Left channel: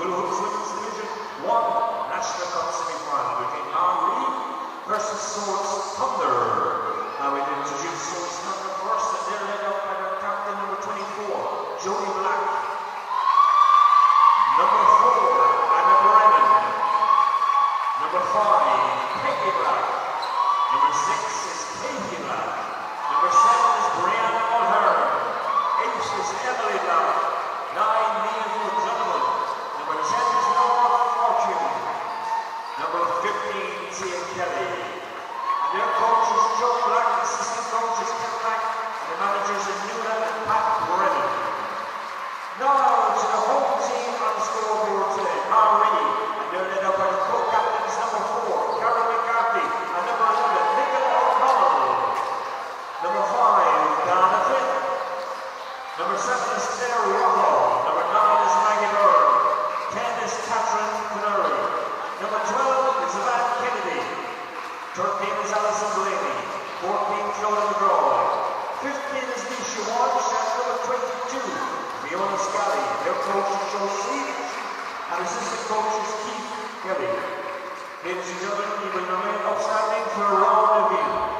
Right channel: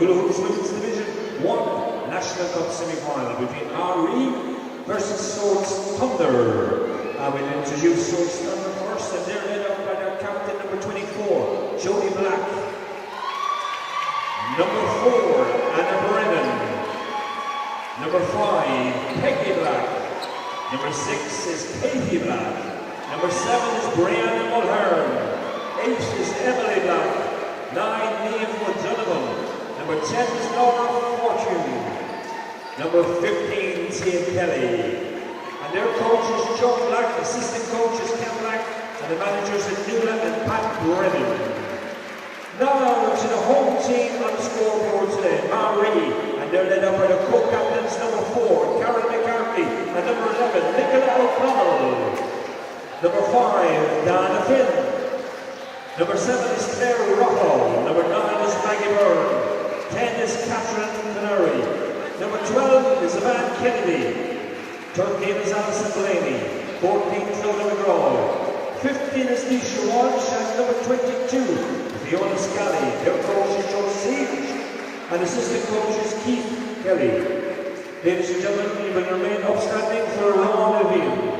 Hula Hoops Women's Division 1 National Cup semi-final between Maree versus Swords Thunder. I will introduce Swords Thunder first, and they're led up by their captain number 24, Jody Black. Number 4, Anna Brennan. Number 5, Peggy Black. Number 6 is Katie Black. Number 7 is Brianna Mulhern. 8 is Emily Black. 9, Liam O'Donovan. Number 10 is Laura Fortune. Number 15, Tia Kelly. And their coaches, Joe Black, assistant coaches, Ken Black, and the managers are Hula and Pat Brennan. Now to the home team on the scoreboard today, Maree, and they're led up by the co-captains number 4, Carrie McCarthy, and number 11, Nicola O'Connell. Number 5, Donna Finn. Number 7 is Claire Rocco. Number 9 is Maggie Byrne. 10 is Catherine Canary. Number 12 is Evan Kennedy. 13 is Alison Delaney. 14, Clodagh McGraw. 15 is Nisha Walsh, and number 22, Fiona Scally. Their coach is Joe Siege, and assistant coach is Keith Kelly. Ladies and gentlemen, you will remain upstanding for a round of you.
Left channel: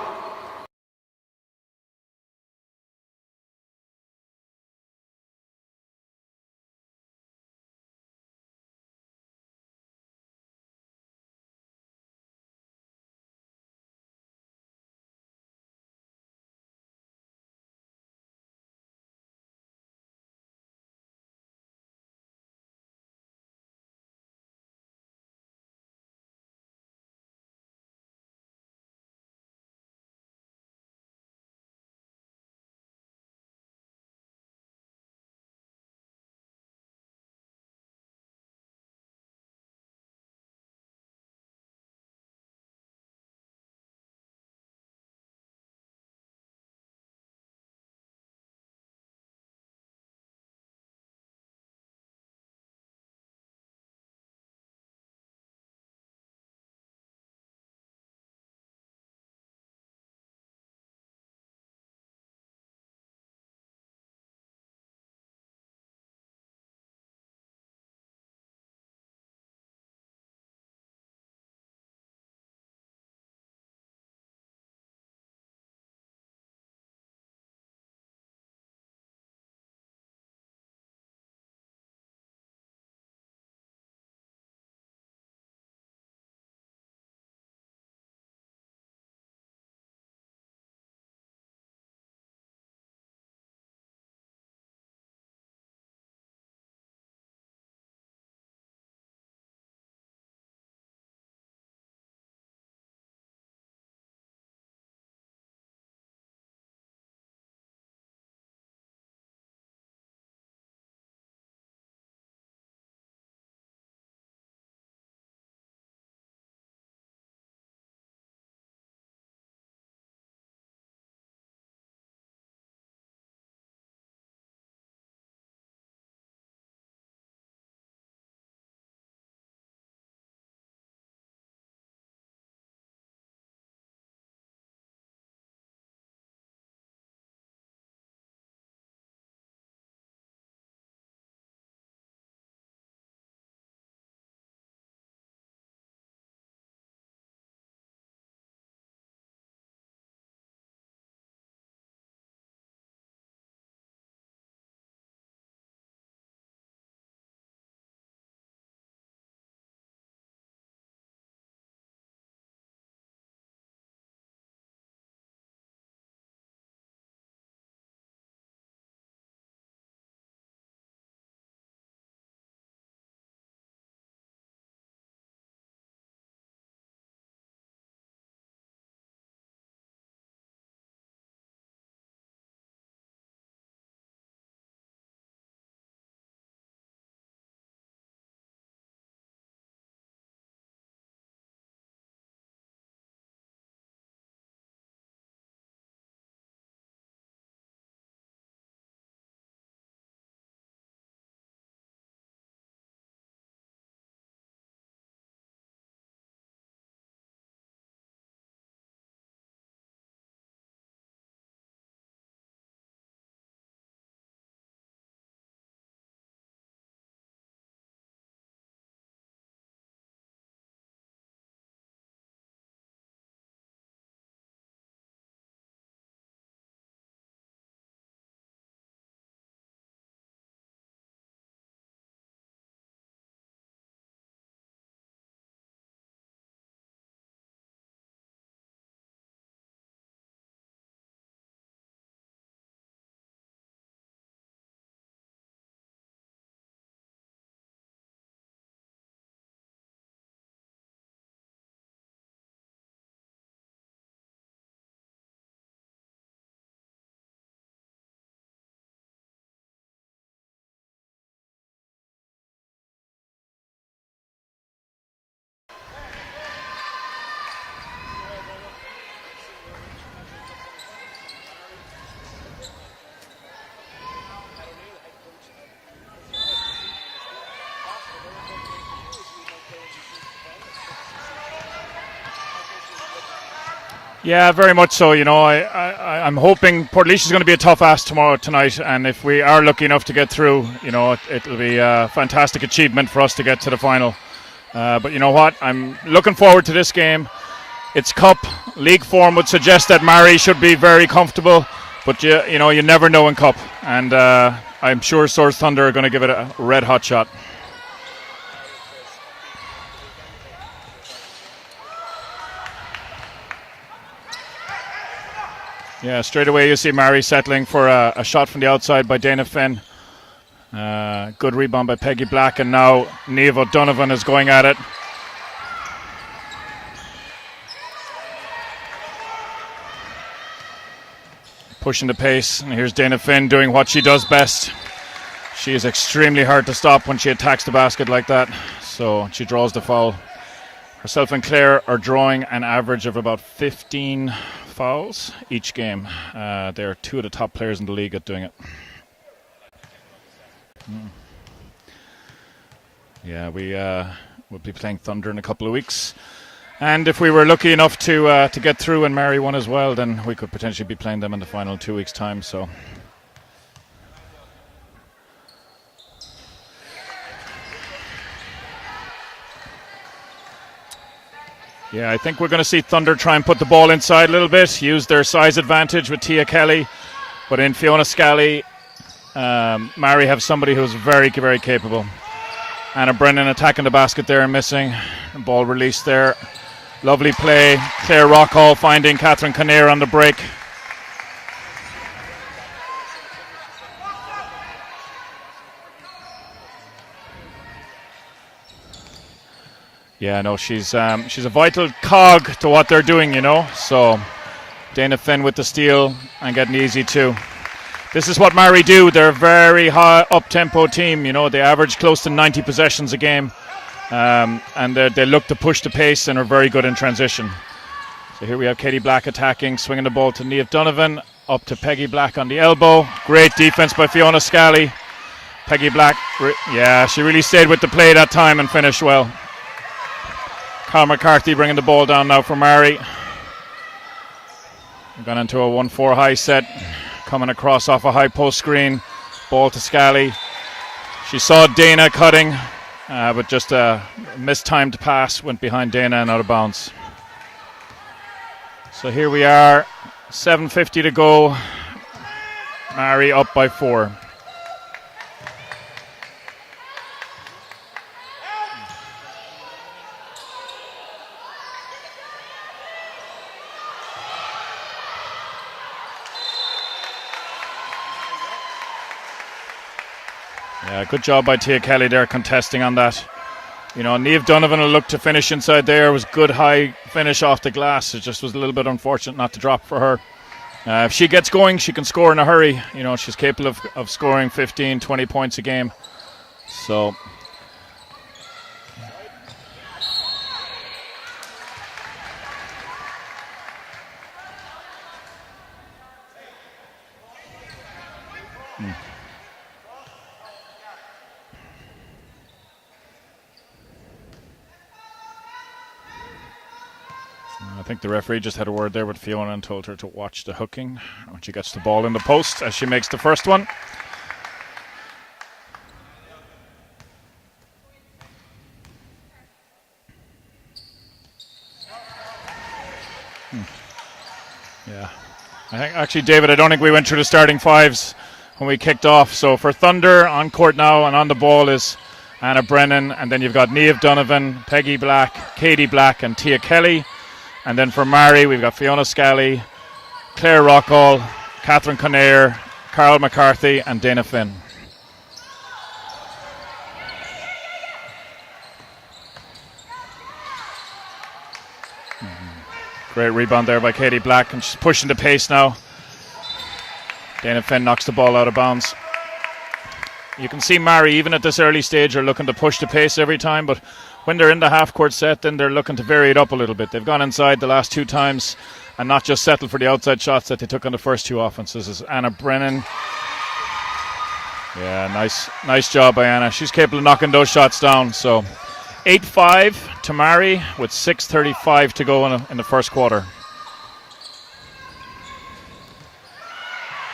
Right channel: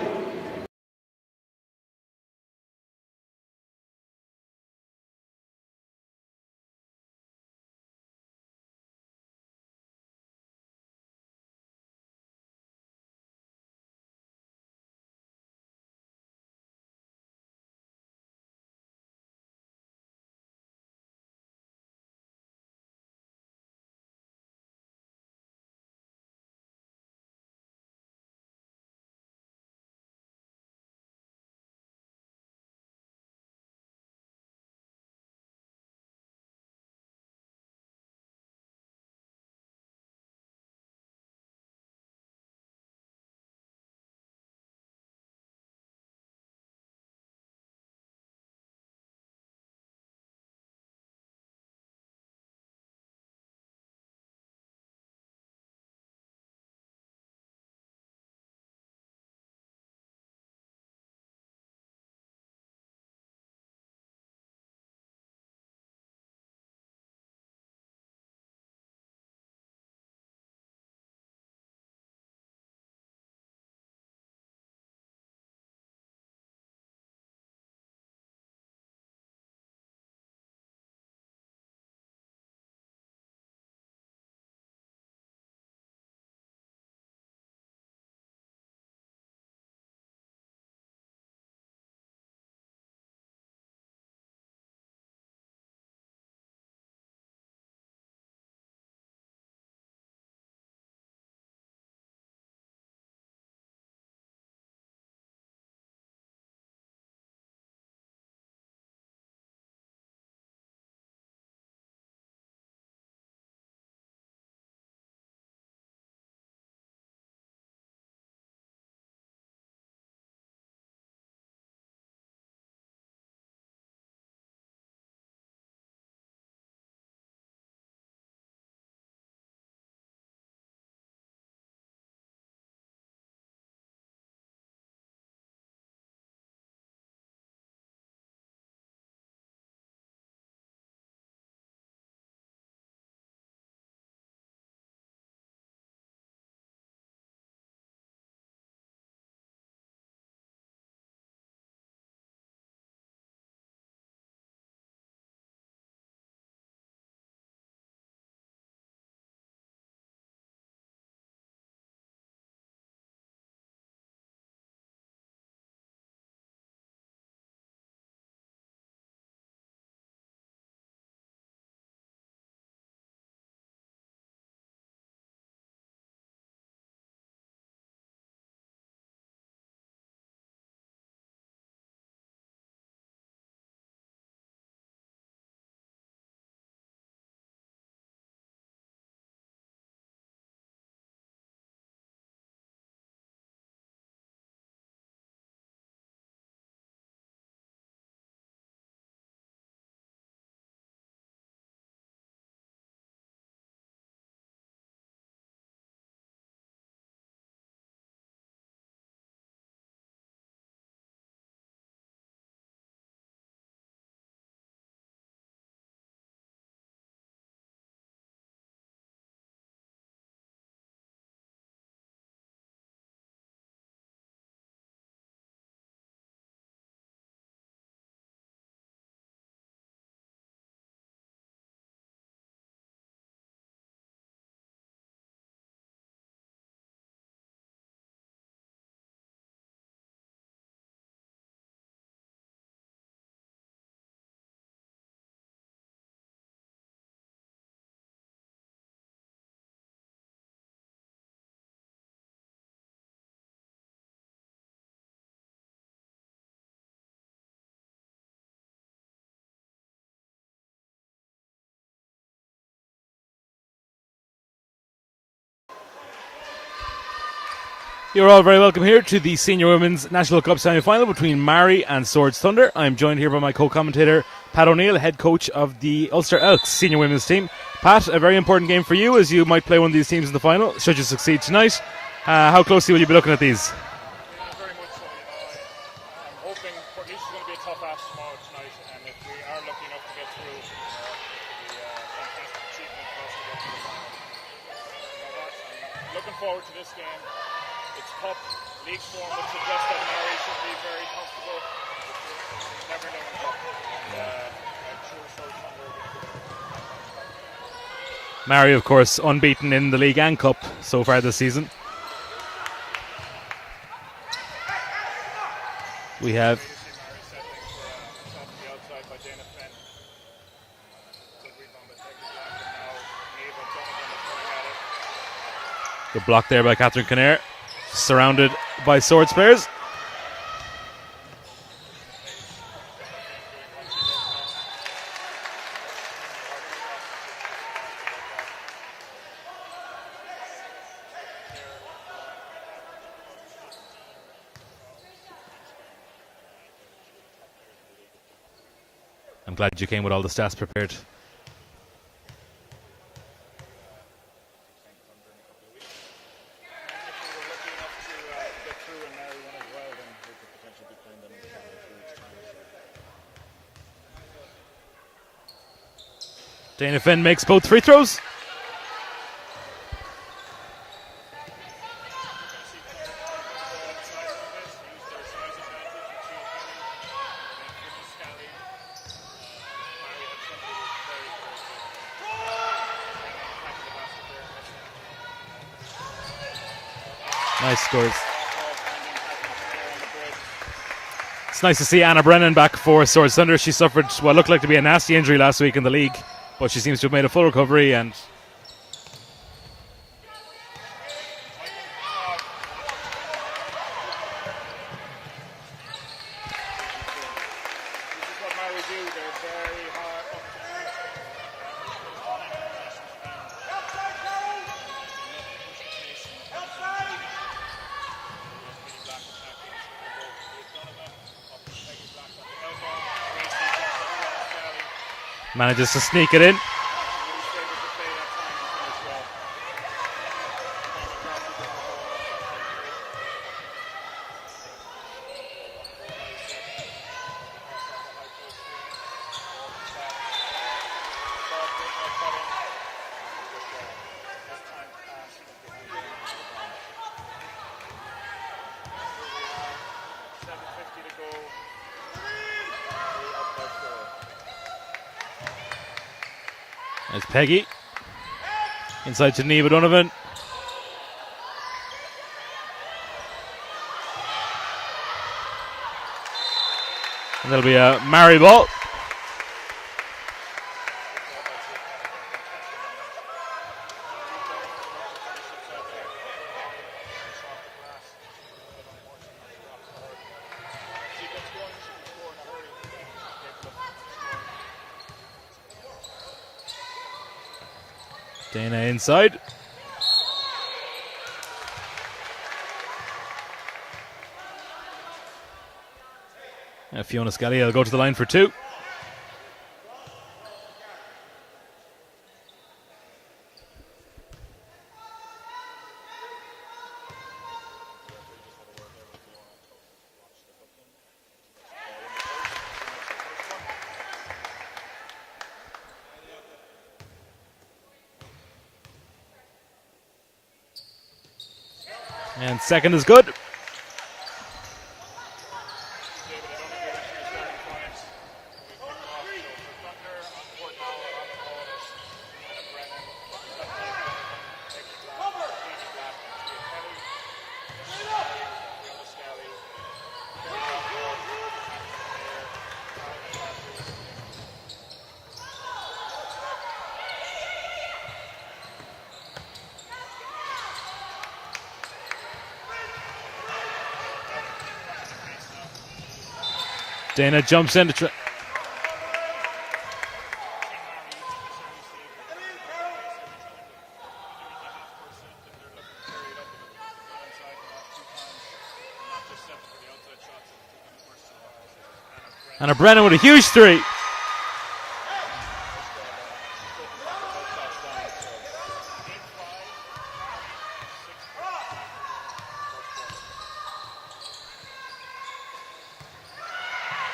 You're all very welcome here to the Senior Women's National Cup semi-final between Maree and Swords Thunder. I'm joined here by my co-commentator Pat O'Neill, head coach of the Ulster Elks Senior Women's team. Pat, a very important game for you as you might play one of these teams in the final, should you succeed tonight. How closely will you be looking at these? Yeah, very much so. You know, I'm hoping Portlaoise is going to be a tough ask tonight, and if we are lucky enough to get through, you know, it'll be a fantastic achievement for us to get to the final. But you know what? I'm looking forward to this game. It's cup. League form would suggest that Maree should be very comfortable, but you know, you never know in cup, and I'm sure Swords Thunder are going to give it a red hot shot. Maree, of course, unbeaten in the league and cup so far this season. Yeah, straight away you see Maree settling for a shot from the outside by Dana Finn. Good rebound by Peggy Black, and now Niamh O'Donovan is going at it. Good block there by Catherine Kinnair, surrounded by Swords players. Pushing the pace, and here's Dana Finn doing what she does best. She is extremely hard to stop when she attacks the basket like that, so she draws the foul. Herself and Claire are drawing an average of about 15 fouls each game. They're two of the top players in the league at doing it. I'm glad you came with all the stats prepared. Yeah, we'll be playing Thunder in a couple of weeks. And if we were lucky enough to get through and Maree won as well, then we could potentially be playing them in the final in 2 weeks' time. So Dana Finn makes both free throws. yeah, I think we're going to see Thunder try and put the ball inside a little bit, use their size advantage with Tia Kelly. But in Fiona Scally, Maree have somebody who's very, very capable. Anna Brennan attacking the basket there and missing. Ball released there. Lovely play. Claire Rockall finding Catherine Kinnair on the break. It's nice to see Anna Brennan back for Swords Thunder. She suffered what looked like to be a nasty injury last week in the league, but she seems to have made a full recovery. And yeah, no, she's a vital cog to what they're doing, you know. So Dana Finn with the steal and getting easy too. This is what Maree do. They're a very high up-tempo team. You know, they average close to 90 possessions a game. And they look to push the pace and are very good in transition. So here we have Katie Black attacking, swinging the ball to Niamh Donovan, up to Peggy Black on the elbow. Great defense by Fiona Scally. manages Peggy to Black, sneak it in. yeah, she really stayed with the play that time and finished well. Carl McCarthy bringing the ball down now for Maree. Gone into a 1-4 high set, coming across off a high post screen. Ball to Scally. She saw Dana cutting, but just a mistimed pass went behind Dana and out of bounds. So here we are, 7:50 to go. Maree up by 4. There's Peggy. Inside to Niamh O'Donovan. And there'll be a Maree ball. Yeah, good job by Tia Kelly there contesting on that. You know, Niamh Donovan will look to finish inside there. It was good high finish off the glass. It just was a little bit unfortunate not to drop for her. If she gets going, she can score in a hurry. You know, she's capable of scoring 15, 20 points a game. So Dana inside. Fiona Scally will go to the line for 2. I think the referee just had a word there with Fiona and told her to watch the hooking when she gets the ball in the post as she makes the first one. And second is good. Yeah. Actually, David, I don't think we went through the starting fives when we kicked off. So for Thunder, on court now and on the ball is Anna Brennan. And then you've got Niamh Donovan, Peggy Black, Katie Black and Tia Kelly. And then for Maree, we've got Fiona Scally, Claire Rockall, Catherine Kinnair, Carl McCarthy and Dana Finn. Great rebound there by Katie Black, and she's pushing the pace now. Dana jumps in, knocks the ball out of bounds. You can see Maree, even at this early stage, are looking to push the pace every time, but when they're in the half-court set, then they're looking to vary it up a little bit. They've gone inside the last 2 times and not just settled for the outside shots that they took on the first 2 offenses. This is Anna Brennan. Anna Brennan with a huge 3. Yeah, nice job by Anna. She's capable of knocking those shots down. So 8-5 to Maree with 6:35 to go in the first quarter.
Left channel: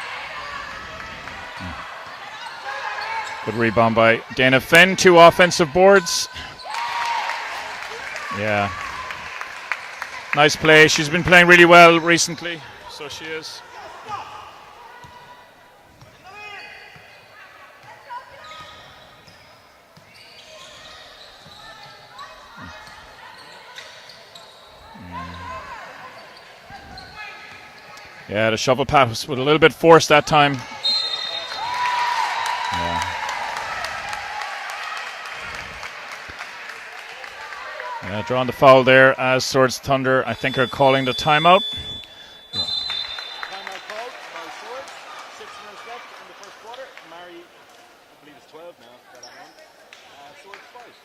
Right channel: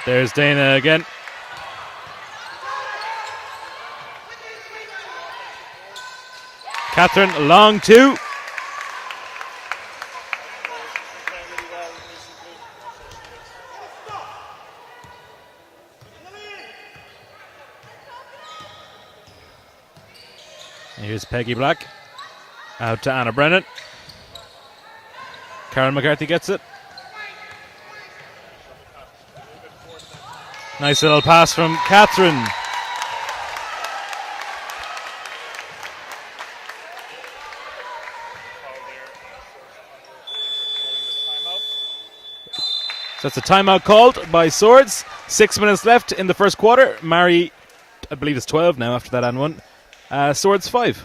There's Dana again. Good rebound by Dana Finn. 2 offensive boards. Catherine, long 2. Yeah. Nice play. She's been playing really well recently. So she is. Here's Peggy Black. Out to Anna Brennan. Karen McCarthy gets it. Yeah, the shovel pass with a little bit forced that time. Nice little pass from Catherine. Yeah, drawing the foul there as Swords Thunder, I think, are calling the timeout. So that's a timeout called by Swords. 6 minutes left in the first quarter. Maree, I believe it's 12 now after that and 1. Swords 5.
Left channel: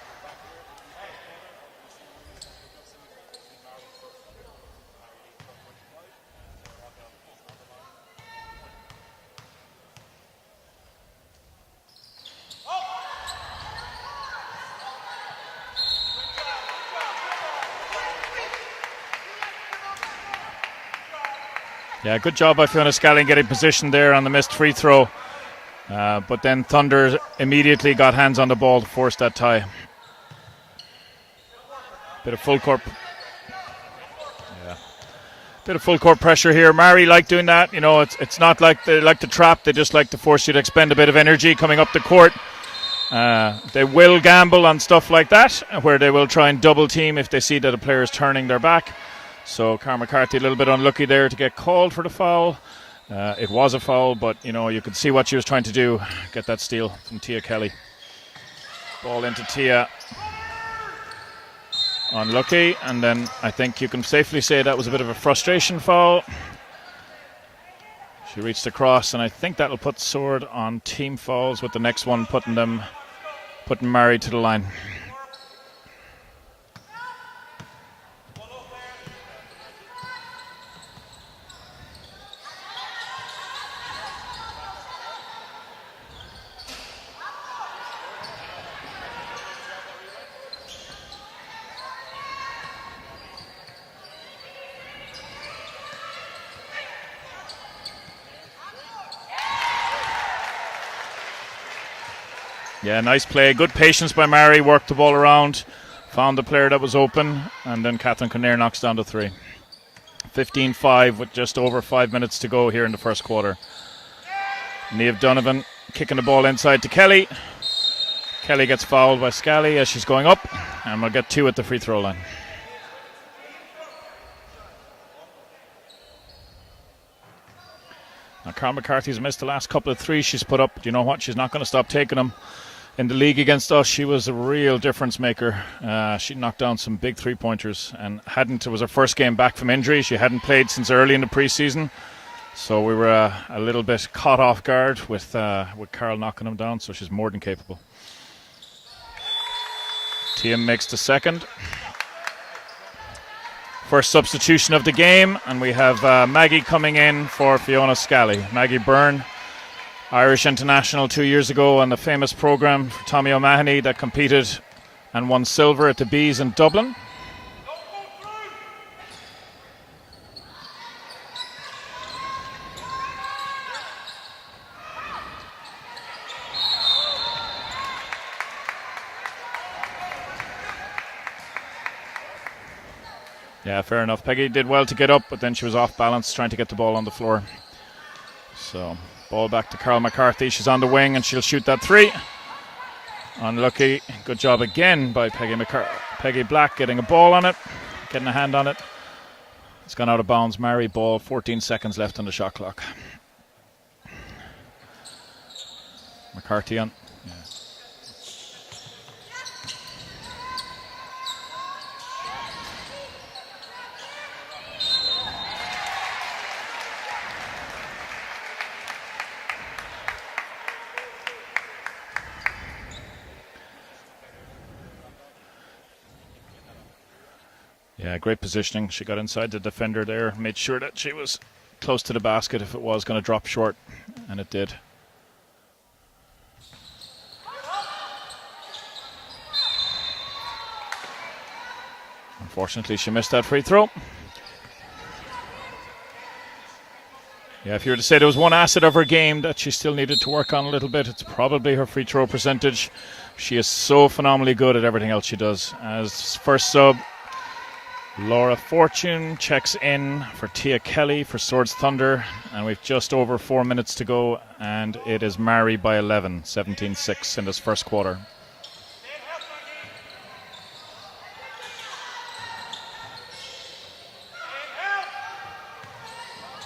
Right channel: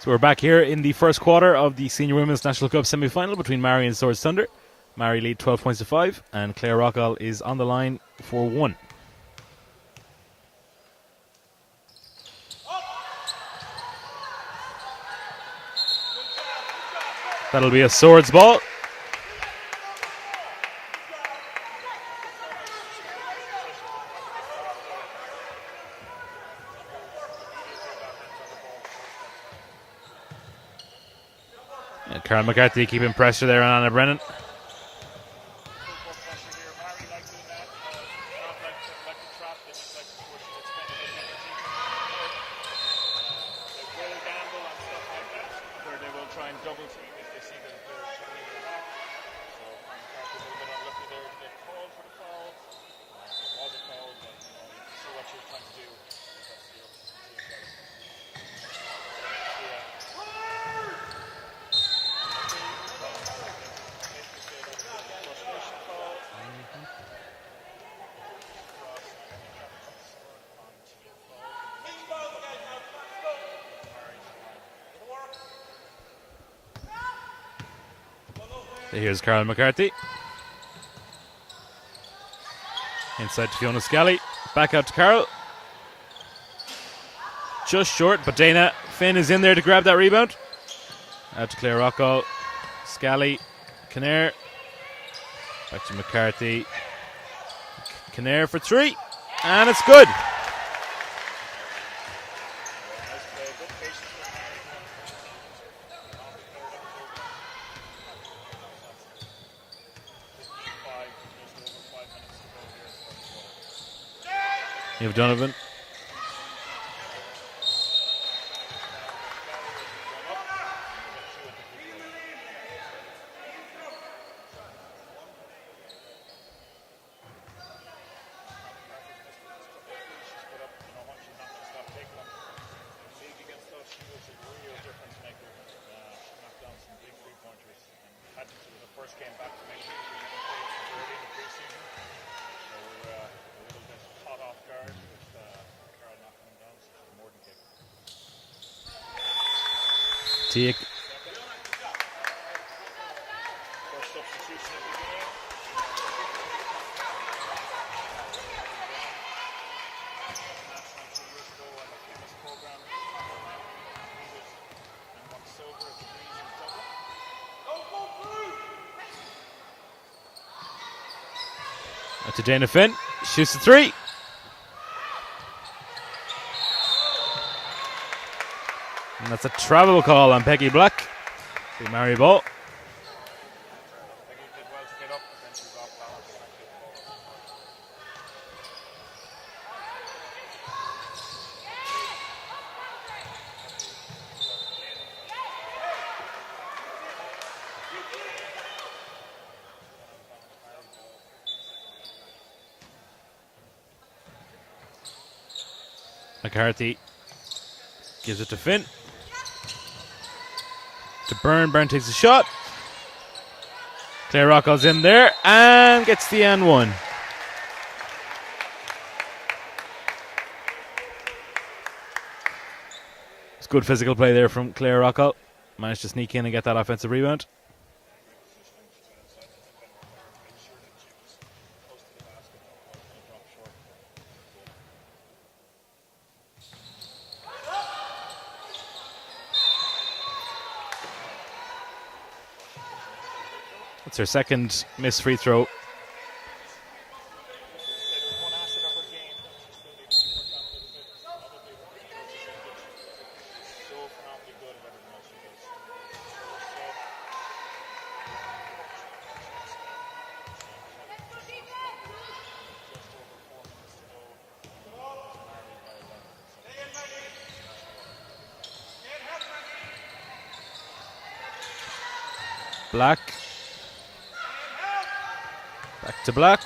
So we're back here in the first quarter of the Senior Women's National Cup semi-final between Maree and Swords Thunder. Maree lead 12 points to 5, and Claire Rockall is on the line for 1. That'll be a Swords ball. Yeah, good job by Fiona Scallion getting position there on the missed free throw. But then Thunder immediately got hands on the ball to force that tie. Karen McCarthy keeping pressure there on Anna Brennan. Yeah. Bit of full court pressure here. Maree like doing that. You know, it's not like they like to trap. They just like to force you to expend a bit of energy coming up the court. They will gamble on stuff like that, where they will try and double team if they see that a player is turning their back. So Karen McCarthy a little bit unlucky there to get called for the foul. It was a foul, but you know, you could see what she was trying to do, get that steal from Tia Kelly. Ball into Tia. Unlucky, and then I think you can safely say that was a bit of a frustration foul. She reached across, and I think that'll put Sword on team fouls, with the next one putting Maree to the line. Here's Carol McCarthy. Inside to Fiona Scally. Back out to Carol. Just short, but Dana Finn is in there to grab that rebound. Out to Claire Rockall. Scally. Kinnair. Back to McCarthy. Kinnair for 3. And it's good. Yeah, nice play. Good patience by Maree. Worked the ball around. Found the player that was open. And then Catherine Kinnair knocks down to 3. 15-5 with just over 5 minutes to go here in the first quarter. Niamh Donovan kicking the ball inside to Kelly. Kelly gets fouled by Scally as she's going up, and we'll get 2 at the free throw line. Now, Carl McCarthy's missed the last couple of threes she's put up. Do you know what? She's not going to stop taking them. In the league against us, she was a real difference maker. She knocked down some big three-pointers, and it was her first game back from injury. She hadn't played since early in the preseason, so we were a little bit caught off guard with Carl knocking them down. So she's more than capable. Tia makes the second. First substitution of the game, and we have Maggie coming in for Fiona Scally. Maggie Byrne Irish international 2 years ago on the famous programme for Tommy O'Mahony that competed and won silver at the Bees in Dublin. Out to Dana Finn. Shoots the three. And that's a travel call on Peggy Black. The Maree ball. Yeah, fair enough. Peggy did well to get up, but then she was off balance trying to get the ball on the floor. So, ball back to Carol McCarthy. She's on the wing and she'll shoot that three. Unlucky. Good job again by Peggy Black getting a ball on it, getting a hand on it. It's gone out of bounds. Maree ball, 14 seconds left on the shot clock. McCarthy gives it to Finn. To Byrne. Byrne takes a shot. Claire Rockwell's in there and gets the and one. It's good physical play there from Claire Rockwell. Managed to sneak in and get that offensive rebound. Yeah, great positioning. She got inside the defender there, made sure that she was close to the basket if it was going to drop short, and it did. Unfortunately, she missed that free throw. It's her second missed free throw. Yeah, if you were to say there was one asset of her game that she still needed to work on a little bit, it's probably her free throw percentage. She is so phenomenally good at everything else she does. As first sub, Laura Fortune checks in for Tia Kelly for Swords Thunder, and we've just over 4 minutes to go, and it is Maree by 11, 17-6 in this first quarter. Black. Back to Black.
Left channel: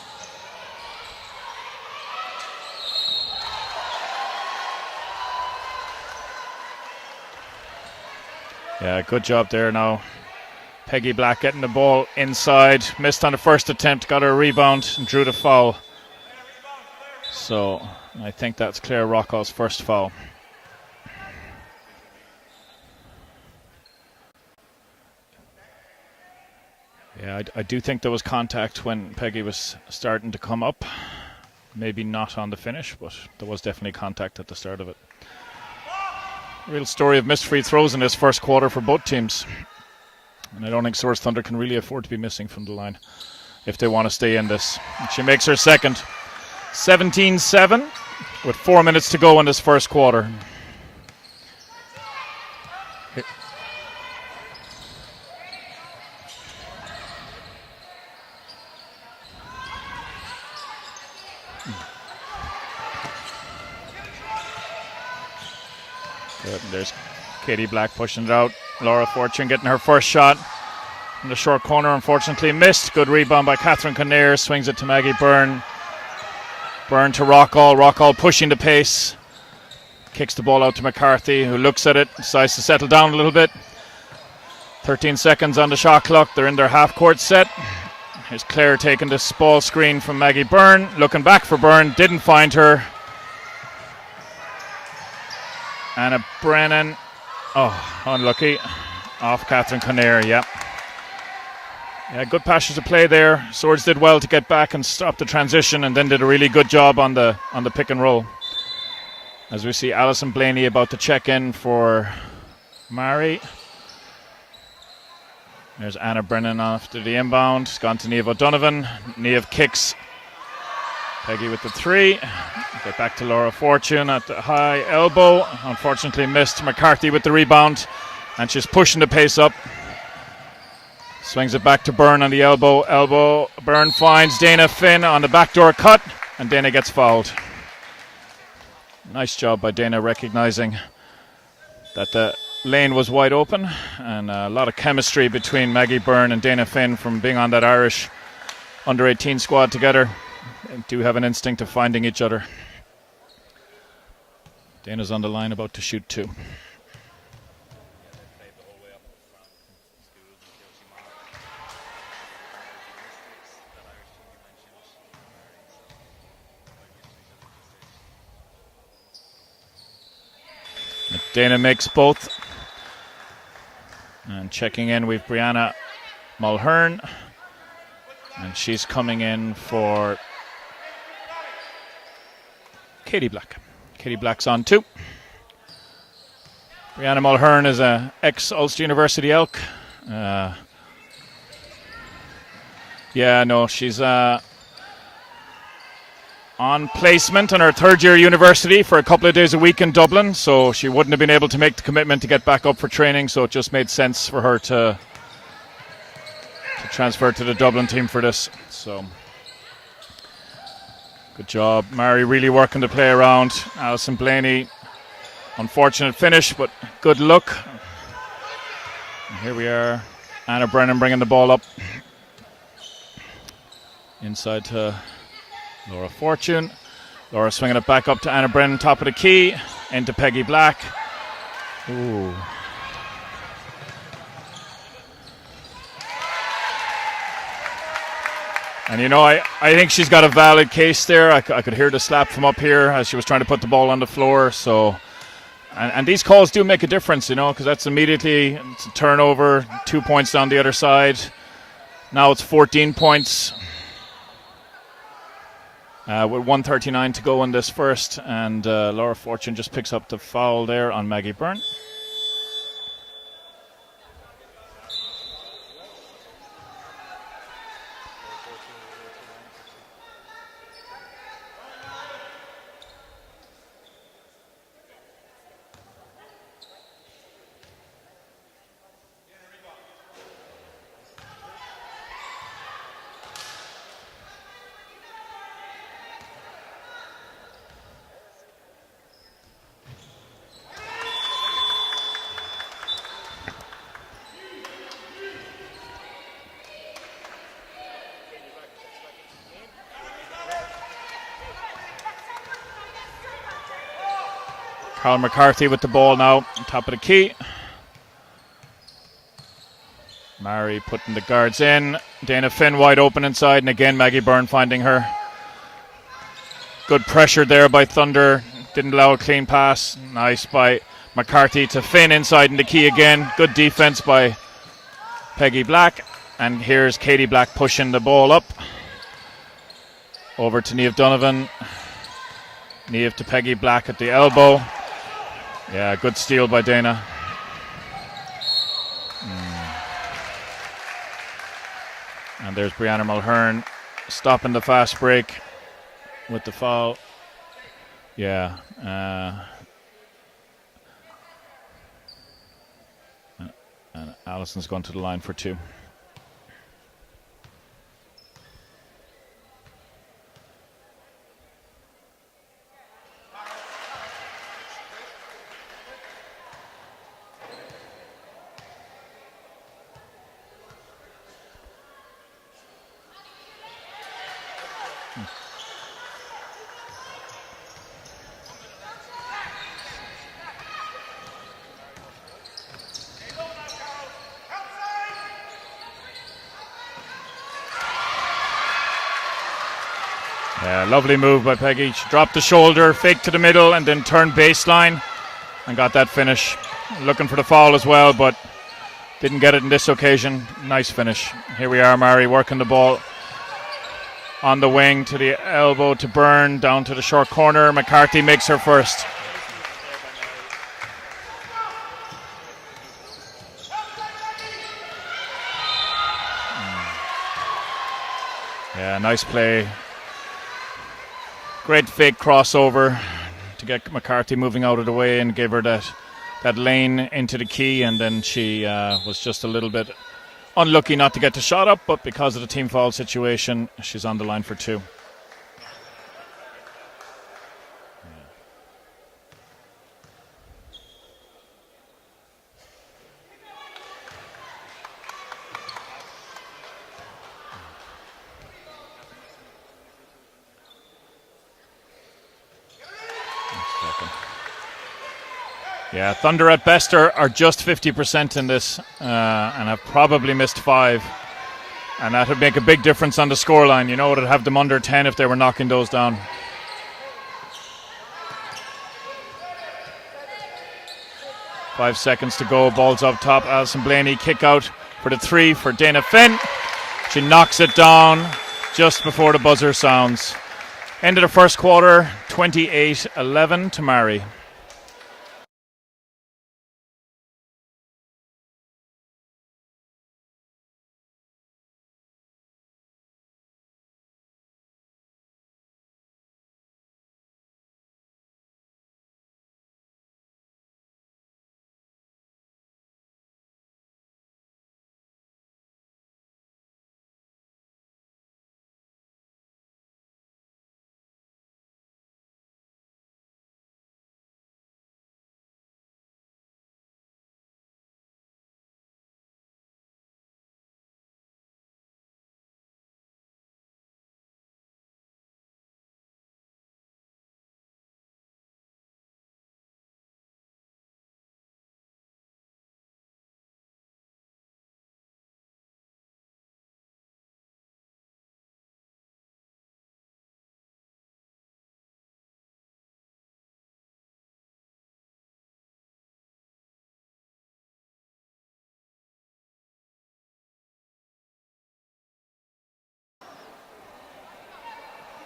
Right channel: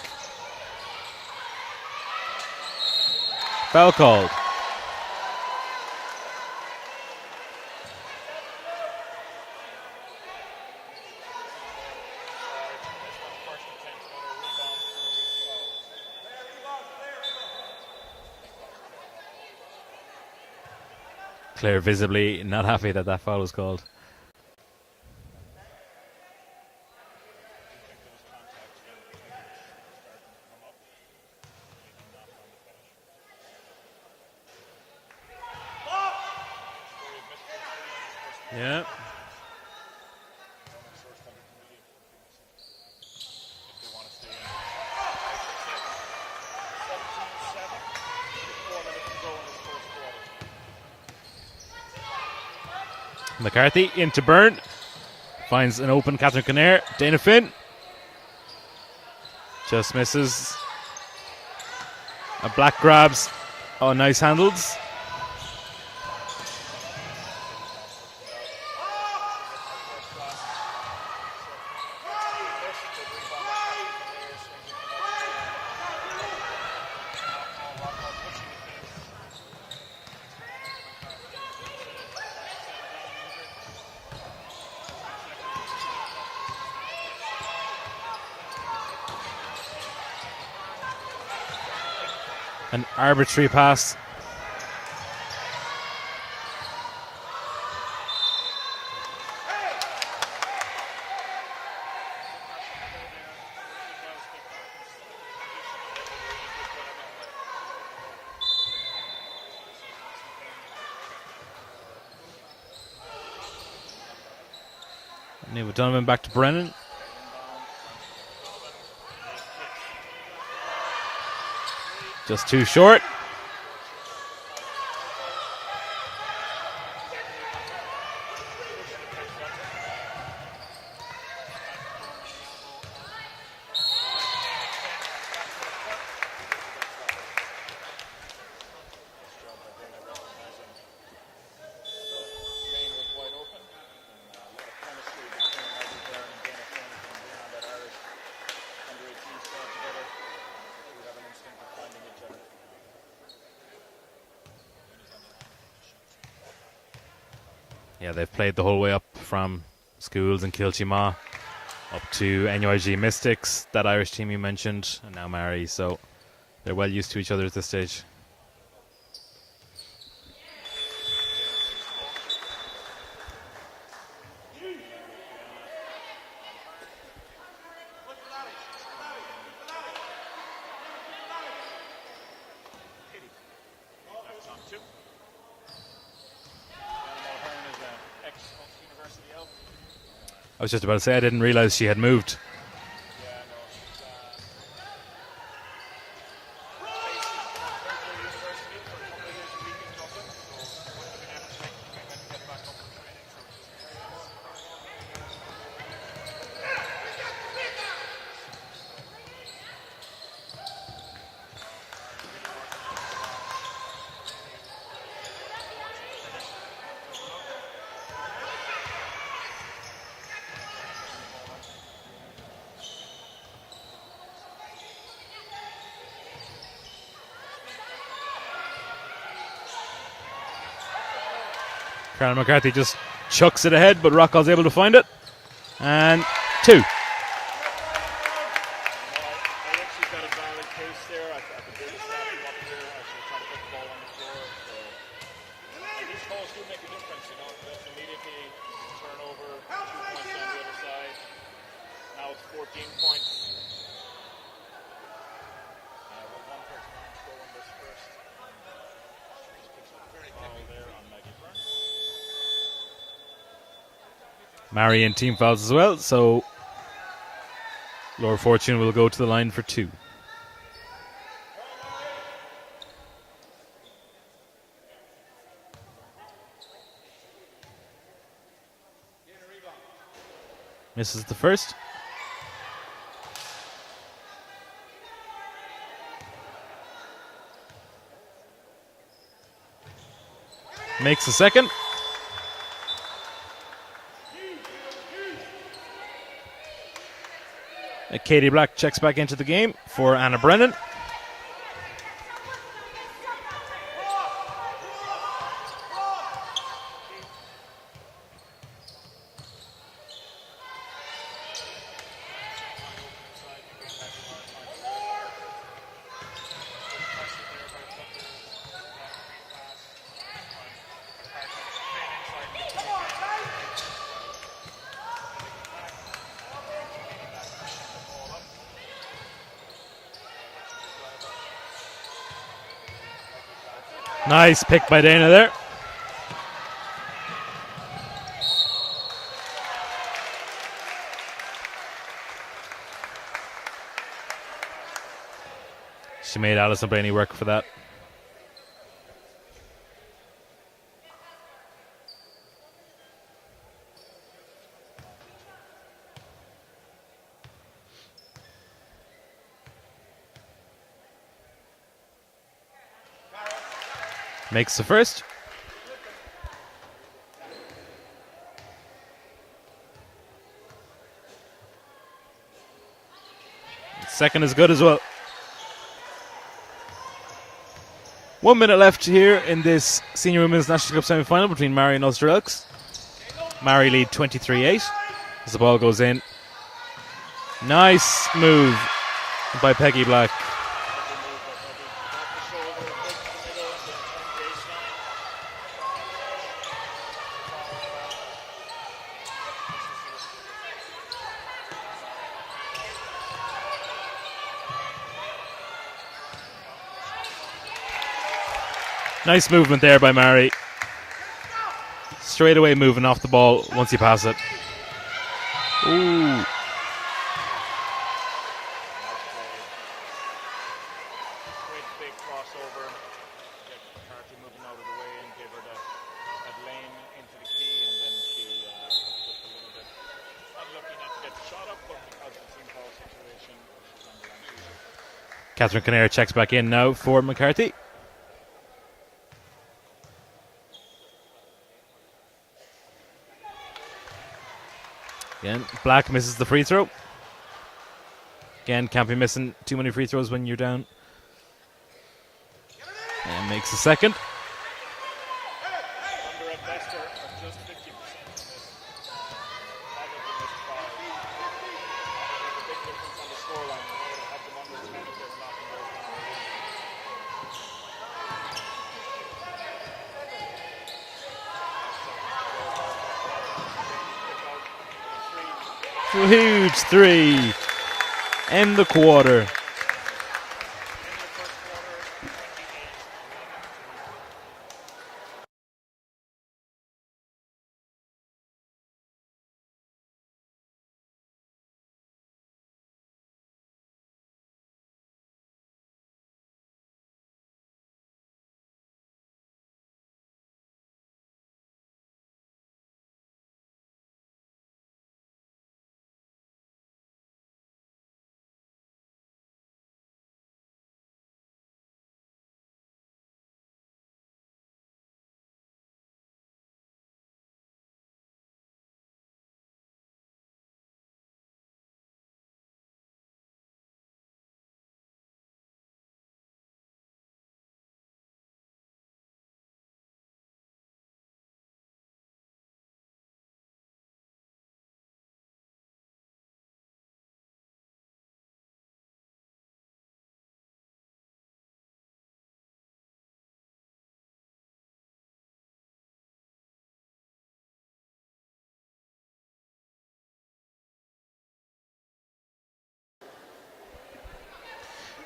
Foul called. Yeah, good job there now. Peggy Black getting the ball inside. Missed on the first attempt, got her a rebound and drew the foul. So I think that's Claire Rockwell's first foul. Claire visibly not happy that foul was called. Yeah, I do think there was contact when Peggy was starting to come up. Maybe not on the finish, but there was definitely contact at the start of it. Real story of missed free throws in this first quarter for both teams. And I don't think Swords Thunder can really afford to be missing from the line if they want to stay in this. And she makes her second. 17-7 with 4 minutes to go in this first quarter. McCarthy into Byrne. Finds an open Catherine Kinnair. Dana Finn. Just misses. A Black grabs. Oh, nice handles. Yep, there's Katie Black pushing it out. Laura Fortune getting her first shot in the short corner, unfortunately missed. Good rebound by Catherine Kinnair. Swings it to Maggie Byrne. Byrne to Rockall. Rockall pushing the pace. Kicks the ball out to McCarthy, who looks at it, decides to settle down a little bit. 13 seconds on the shot clock. They're in their half-court set. Here's Claire taking this ball screen from Maggie Byrne. Looking back for Byrne. Didn't find her. Arbitrary pass. Anna Brennan. Oh, unlucky. Off Catherine Kinnair, yeah. Yeah, good passage of play there. Swords did well to get back and stop the transition, and then did a really good job on the pick and roll. As we see Alison Blaney about to check in for Maree. Niamh O'Donovan back Anna to Brennan Brennan. after the inbound. It's gone to Niamh O'Donovan. Niamh kicks. Peggy with the three. Just too short. Back to Laura Fortune at the high elbow. Unfortunately missed. McCarthy with the rebound. And she's pushing the pace up. Swings it back to Byrne on the elbow. Byrne finds Dana Finn on the backdoor cut. And Dana gets fouled. Nice job by Dana recognizing that the lane was wide open. And a lot of chemistry between Maggie Byrne and Dana Finn from being on that Irish under-18 squad together. They do have an instinct of finding each other. Dana's on the line about to shoot two. Yeah, they've played the whole way up from schools in Kilchima up to NUIG Mystics, that Irish team you mentioned, and now Maree, so they're well used to each other at this stage. Dana makes both. And checking in with Brianna Mulhern. And she's coming in for Katie Black. Katie Black's on 2. Brianna Mulhern is a ex-Ulster University Elk. I was just about to say I didn't realise she had moved. Yeah, no, she's on placement in her third-year university for a couple of days a week in Dublin, so she wouldn't have been able to make the commitment to get back up for training, so it just made sense for her to transfer to the Dublin team for this. So good job. Maree really working to play around. Alison Blaney, unfortunate finish, but good look. And here we are. Anna Brennan bringing the ball up. Inside to Laura Fortune. Laura swinging it back up to Anna Brennan, top of the key. Into Peggy Black. Caroline McCarthy just chucks it ahead, but Rockall's able to find it. And 2. And you know, I think she's got a valid case there. I could hear the slap from up here as she was trying to put the ball on the floor. So, and these calls do make a difference, you know, because that's immediately it's a turnover, 2 points down the other side. Now it's 14 points. With 1:39 to go in this first, and Laura Fortune just picks up the foul there on Maggie Byrne. Maree in team fouls as well, so Laura Fortune will go to the line for 2. Misses the first. Makes the second. Katie Black checks back into the game for Anna Brennan. Carl McCarthy with the ball now, top of the key. Maree putting the guards in. Dana Finn wide open inside, and again Maggie Byrne finding her. Good pressure there by Thunder. Didn't allow a clean pass. Nice by McCarthy to Finn inside in the key again. Good defense by Peggy Black. And here's Katie Black pushing the ball up. Over to Niamh Donovan. Niamh to Peggy Black at the elbow. Nice pick by Dana there. Yeah, good steal by Dana. And there's Brianna Mulhern stopping the fast break. She made Alison Blaney work for that. Yeah. And Alison's gone to the line for 2. Makes the first. Second is good as well. 1 minute left here in this Senior Women's National Cup semi-final between Maree and Ulster Elks. Maree lead 23-8 as the ball goes in. Nice move by Peggy Black. Yeah, lovely move by Peggy. She dropped the shoulder, faked to the middle, and then turned baseline and got that finish. Looking for the foul as well, but didn't get it in this occasion. Nice finish. Here we are, Maree working the ball on the wing to the elbow to Byrne, down to the short corner. McCarthy makes her first. Nice movement there by Maree. Straight away moving off the ball once you pass it. Ooh. Yeah, nice play. Great fake crossover to get McCarthy moving out of the way and give her that lane into the key, and then she was just a little bit unlucky not to get the shot up, but because of the team foul situation, she's on the line for 2. Catherine Kinnear checks back in now for McCarthy. Again, Black misses the free throw. Again, can't be missing too many free throws when you're down. And makes a second. Yeah, Thunder at best are just 50% in this, and have probably missed 5. And that would make a big difference on the scoreline. You know, it would have them under 10 if they were knocking those down. Five seconds to go. Ball's up top. Alison Blaney kick out for the 3 for Dana Finn. Huge 3. She knocks it down in just the before quarter. the buzzer sounds. End of the first quarter, 28-11 to Maree.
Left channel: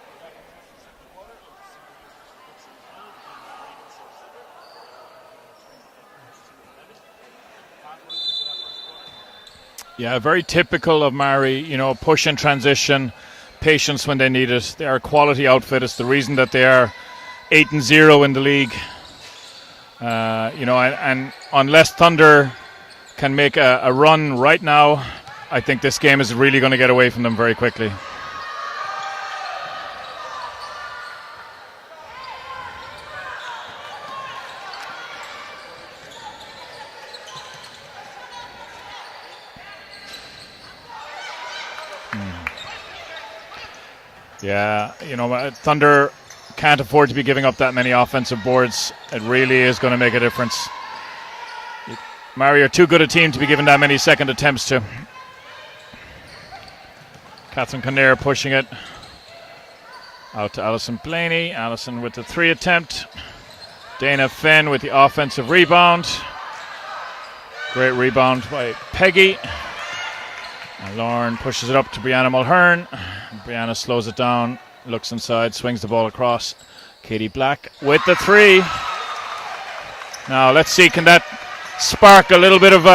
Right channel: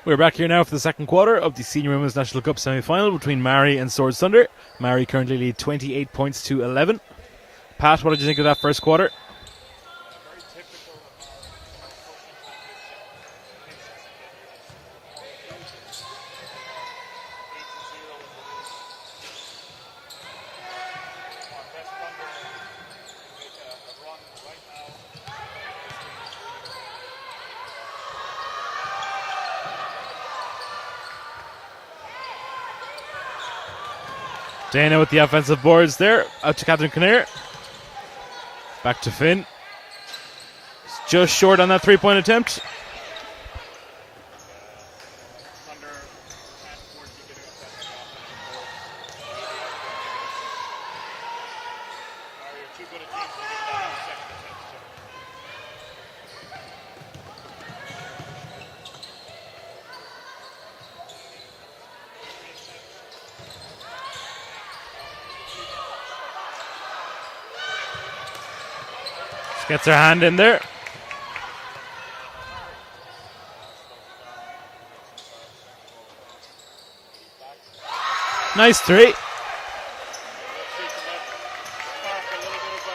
We're back here now for the second quarter of the Senior Women's National Cup semi-final between Maree and Swords Thunder. Maree currently lead 28 points to 11. Pat, what did you think of that first quarter? Yeah, very typical of Maree, push and transition, patience when they need it. They are a quality outfit. It's the reason that they are 8-0 in the league. And unless Thunder can make a run right now, I think this game is really going to get away from them very quickly. Dana with the offensive boards there. Out to Catherine Kinnear. Back to Finn. Just short on that three-point attempt. Yeah, Thunder can't afford to be giving up that many offensive boards. It really is going to make a difference. Maree are too good a team to be given that many second attempts to. Catherine Kinnear pushing it. Out to Alison Blaney. Alison with the three attempt. Dana Finn with the offensive rebound. Great rebound by Peggy. Gets her hand in there. And Lauren pushes it up to Brianna Mulhern. Brianna slows it down, looks inside, swings the ball across. Katie Black with the three. Nice three. Now let's see, can that spark a little bit of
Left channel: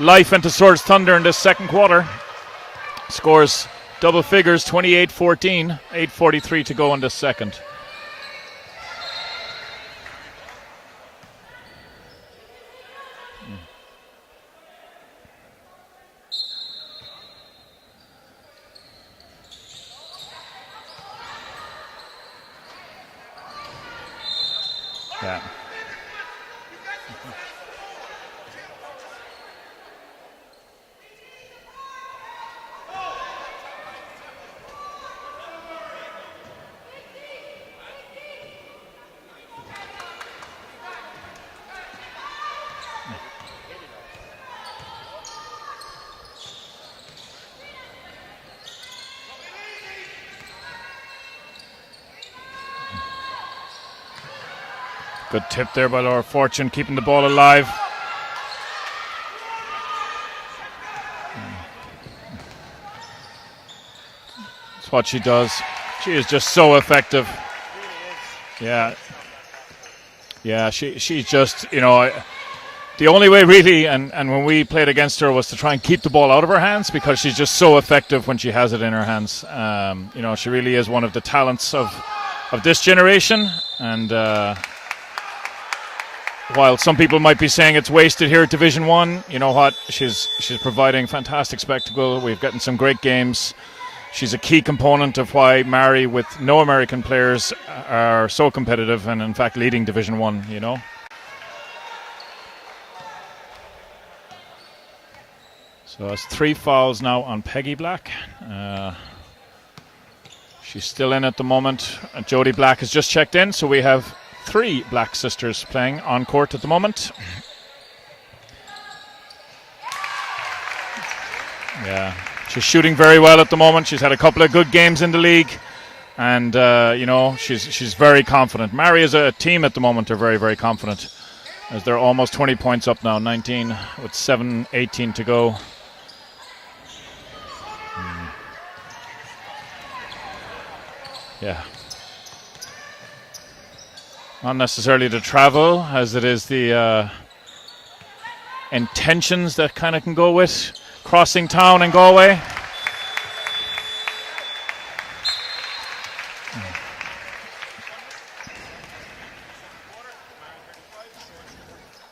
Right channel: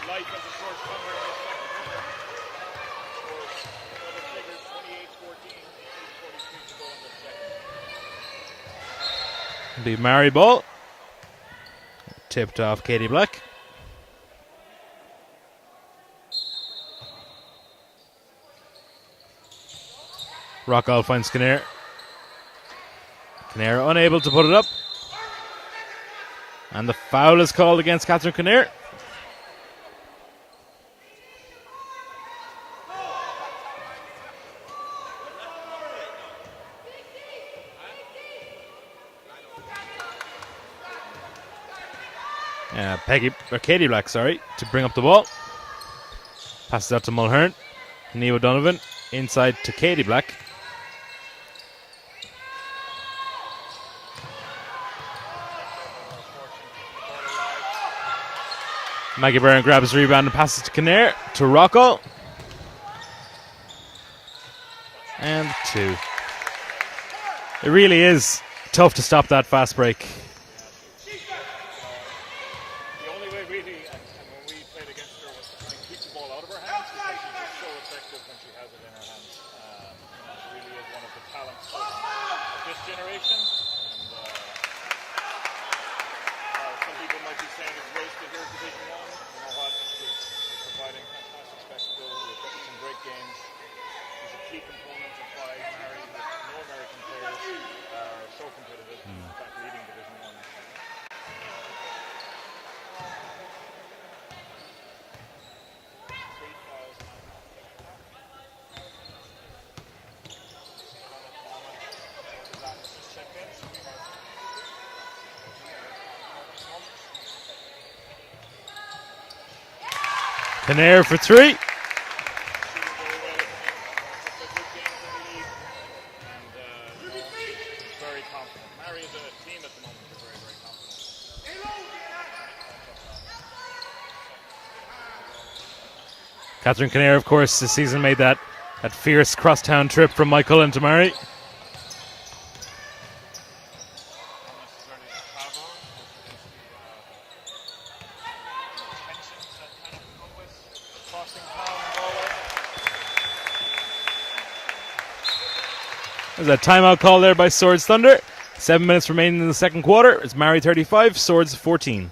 life into Swords Thunder in this second quarter? Scores double figures, 28-14, 8:43 to go in the second. The Maree ball. Tipped off Katie Black. Rockall finds Kinnear. Kinnear unable to put it up. Yeah. And the foul is called against Catherine Kinnear. Katie Black, to bring up the ball. Passes out to Mulhern. Neve Donovan inside to Katie Black. Good tip there by Laura Fortune, keeping the ball alive. Maggie Byrne grabs the rebound and passes to Kinnear to Rocco. That's what she does. She is just so effective. It really is tough to stop that fast break. Yeah, she's just, the only way really, and when we played against her, was to try and keep the ball out of her hands, because she's just so effective when she has it in her hands. She really is one of the talents of this generation. And while some people might be saying it's wasted here at Division 1, you know what? She's providing fantastic spectacle. We've gotten some great games. She's a key component of why Maree, with no American players, are so competitive and in fact leading Division 1, So it's 3 fouls now on Peggy Black. She's still in at the moment. Jodie Black has just checked in, so we have 3 Black sisters playing on court at the moment. Kinnear for 3. Yeah, she's shooting very well at the moment. She's had a couple of good games in the league, and she's very confident. Maree as a team at the moment are very, very confident, as they're almost 20 points up now, 19 with 7:18 to go. Catherine Kinnear, of course, this season made that fierce crosstown trip from Mike Cullen to Maree. Yeah. Not necessarily the travel, as it is the intentions that kind of can go with crossing town and Galway. There's a timeout call there by Swords Thunder. 7 minutes remaining in the second quarter. It's Maree 35, Swords 14.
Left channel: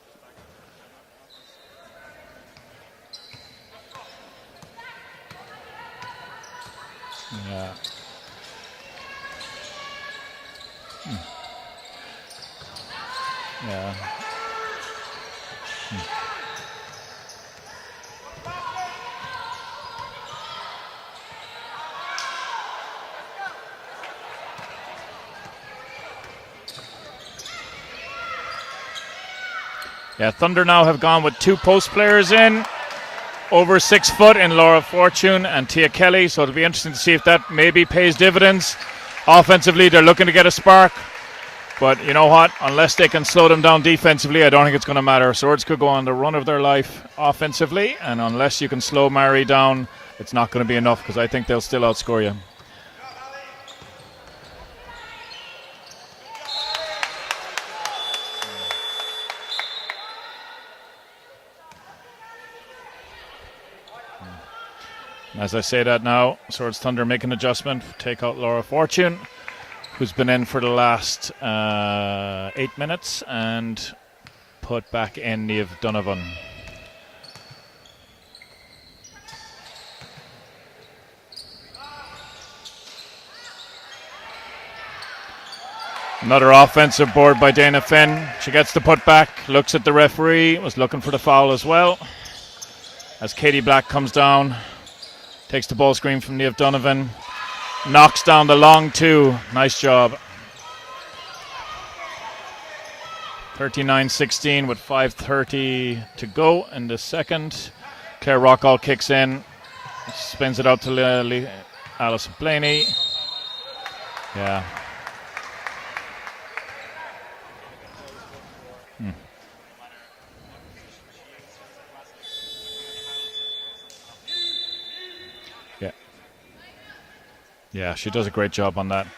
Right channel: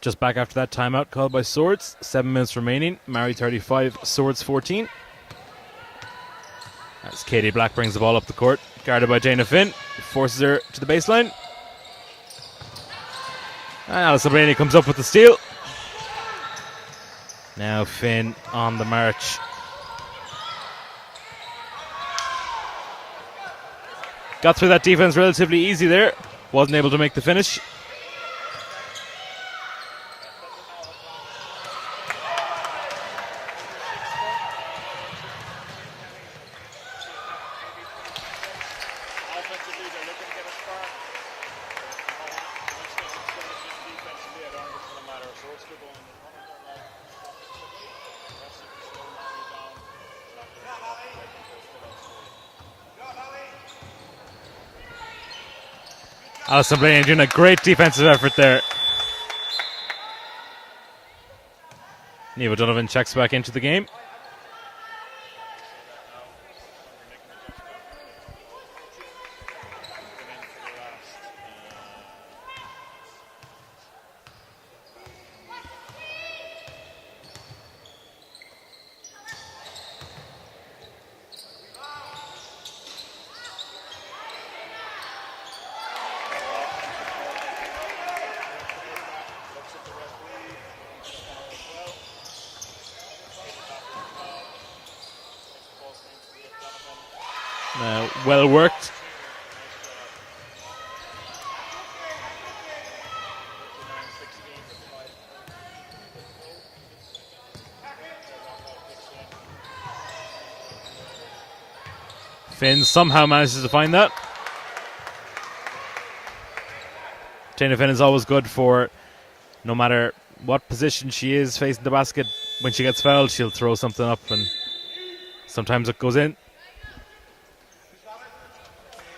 Just back after that timeout called by Swords. 7 minutes remaining. Maree 35, Swords 14. As Katie Black brings the ball up the court. Guarded by Dana Finn. Forces her to the baseline. And Alison Blaney comes up with the steal. Now Finn on the march. Got through that defense relatively easy there. Wasn't able to make the finish. Yeah, Thunder now have gone with 2 post players in. Over 6 foot in Laura Fortune and Tia Kelly. So it'll be interesting to see if that maybe pays dividends. Offensively, they're looking to get a spark. But you know what? Unless they can slow them down defensively, I don't think it's going to matter. Swords could go on the run of their life offensively. And unless you can slow Maree down, it's not going to be enough, because I think they'll still outscore you. Alison Blaney doing a great defensive effort there. Niamh Donovan checks back into the game. As I say that now, Swords Thunder make an adjustment, take out Laura Fortune, who's been in for the last 8 minutes, and put back in Niamh Donovan. Another offensive board by Dana Finn. She gets the putback, looks at the referee, was looking for the foul as well. As Katie Black comes down, takes the ball screen from Niamh Donovan, knocks down the long 2. Nice job. 39-16 with 5:30 to go in the second. Claire Rockall kicks in, spins it out to Alison Blaney. Finn somehow manages to find that. Yeah. Dana Finn is always good for no matter what position she is facing the basket. When she gets fouled, she'll throw something up, and sometimes it goes in. Yeah, she does a great job on that.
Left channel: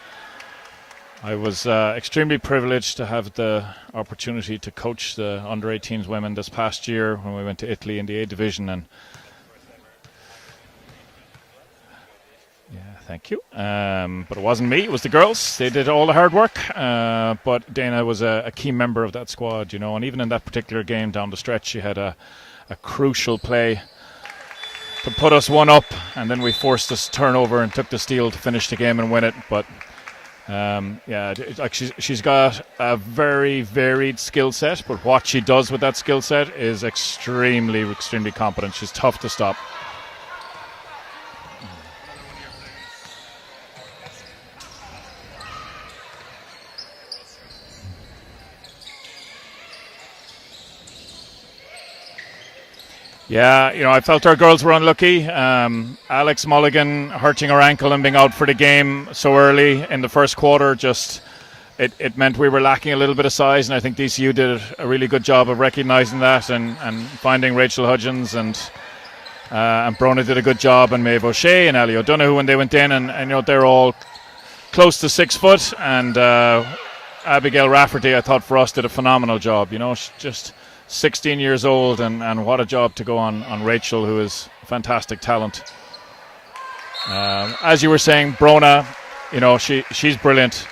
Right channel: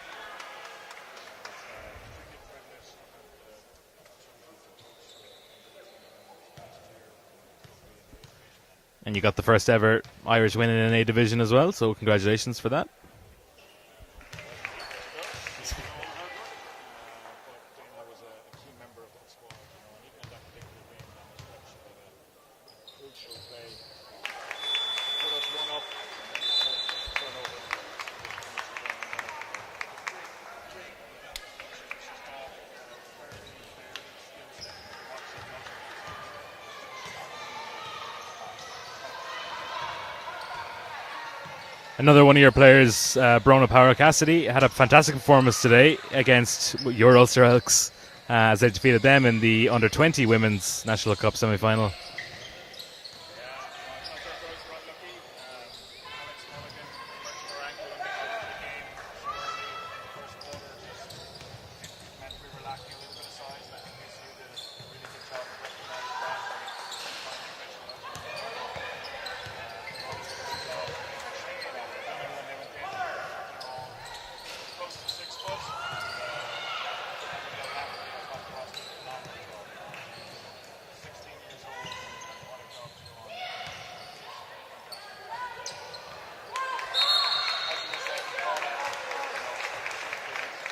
I was extremely privileged to have the opportunity to coach the under-18s women this past year when we went to Italy in the A division, and you got the first ever Irish win in an A division as well, so congratulations for that. Thank you. But it wasn't me, it was the girls. They did all the hard work, but Dana was a key member of that squad, you know, and even in that particular game down the stretch, she had a crucial play to put us 1 up, and then we forced this turnover and took the steal to finish the game and win it. But she's got a very varied skill set, but what she does with that skill set is extremely competent. She's tough to stop. Another one of your players, Brona Power Cassidy, had a fantastic performance today against your Ulster Elks as they defeated them in the under-20 Women's National Cup semi-final. Yeah, you know, I felt our girls were unlucky. Alex Mulligan hurting her ankle and being out for the game so early in the first quarter, just it meant we were lacking a little bit of size, and I think DCU did a really good job of recognising that and finding Rachel Hudgens, and Brona did a good job, and Maeve O'Shea and Ali O'Donoghue when they went in, and you know, they're all close to 6 foot, and Abigail Rafferty, I thought, for us, did a phenomenal job. You know, she's just 16 years old, and what a job to go on Rachel, who is fantastic talent. As you were saying, Brona, you know, she's brilliant.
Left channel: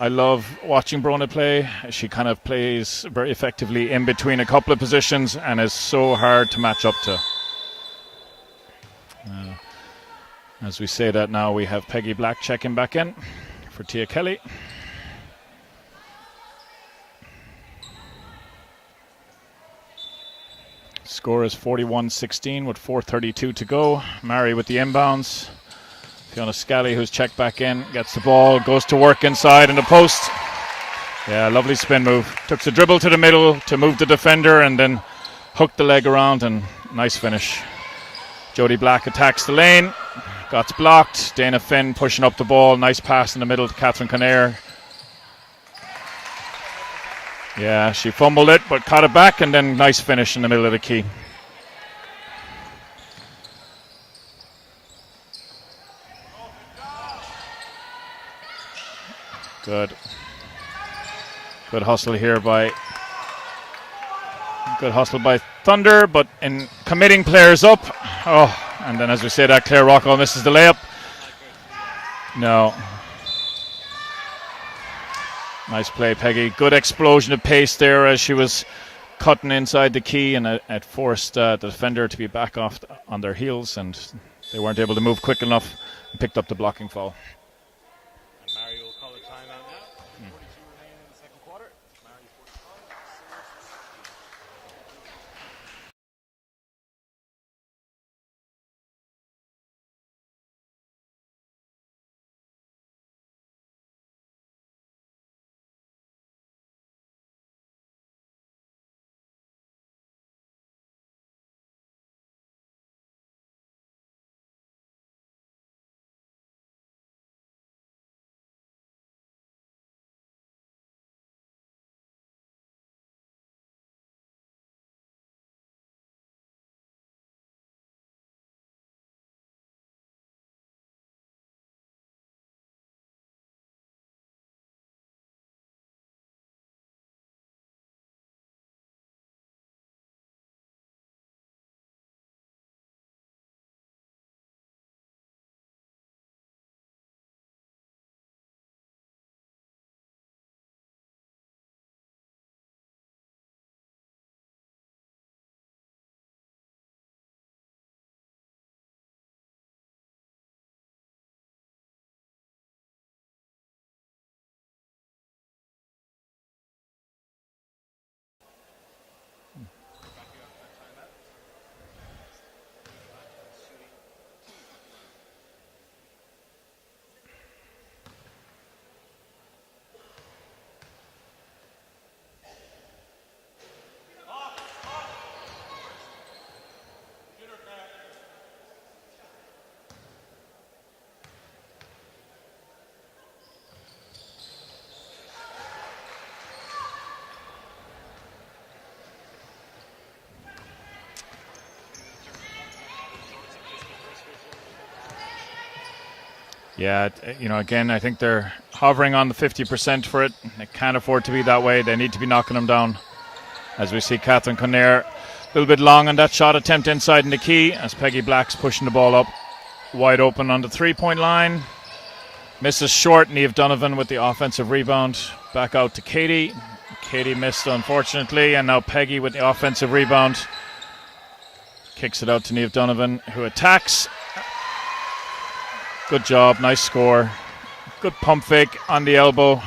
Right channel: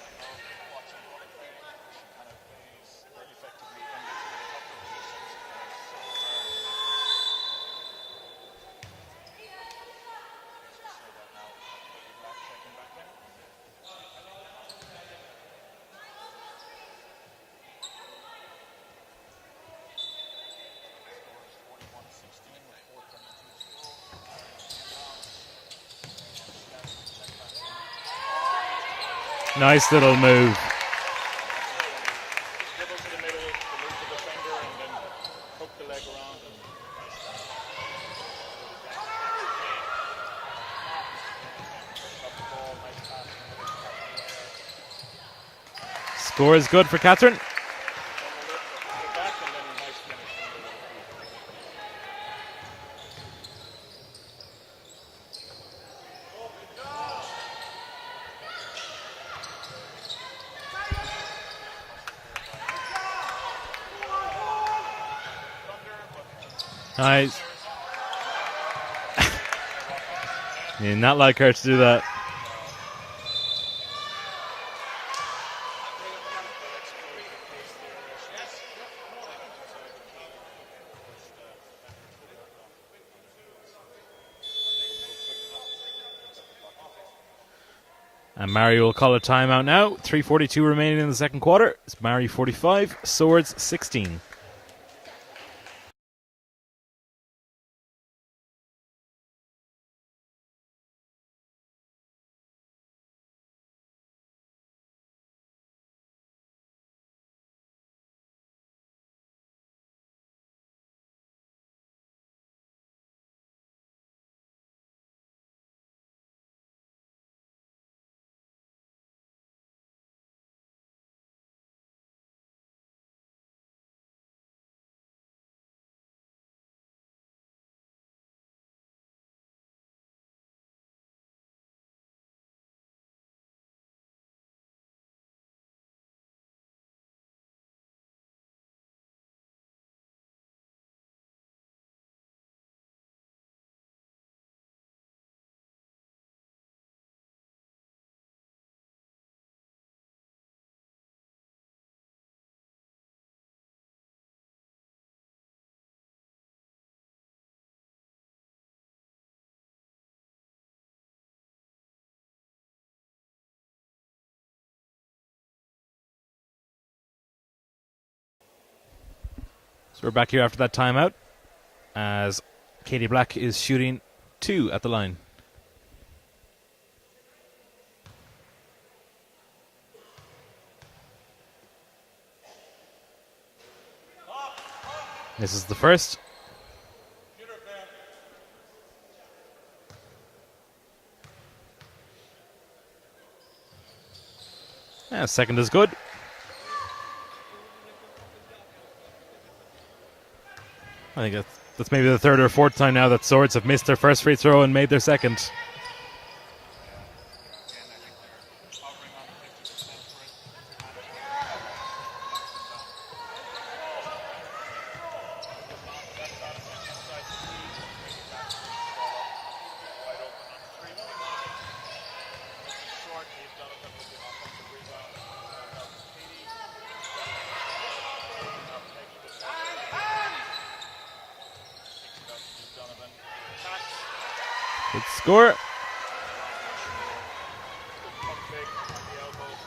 I love watching Brona play. She kind of plays very effectively in between a couple of positions and is so hard to match up to. As we say that now, we have Peggy Black checking back in for Tia Kelly. Score is 41-16 with 4:32 to go. Maree with the inbounds. Fiona Scally, who's checked back in, gets the ball, goes to work inside in the post. Move. Yeah, lovely spin move. Took the dribble to the middle to move the defender and then hooked the leg around, and nice finish. Jodie Black attacks the lane, got blocked. Dana Finn pushing up the ball. Nice pass in the middle to Catherine Conair. Score is good for Catherine. Yeah, she fumbled it but caught it back, and then nice finish in the middle of the key. Good hustle here by Thunder, but in committing players up. Oh, and then as we say that, Claire Rockwell misses the layup. You not like her to do that. No. Nice play, Peggy. Good explosion of pace there as she was cutting inside the key, and it forced the defender to be back off on their heels, and they weren't able to move quick enough and picked up the blocking foul. And Maree will call a timeout now. 3:42 remaining in the second quarter. It's Maree 45, Swords 16. So we're back here after that timeout as Katie Black is shooting 2 at the line. This is the first. Yeah, second is good. I think that's maybe the third or fourth time now that Swords have missed their first free throw and made their second. Yeah, you know, again, I think they're hovering on the 50% for it. They can't afford to be that way. They need to be knocking them down. As we see Catherine Conair a little bit long on that shot attempt inside in the key as Peggy Black's pushing the ball up wide open on the 3-point line. Misses short. Niamh Donovan with the offensive rebound. Back out to Katie. Katie missed, unfortunately, and now Peggy with the offensive rebound. Kicks it out to Niamh Donovan, who attacks. Good score. Good job, nice score. Good pump fake on the elbow.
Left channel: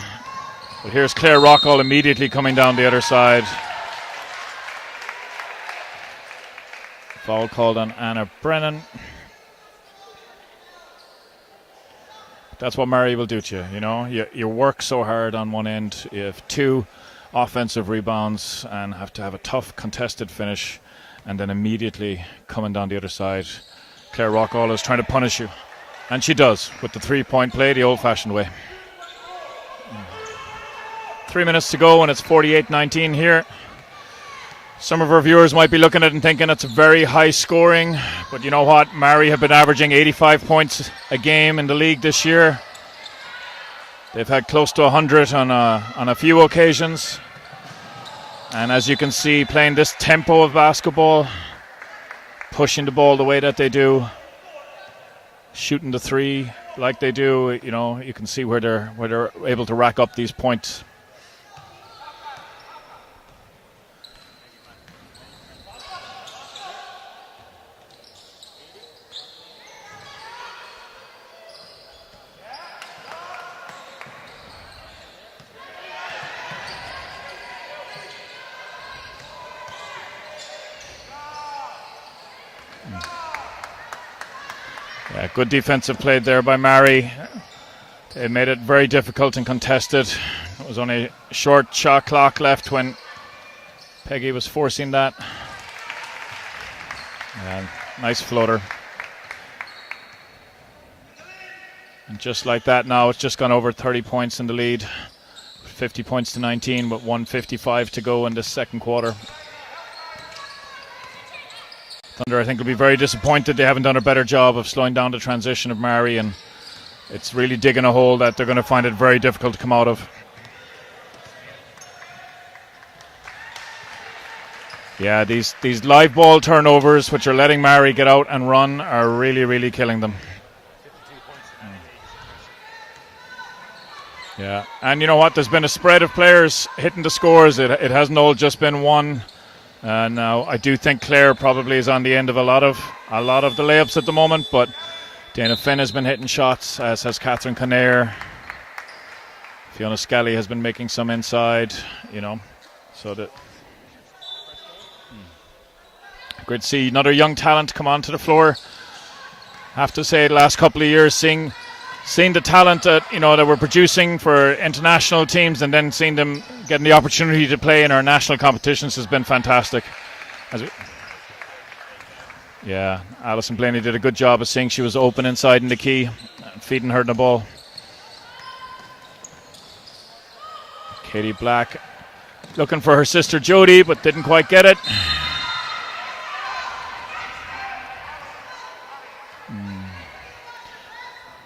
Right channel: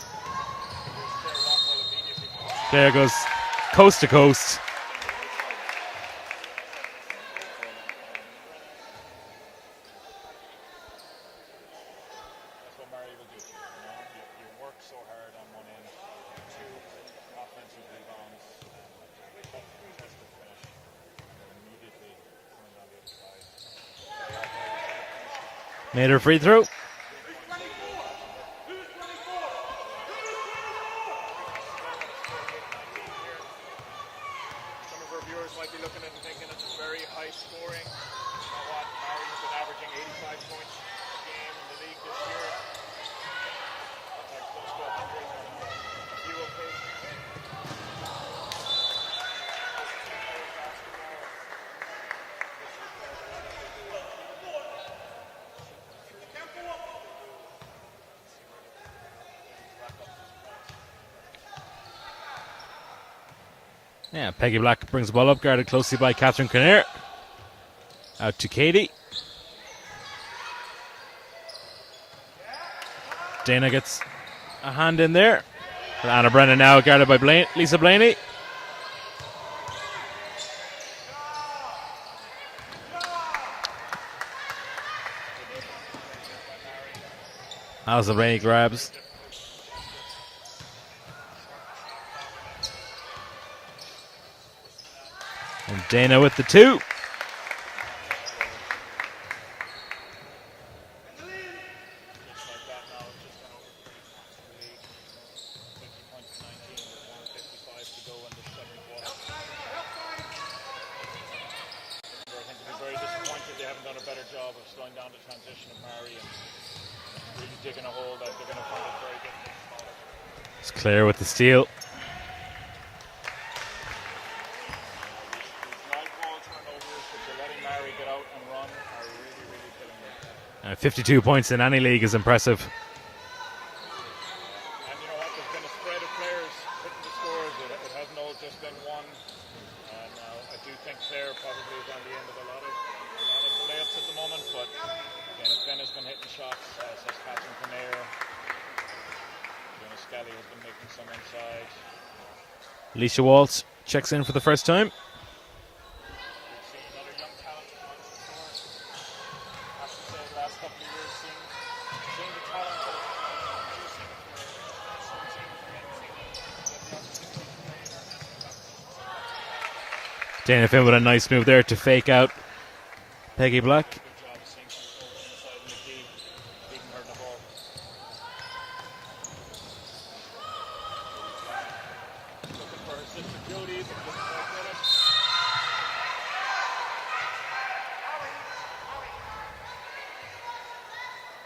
But here's Claire Rockall immediately coming down the other side. Coast to coast. Foul called on Anna Brennan. That's what Maree will do to you, you know. You work so hard on one end. You have 2 offensive rebounds and have to have a tough contested finish, and then immediately coming down the other side. Claire Rockall is trying to punish you. And she does with the 3-point play the old-fashioned way. 3 minutes to go, and it's 48-19 here. Some of our viewers might be looking at it and thinking it's very high scoring, but you know what? Maree have been averaging 85 points a game in the league this year. They've had close to 100 on a few occasions. And as you can see, playing this tempo of basketball, pushing the ball the way that they do, shooting the three like they do, you can see where they're able to rack up these points. Yeah, Peggy Black brings the ball up, guarded closely by Catherine Kinnear. Out to Katie. Dana gets a hand in there. And Anna Brennan now guarded by Lisa Blaney. Yeah, good defensive play there by Maree. They made it very difficult and contested. It was only a short shot clock left when Peggy was forcing that. And Dana with the 2. And nice floater. And just like that now, it's just gone over 30 points in the lead. 50 points to 19, but 1:55 to go in this second quarter. Thunder, I think, will be very disappointed they haven't done a better job of slowing down the transition of Maree, and it's really digging a hole that they're going to find it very difficult to come out of. It's Claire with the steal. Yeah, these live ball turnovers, which are letting Maree get out and run, are really, really killing them. 52 points in any league is impressive. Yeah, and you know what? There's been a spread of players hitting the scores. It hasn't all just been one. Now, I do think Claire probably is on the end of a lot of the layups at the moment, but Dana Finn has been hitting shots, as has Catherine Kinnear. Fiona Scully has been making some inside, Alicia Waltz checks in for the first time. Great to see another young talent come onto the floor. I have to say, the last couple of years, seeing the talent that we're producing for international teams, and then seeing them getting the opportunity to play in our national competitions has been fantastic. Dana Finn with a nice move there to fake out. Yeah, Alison Peggy Blaney Black did a good job of seeing she was open inside in the key, feeding her the ball. Katie Black looking for her sister Jodie, but didn't quite get it.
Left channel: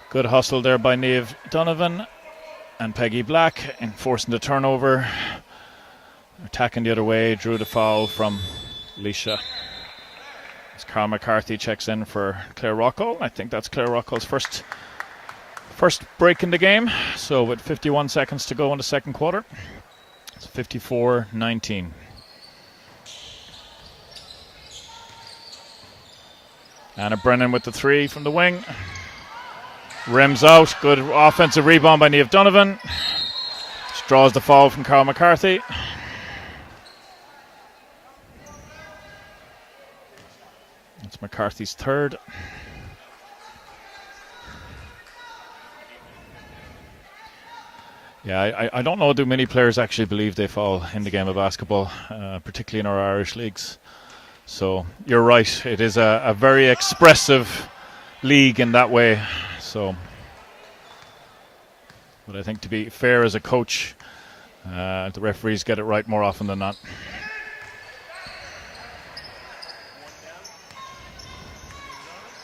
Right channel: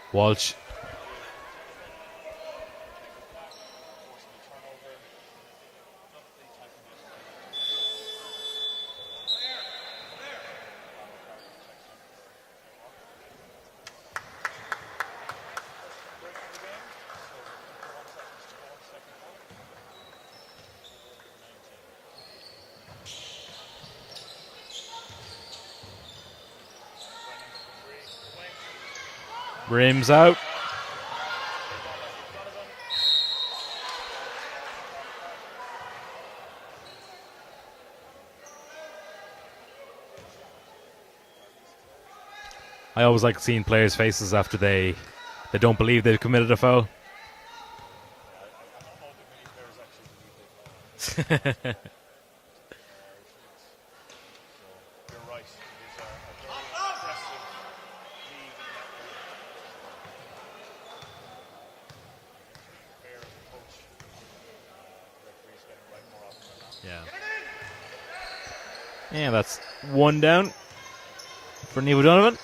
Good Walsh. hustle there by Niamh Donovan and Peggy Black, enforcing the turnover. Attacking the other way, drew the foul from Alicia. As Carl McCarthy checks in for Claire Rocco. I think that's Claire Rocco's first break in the game. So with 51 seconds to go in the second quarter, it's 54-19. Anna Brennan with the 3 from the wing. Rims out. Good offensive rebound by Niamh Donovan. She draws the foul from Carl McCarthy. It's McCarthy's 3rd. I always like seeing players' faces after they don't believe they've committed a foul. Yeah, I don't know, do many players actually believe they foul in the game of basketball, particularly in our Irish leagues. So you're right, it is a very expressive league in that way. So, but I think, to be fair as a coach, the referees get it right more often than not. Yeah, that's 1 down for Niamh Donovan.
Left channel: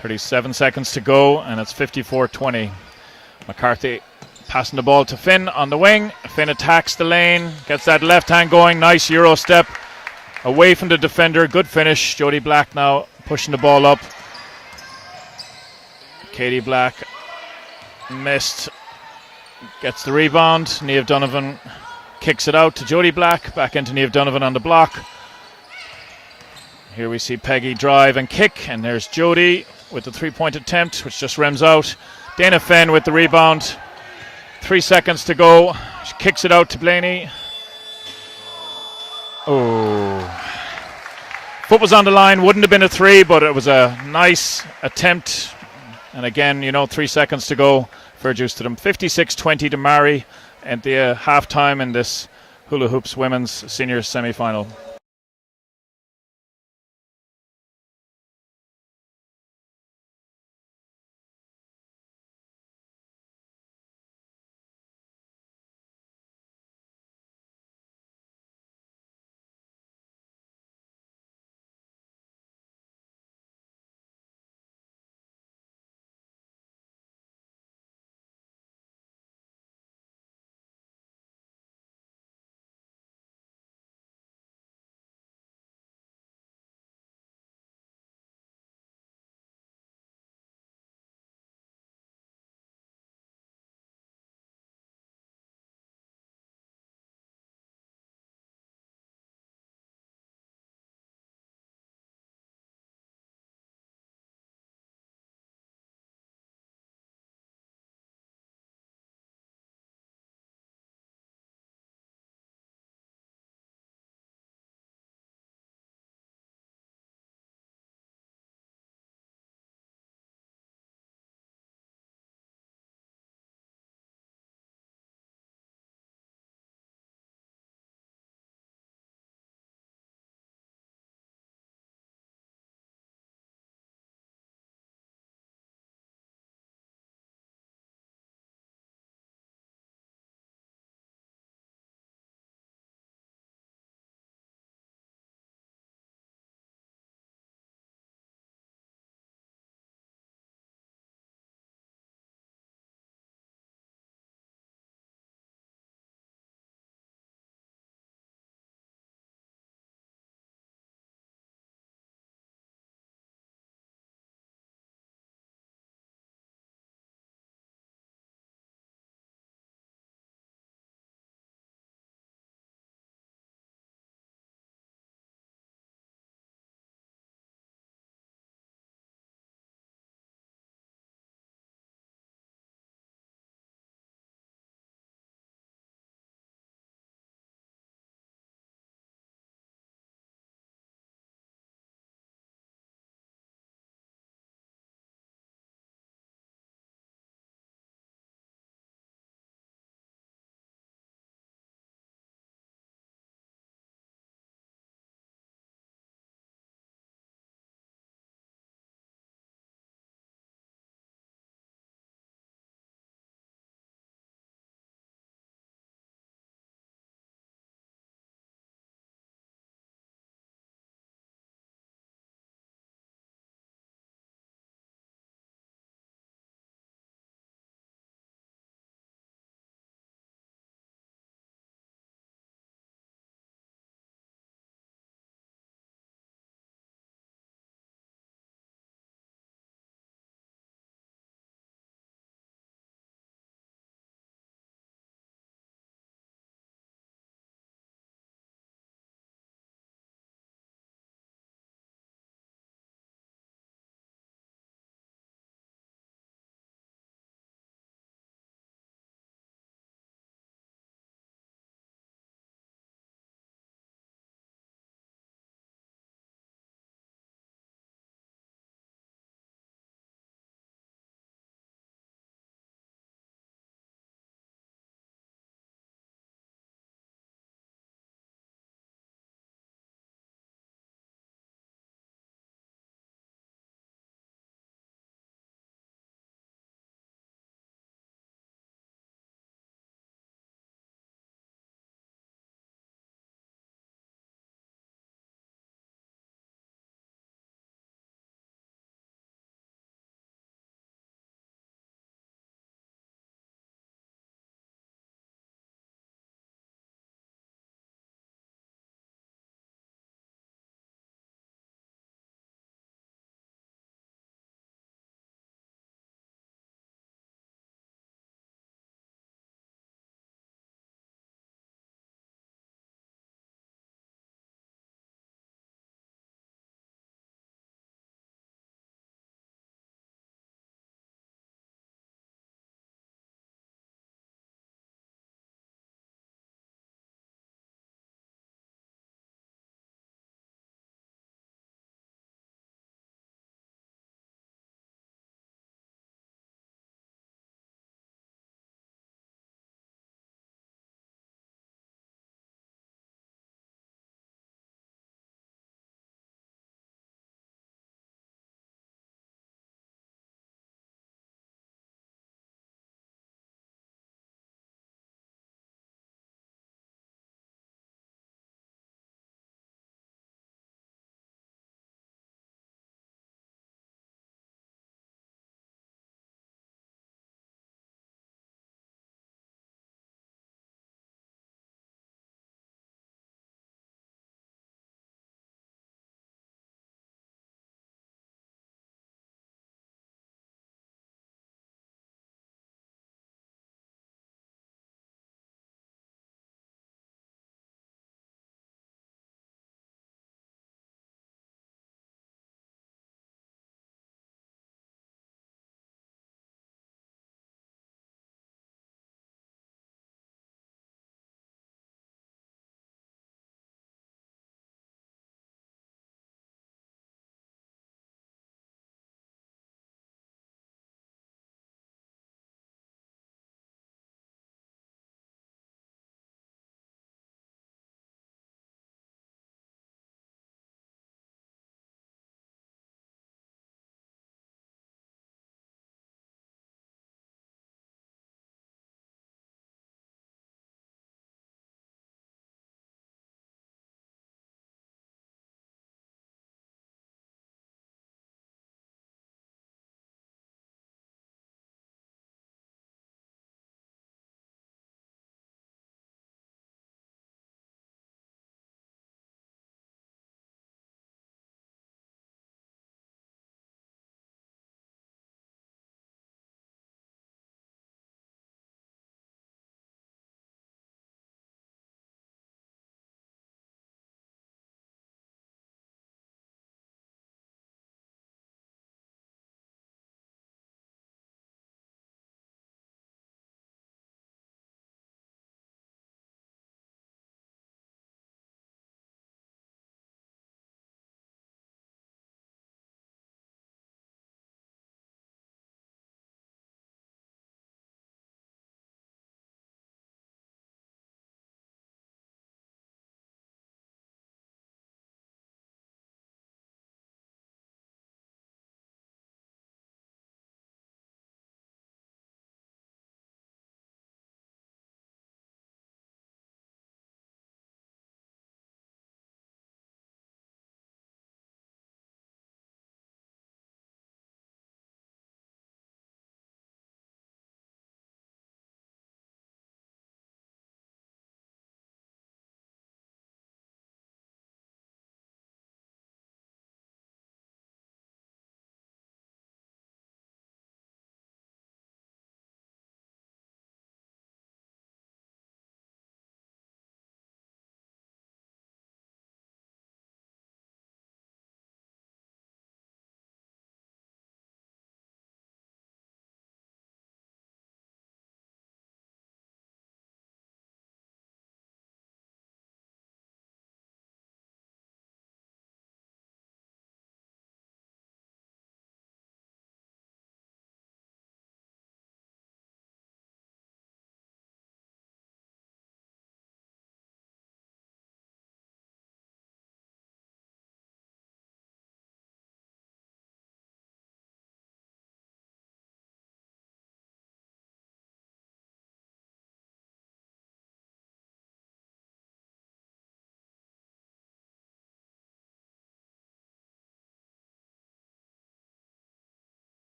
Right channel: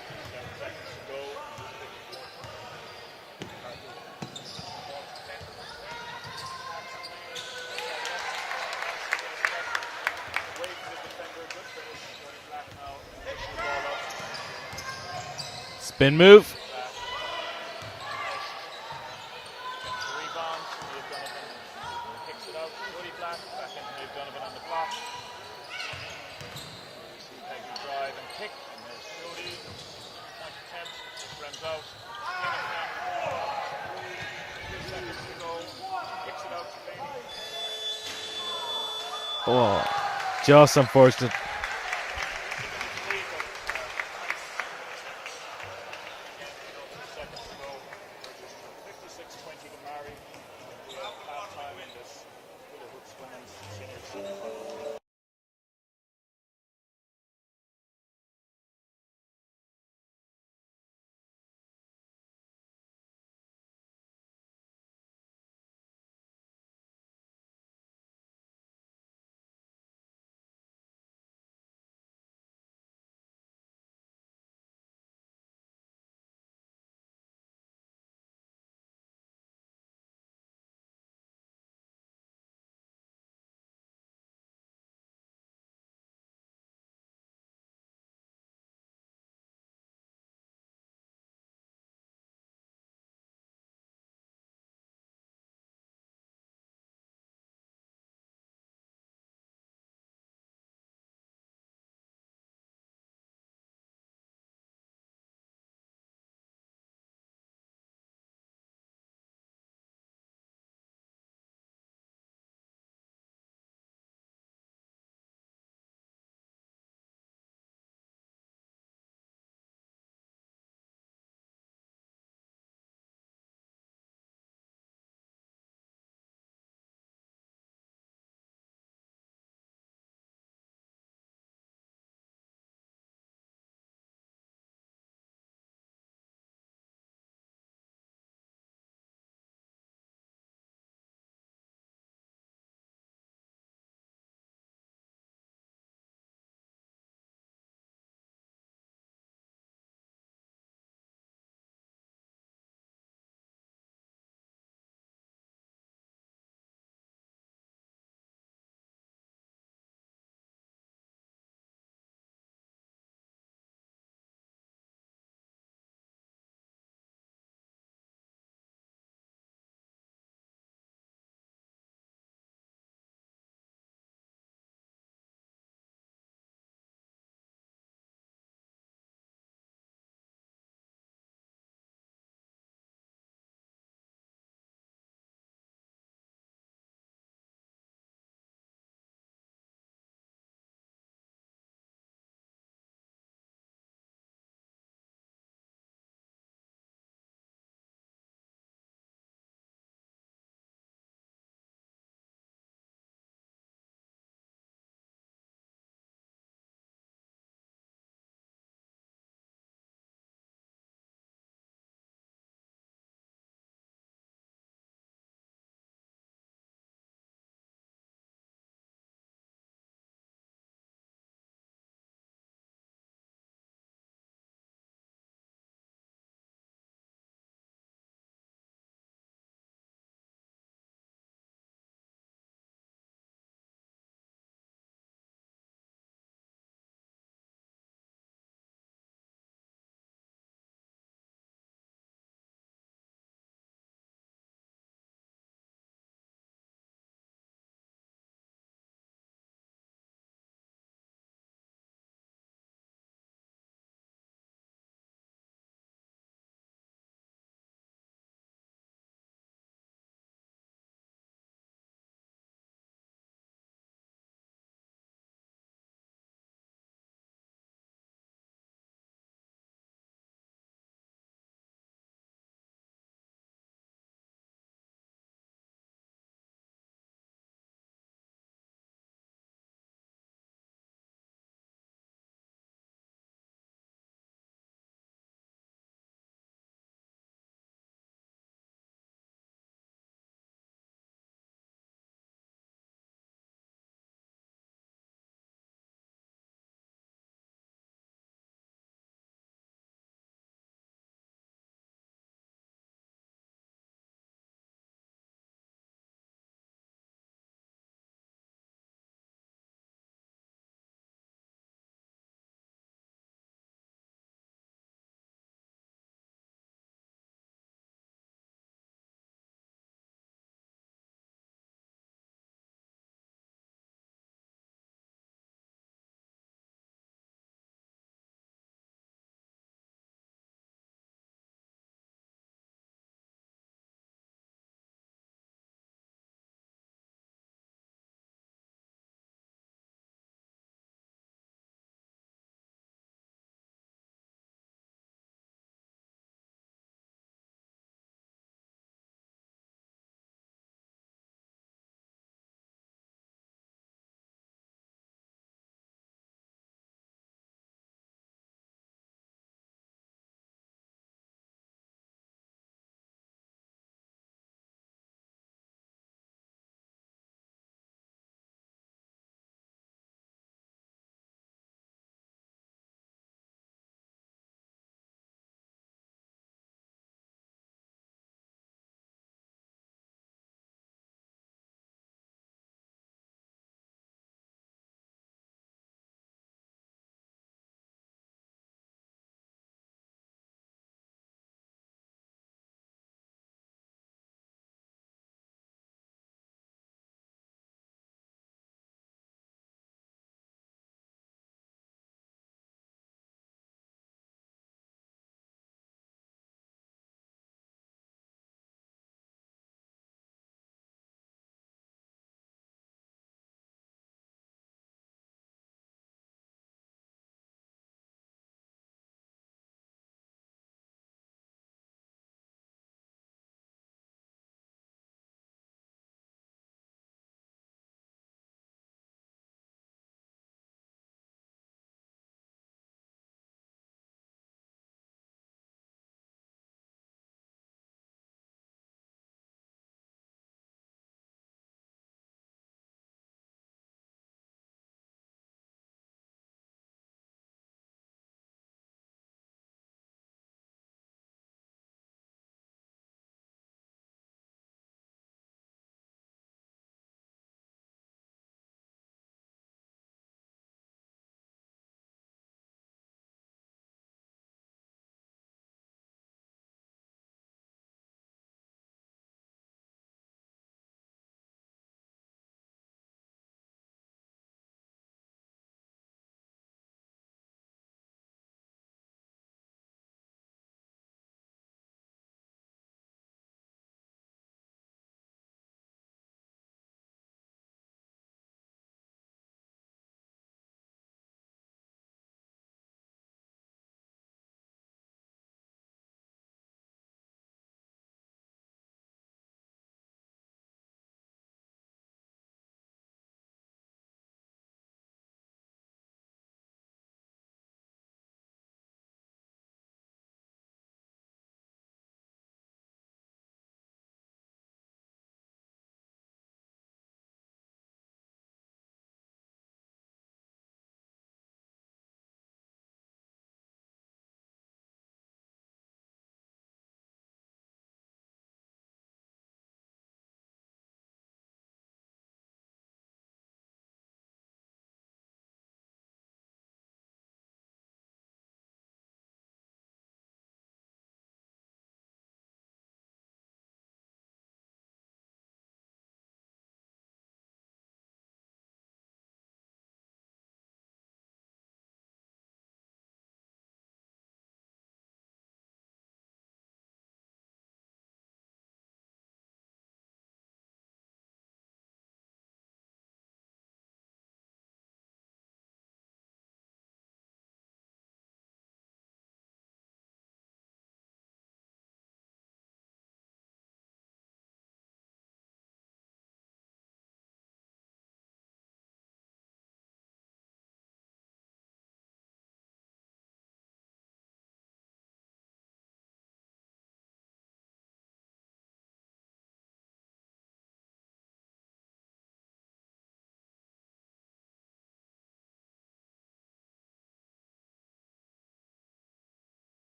37 seconds to go, and it's 54-20. McCarthy passing the ball to Finn on the wing. Finn attacks the lane, gets that left hand going. Nice Euro step away from the defender. Good finish. Jodie Black now pushing the ball up. Spin move. Katie Black missed. Gets the rebound. Niamh Donovan kicks it out to Jodie Black. Back into Niamh Donovan on the block. Here we see Peggy drive and kick, and there's Jodie with the 3-point attempt, which just rims out. Dana Finn with the rebound. 3 seconds to go. She kicks it out to Blaney. Oh, just unfortunate. Foot was on the line. Wouldn't have been a 3, but it was a nice attempt. And again, 3 seconds to go. Fair juice to them. 56-20 to Maree at the halftime in this Hula Hoops women's senior semi-final.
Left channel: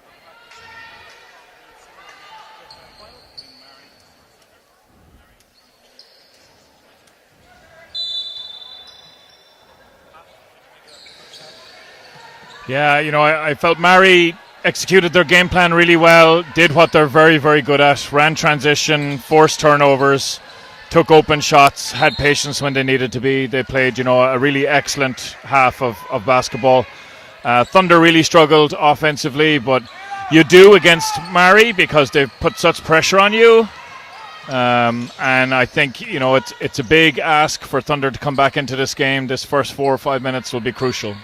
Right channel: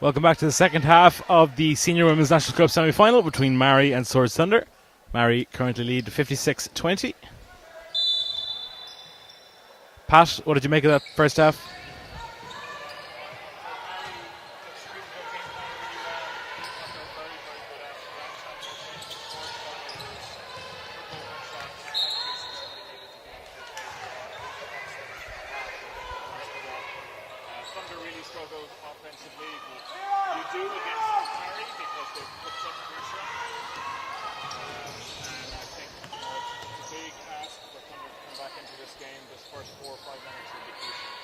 Welcome back to the second half of the Senior Women's National Cup semi-final between Maree and Swords Thunder. Maree currently lead 56-20. Pat, what did you make of that first half? Yeah, I felt Maree executed their game plan really well, did what they're very, very good at, ran transition, forced turnovers, took open shots, had patience when they needed to be. They played, a really excellent half of basketball. Thunder really struggled offensively, but you do against Maree because they've put such pressure on you. And I think, it's a big ask for Thunder to come back into this game. This first 4 or 5 minutes will be crucial.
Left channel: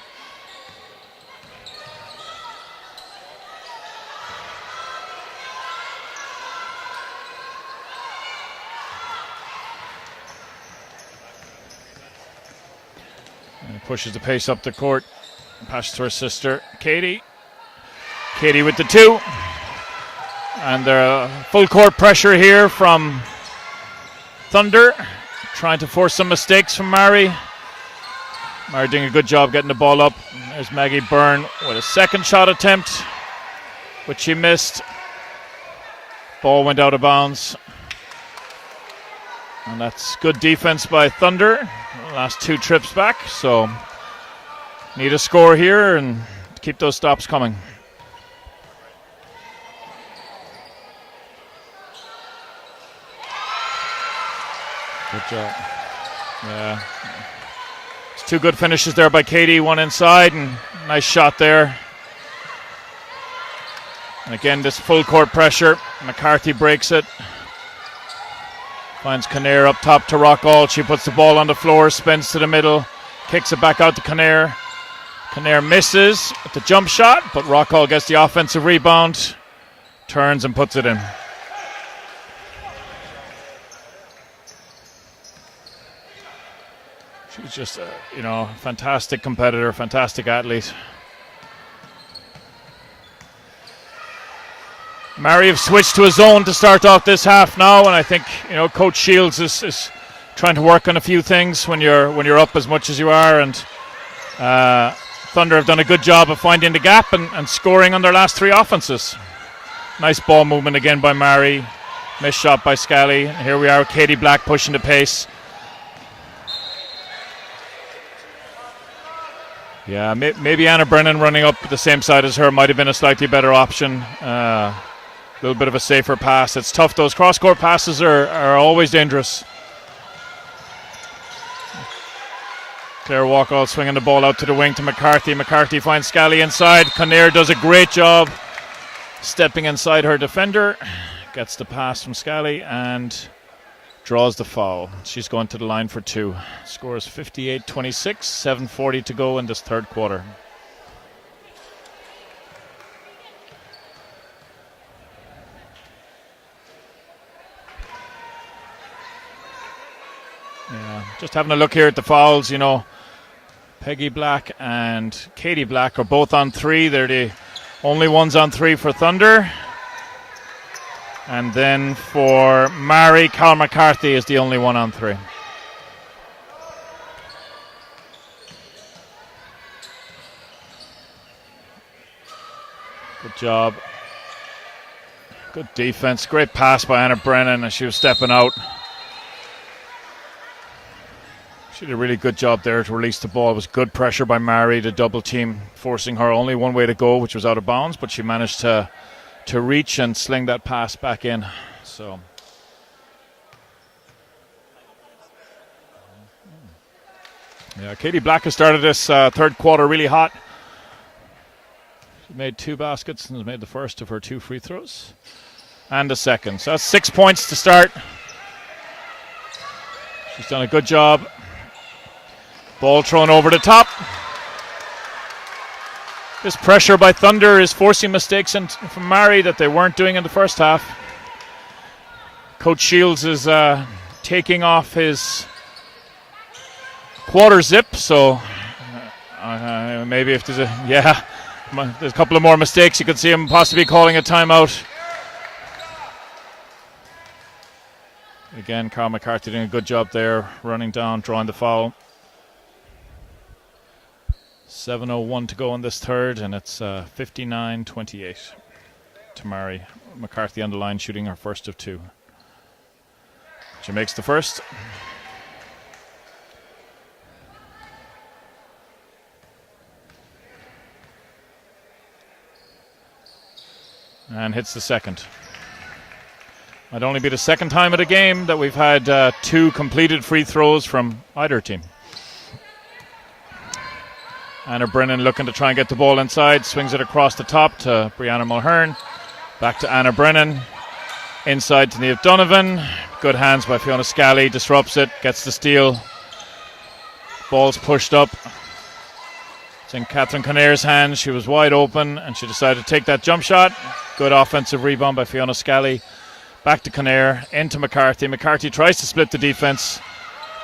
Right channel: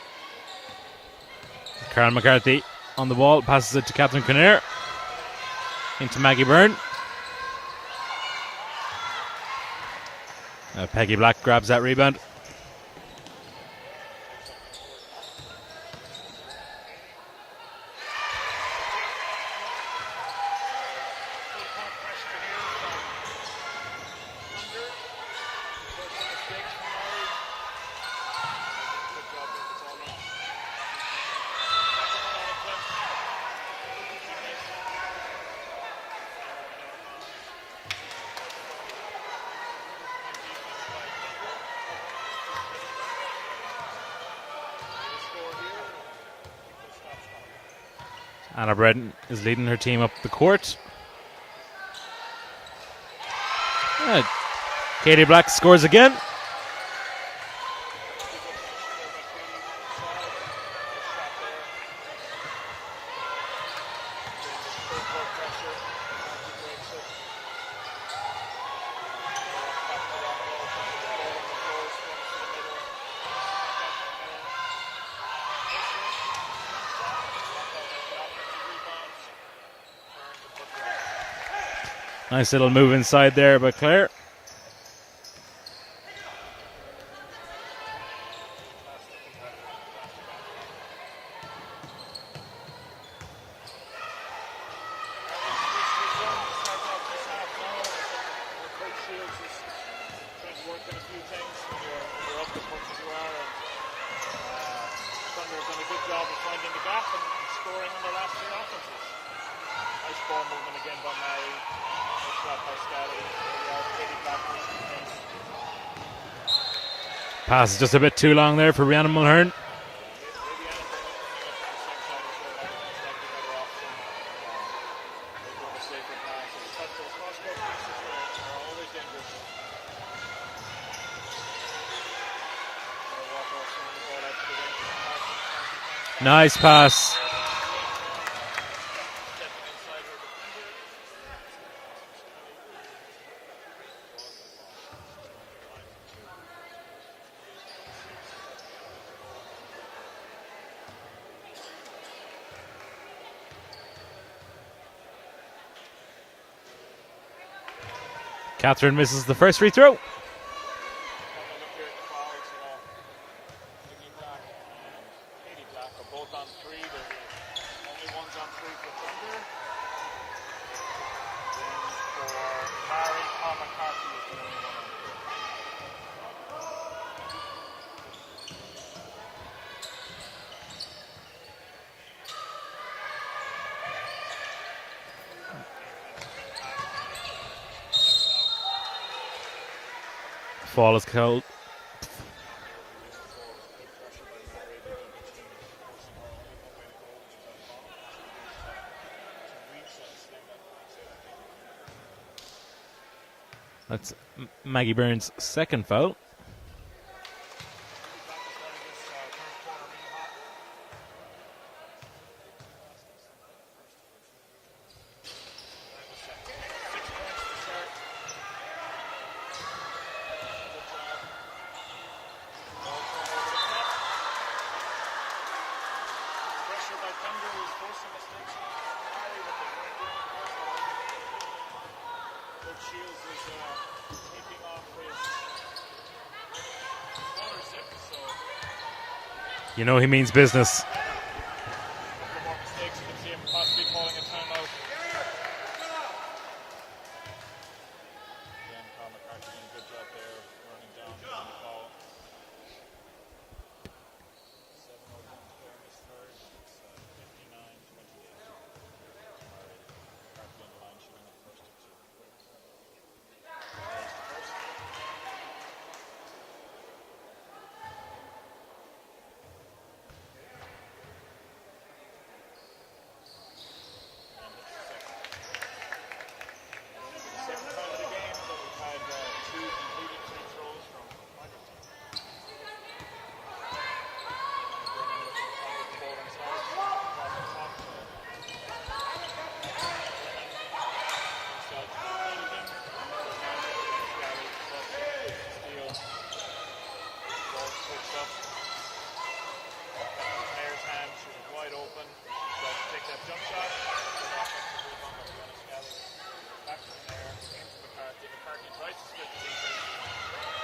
Karen McCarthy on the ball, passes it to Catherine Kinnear. Into Maggie Byrne. Peggy Black grabs that rebound. And pushes the pace up the court. Passes to her sister, Katie. Katie with the 2. And they're full court pressure here from Thunder. Trying to force some mistakes from Maree. Maree doing a good job getting the ball up. There's Maggie Byrne with a second shot attempt, which she missed. Ball went out of bounds. And that's good defense by Thunder. Last 2 trips back, so need a score here and keep those stops coming. Anna Bredon is leading her team up the court. Katie Black scores again. Yeah. It's 2 good finishes there by Katie, one inside, and nice shot there. And again, this full court pressure. McCarthy breaks it. Finds Kinnear up top to Rockall. She puts the ball on the floor, spins to the middle, kicks it back out to Kinnear. Kinnear misses with the jump shot, but Rockall gets the offensive rebound, turns and puts it in. Nice little move inside there by Claire. She's just a fantastic competitor, fantastic athlete. Maree have switched to a zone to start off this half now, and I think Coach Shields is trying to work on a few things when you're up as much as you are, and Thunder have done a good job of finding the gap and scoring on their last 3 offenses. Nice ball movement again by Maree. Missed shot by Scally. Here we are with Katie Black pushing the pace. Pass is just a bit too long there for Rhiannon Mulhern. Yeah, maybe Anna Brennan running up the same side as her might have been a slightly better option. A little bit of a safer pass. It's tough. Those cross-court passes are always dangerous. Claire Walkall swinging the ball out to the wing to McCarthy. McCarthy finds Scally inside. Kinnear does a great job stepping inside her defender. Gets the pass from Scally and draws the foul. She's going to the line for 2. Scores 58-26, 7:40 to go in this third quarter. Catherine misses the first free throw. Yeah, just having a look here at the fouls, Peggy Black and Katie Black are both on 3. They're the only ones on 3 for Thunder. And then for Maree, Carl McCarthy is the only one on 3. Good job. Good defense. Great pass by Anna Brennan as she was stepping out. Fall is cold. She did a really good job there to release the ball. It was good pressure by Maree, the double team, forcing her only one way to go, which was out of bounds, but she managed to reach and sling that pass back in. So that's Maggie Byrne's second foul. Yeah, Katie Black has started this third quarter really hot. She made 2 baskets and has made the first of her 2 free throws and the second. So that's 6 points to start. She's done a good job. Ball thrown over the top. This pressure by Thunder is forcing mistakes from Maree that they weren't doing in the first half. Coach Shields is taking off his quarter zip, so he means business. Yeah, there's a couple of more mistakes. You could see him possibly calling a timeout. Again, Carl McCarthy doing a good job there, running down, drawing the foul. 7:01 to go in this third, and it's 59-28. to Maree. McCarthy on the line, shooting her first of 2. She makes the first. And hits the second. Might only be the second time of the game that we've had 2 completed free throws from either team. Anna Brennan looking to try and get the ball inside, swings it across the top to Brianna Mulhern. Back to Anna Brennan. Inside to Niamh Donovan. Good hands by Fiona Scally, disrupts it, gets the steal. Ball's pushed up. It's in Catherine Kinnair's hands. She was wide open and she decided to take that jump shot. Good offensive rebound by Fiona Scally. Back to Kinnair, into McCarthy. McCarthy tries to split the defense,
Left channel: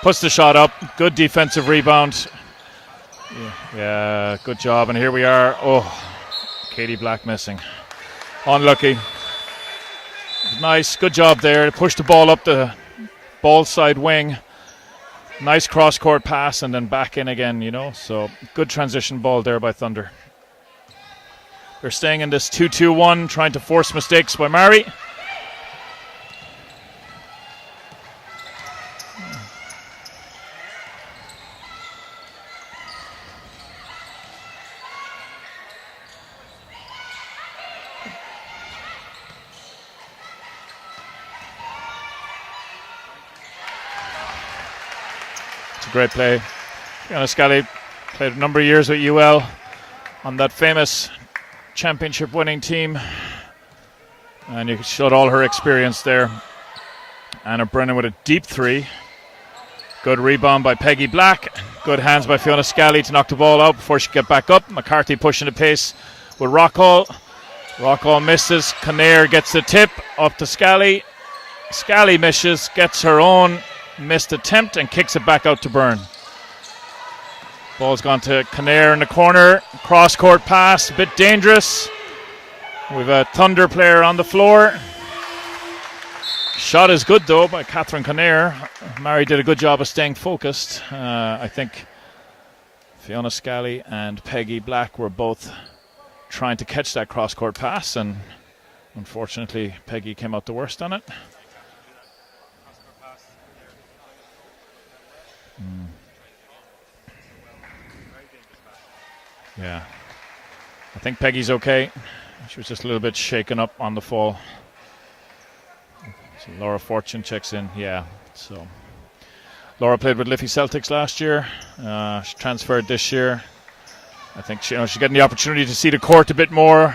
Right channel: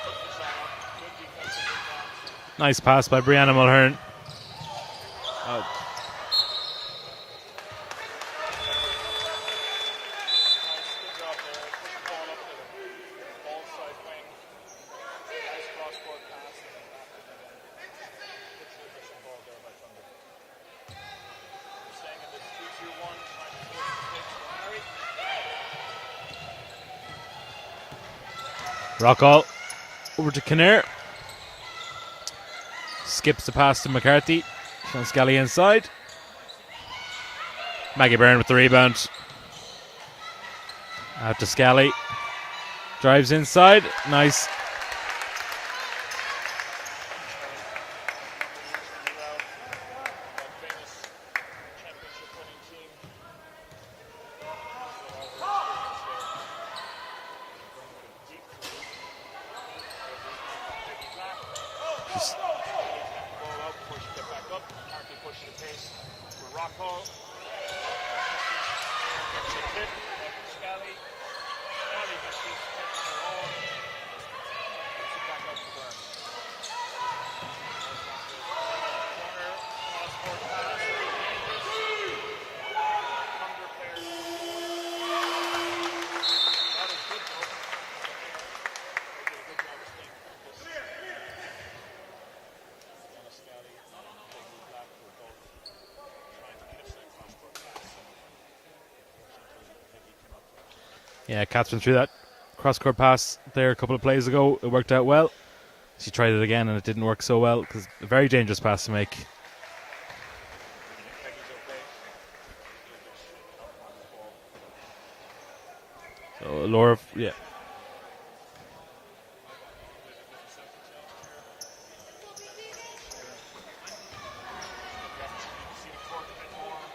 puts the shot up. Good defensive rebound. Nice pass by Brianna Mulhern. Good job. And here we are. Oh, Katie Black missing. Unlucky. Nice, good job there. Push the ball up the ball side wing. Nice cross-court pass and then back in again, you know. So good transition ball there by Thunder. They're staying in this 2-2-1, trying to force mistakes by Maree. Rockall over to Kinnair. Skips the pass to McCarthy. From Scally inside. Maggie Byrne with the rebound. Out to Scally. Drives inside. Nice. It's a great play. Fiona Scally played a number of years with UL on that famous championship winning team. And you showed all her experience there. Anna Brennan with a deep 3. Good rebound by Peggy Black. Good hands by Fiona Scally to knock the ball out before she could get back up. McCarthy pushing the pace with Rockall. Rockall misses. Kinnair gets the tip up to Scally. Scally misses, gets her own missed attempt and kicks it back out to Byrne. Ball's gone to Kinnair in the corner. Cross-court pass, a bit dangerous. We've a Thunder player on the floor. Shot is good though by Catherine Kinnair. Maree did a good job of staying focused. I think Fiona Scally and Peggy Black were both trying to catch that cross-court pass, and unfortunately Peggy came out the worst on it. Yeah, Catherine threw that cross-court pass there a couple of plays ago. It worked out well. She tried it again and it didn't work so well because a very dangerous pass to make. Yeah. I think Peggy's okay. She was just a little bit shaken up on the fall. So Laura Fortune checks in. Yeah. So Laura played with Liffey Celtics last year. She transferred this year. I think she's getting the opportunity to see the court a bit more,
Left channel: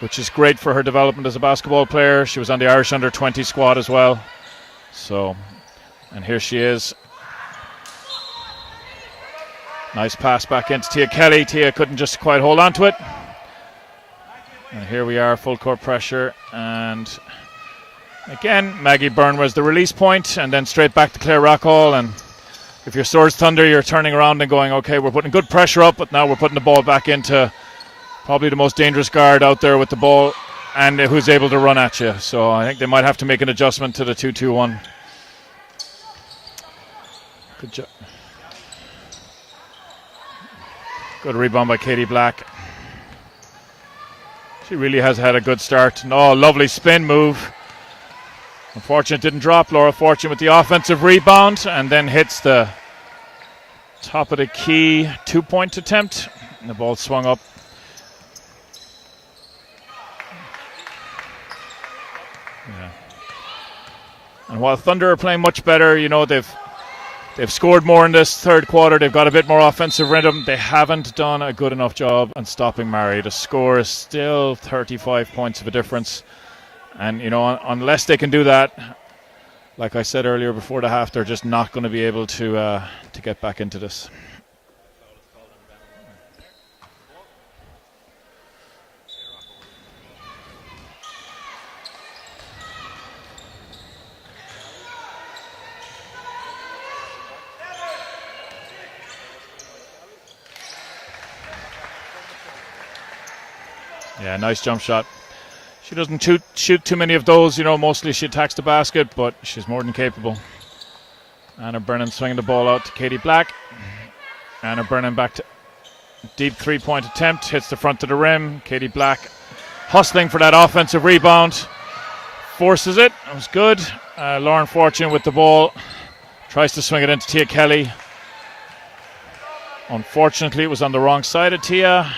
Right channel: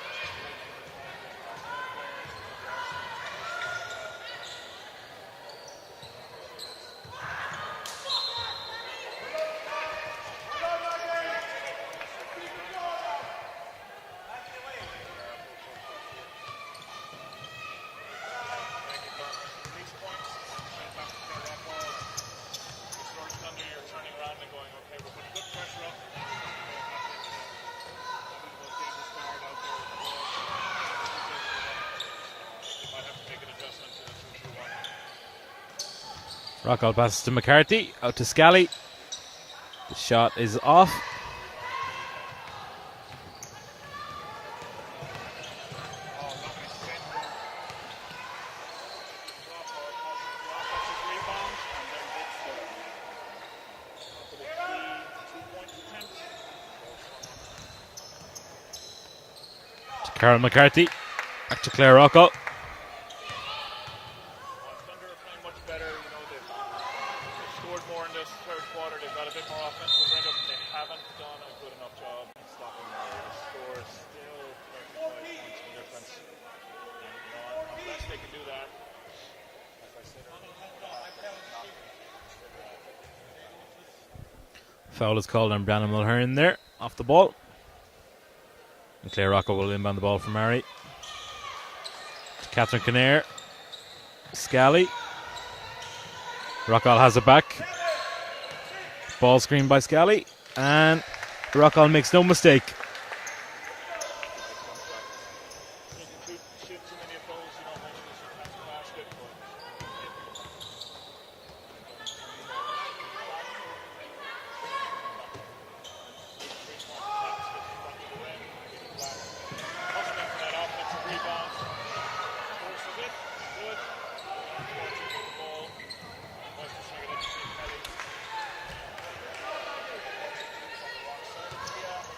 which is great for her development as a basketball player. She was on the Irish under-20 squad as well. So, and here she is. Nice pass back into Tia Kelly. Tia couldn't just quite hold on to it. And here we are, full court pressure. And again, Maggie Byrne was the release point, and then straight back to Claire Rockall. And if you're Swords Thunder, you're turning around and going, okay, we're putting good pressure up, but now we're putting the ball back into probably the most dangerous guard out there with the ball and who's able to run at you. So I think they might have to make an adjustment to the 2-2-1. Rockall passes to McCarthy, out to Scally. The shot is off. Good rebound by Katie Black. She really has had a good start. Oh, lovely spin move. Unfortunate didn't drop. Laura Fortune with the offensive rebound and then hits the top of the key 2-point attempt. And the ball swung up. To Carol McCarthy. Back to Claire Rockall. Yeah. And while Thunder are playing much better, you know, they've scored more in this third quarter. They've got a bit more offensive rhythm. They haven't done a good enough job on stopping Maree. The score is still 35 points of a difference. And, you know, unless they can do that, like I said earlier before the half, they're just not going to be able to get back into this. Foul is called on Brianna Mulhern there, off the ball. And Claire Rockall will inbound the ball for Maree. Catherine Kinnair. Scally. Rockall has it back. Ball screen by Scally. And Rockall makes no mistake. Yeah, nice jump shot. She doesn't shoot too many of those, you know, mostly she attacks the basket, but she's more than capable. Anna Brennan swinging the ball out to Katie Black. Anna Brennan back to deep 3-point attempt, hits the front of the rim. Katie Black hustling for that offensive rebound. Forces it. It was good. Lauren Fortune with the ball. Tries to swing it into Tia Kelly. Unfortunately, it was on the wrong side of Tia.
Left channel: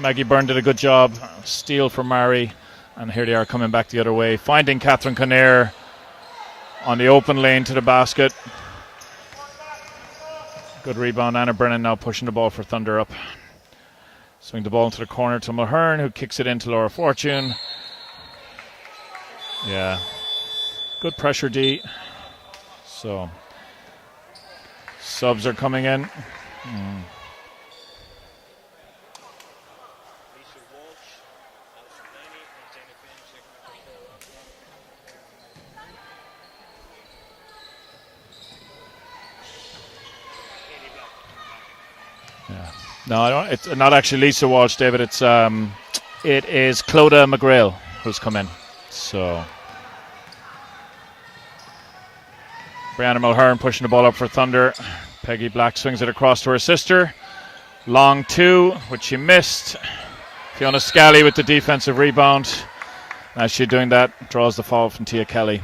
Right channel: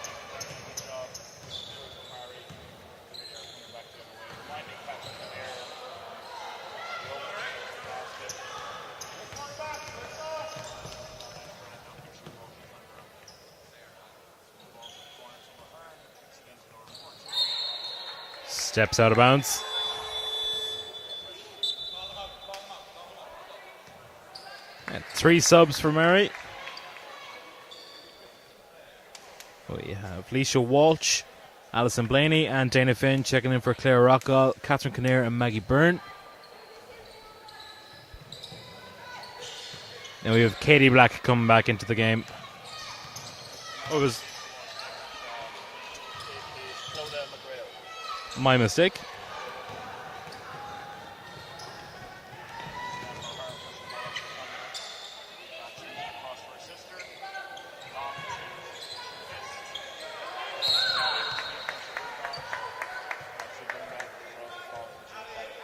Maggie Byrne did a good job. Steal for Maree. And here they are coming back the other way. Finding Catherine Kinnair on the open lane to the basket. Good rebound. Anna Brennan now pushing the ball for Thunder up. Swing the ball into the corner to Mulhern, who kicks it into Laura Fortune. Steps out of bounds. Yeah. Good pressure, D. So, Three subs are subs coming for in. Maree. We have Leisha Walsh, Alison Blaney, and Dana Finn checking in for Claire Rockall, Catherine Kinnair, and Maggie Byrne. And we have Katie Black coming back into the game. No, I don't. It's not actually Lisa Walsh, David. It is Clodagh McGrail who's come in. My mistake. So, Brianna Mulhern pushing the ball up for Thunder. Peggy Black swings it across to her sister. Long two, which she missed. Fiona Scally with the defensive rebound. As she's doing that, draws the foul from Tia Kelly.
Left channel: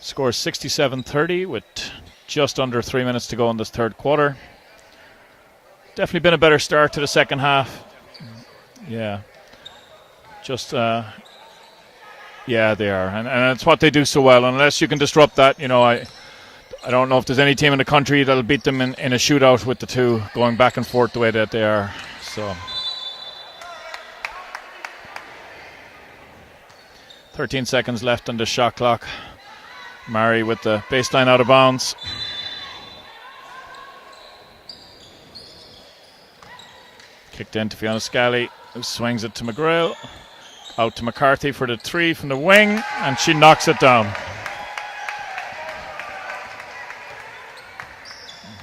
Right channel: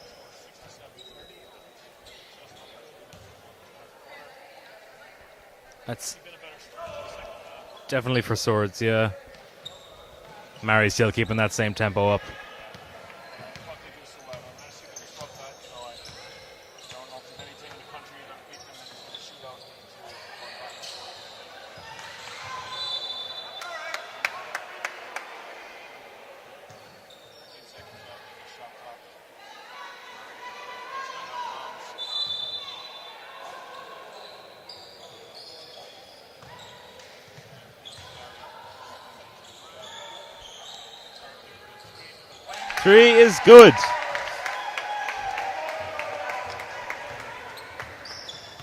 Scores 67-30 with just under 3 minutes to go in this third quarter. Definitely been a better start to the second half. Definitely for Swords, yeah. Just Maree's still keeping that same tempo up. Yeah, they are, and it's what they do so well. Unless you can disrupt that, I don't know if there's any team in the country that'll beat them in a shootout with the two going back and forth the way that they are. So, 13 seconds left on the shot clock. Maree with the baseline out of bounds. Kicked in to Fiona Scally, who swings it to McGrail. Out to McCarthy for the three from the wing. And she knocks it down.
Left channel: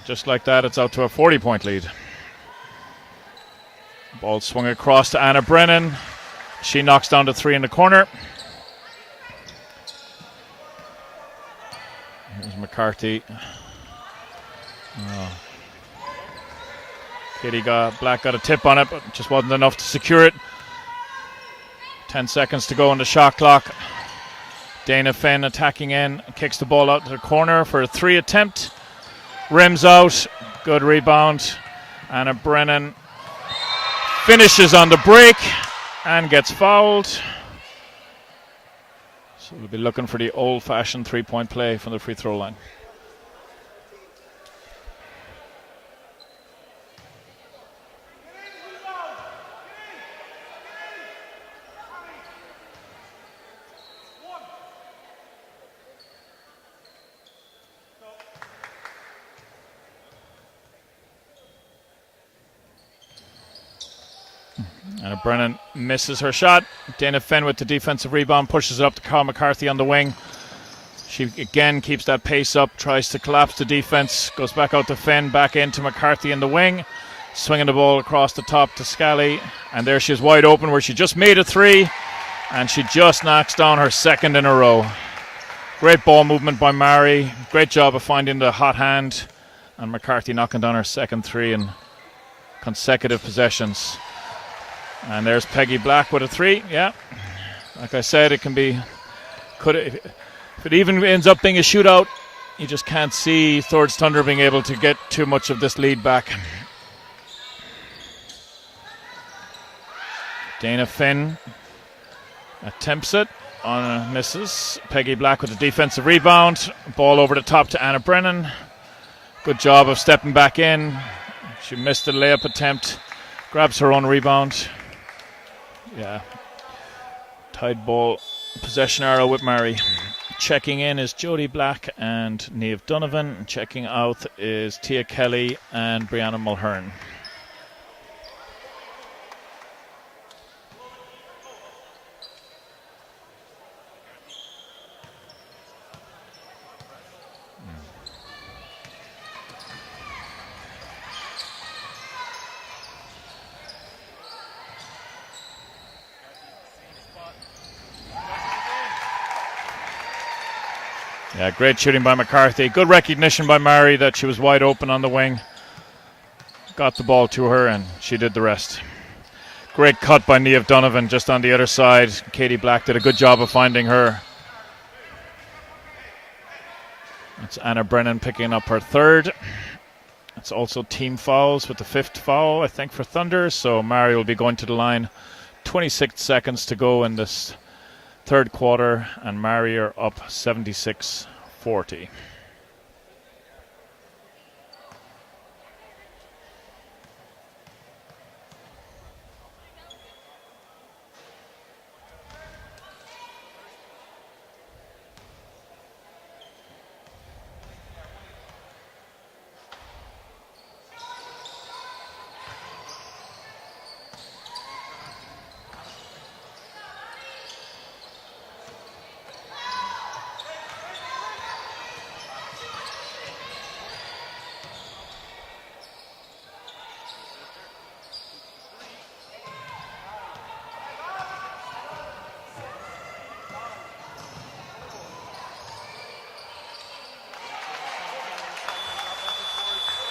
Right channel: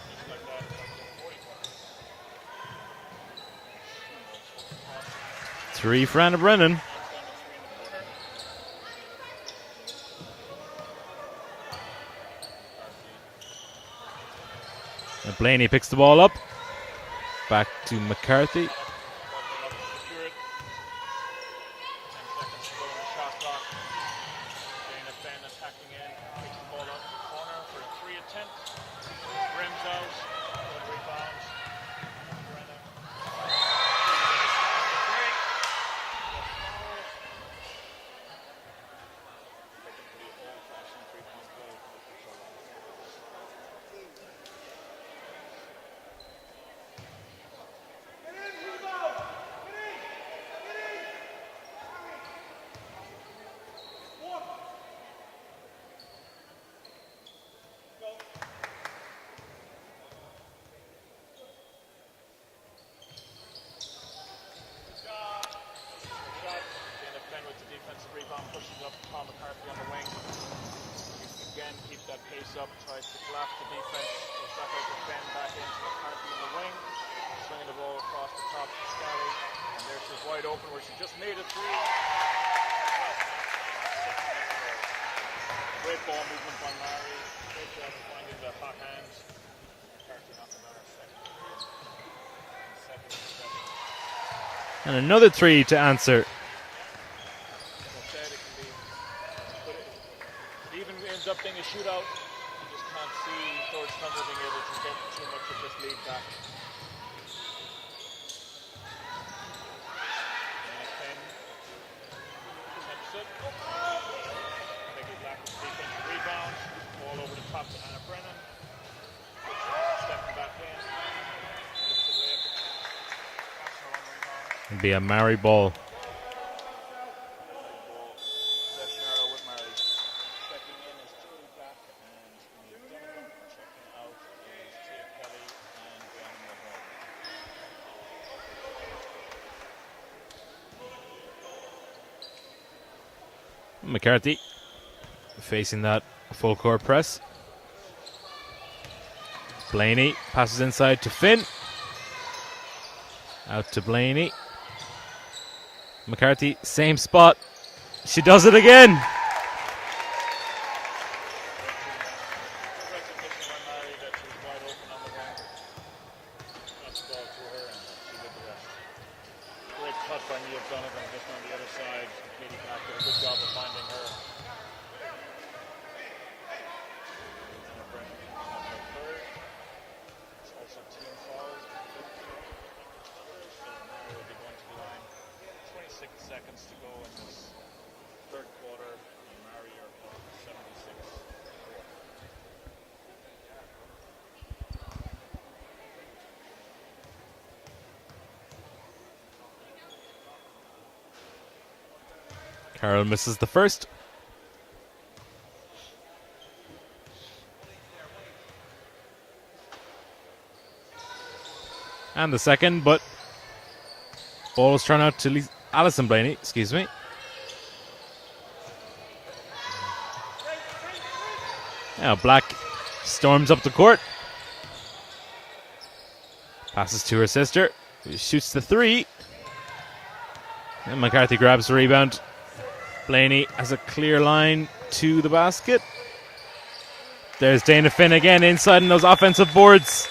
Just like that, it's out to a 40-point lead. Ball swung across to Anna Brennan. Three for Anna Brennan. She knocks down the three in the corner. Here's McCarthy. Blaney picks the ball up. Black got a tip on it, but just wasn't enough to secure it. 10 seconds to go on the shot clock. Dana Finn attacking in, kicks the ball out to the corner for a three attempt. Rims out, good rebound. Anna Brennan finishes on the break and gets fouled. So we'll be looking for the old-fashioned three-point play from the free throw line. Anna Brennan misses her shot. Dana Finn with the defensive rebound pushes it up to Carl McCarthy on the wing. She again keeps that pace up, tries to collapse the defense, goes back out to Finn, back into McCarthy in the wing, swinging the ball across the top to Scally, and there she is wide open where she just made a three, and she just knocks down her second in a row. Great ball movement by Maree, great job of finding the hot hand, and McCarthy knocking down her second three in consecutive possessions. And another there's three Peggy to Black answer. with a three, yeah. Like I said, it can be, if it even ends up being a shootout, you just can't see Swords Thunder being able to get too much of this lead back. Dana Finn attempts it on a misses. Peggy Black with the defensive rebound. Ball over the top to Anna Brennan. Good job of stepping back in. She missed the layup attempt. Grabs her own rebound. Be a Maree ball. Yeah. Tied ball. Possession arrow with Maree. Checking in is Jodie Black and Niamh Donovan. Checking out is Tia Kelly and Brianna Mulhern. McCarthy facing that full court press. Blaney passes inside to Finn. Out to Blaney. McCarthy, same spot. She does it again. Yeah, great shooting by McCarthy. Good recognition by Maree that she was wide open on the wing. Got the ball to her and she did the rest. Great cut by Niamh Donovan just on the other side. Katie Black did a good job of finding her. It's Anna Brennan picking up her third. It's also team fouls with the 5th foul, I think, for Thunder. So Maree will be going to the line. 26 seconds to go in this third quarter, and Maree are up 76-40. Carroll misses the first. And the second, but ball is thrown out to Alison Blaney, excuse me. Now Black storms up the court. Passes to her sister, who shoots the 3. And McCarthy grabs the rebound. Blaney has a clear line to the basket. There's Dana Finn again inside in those offensive boards.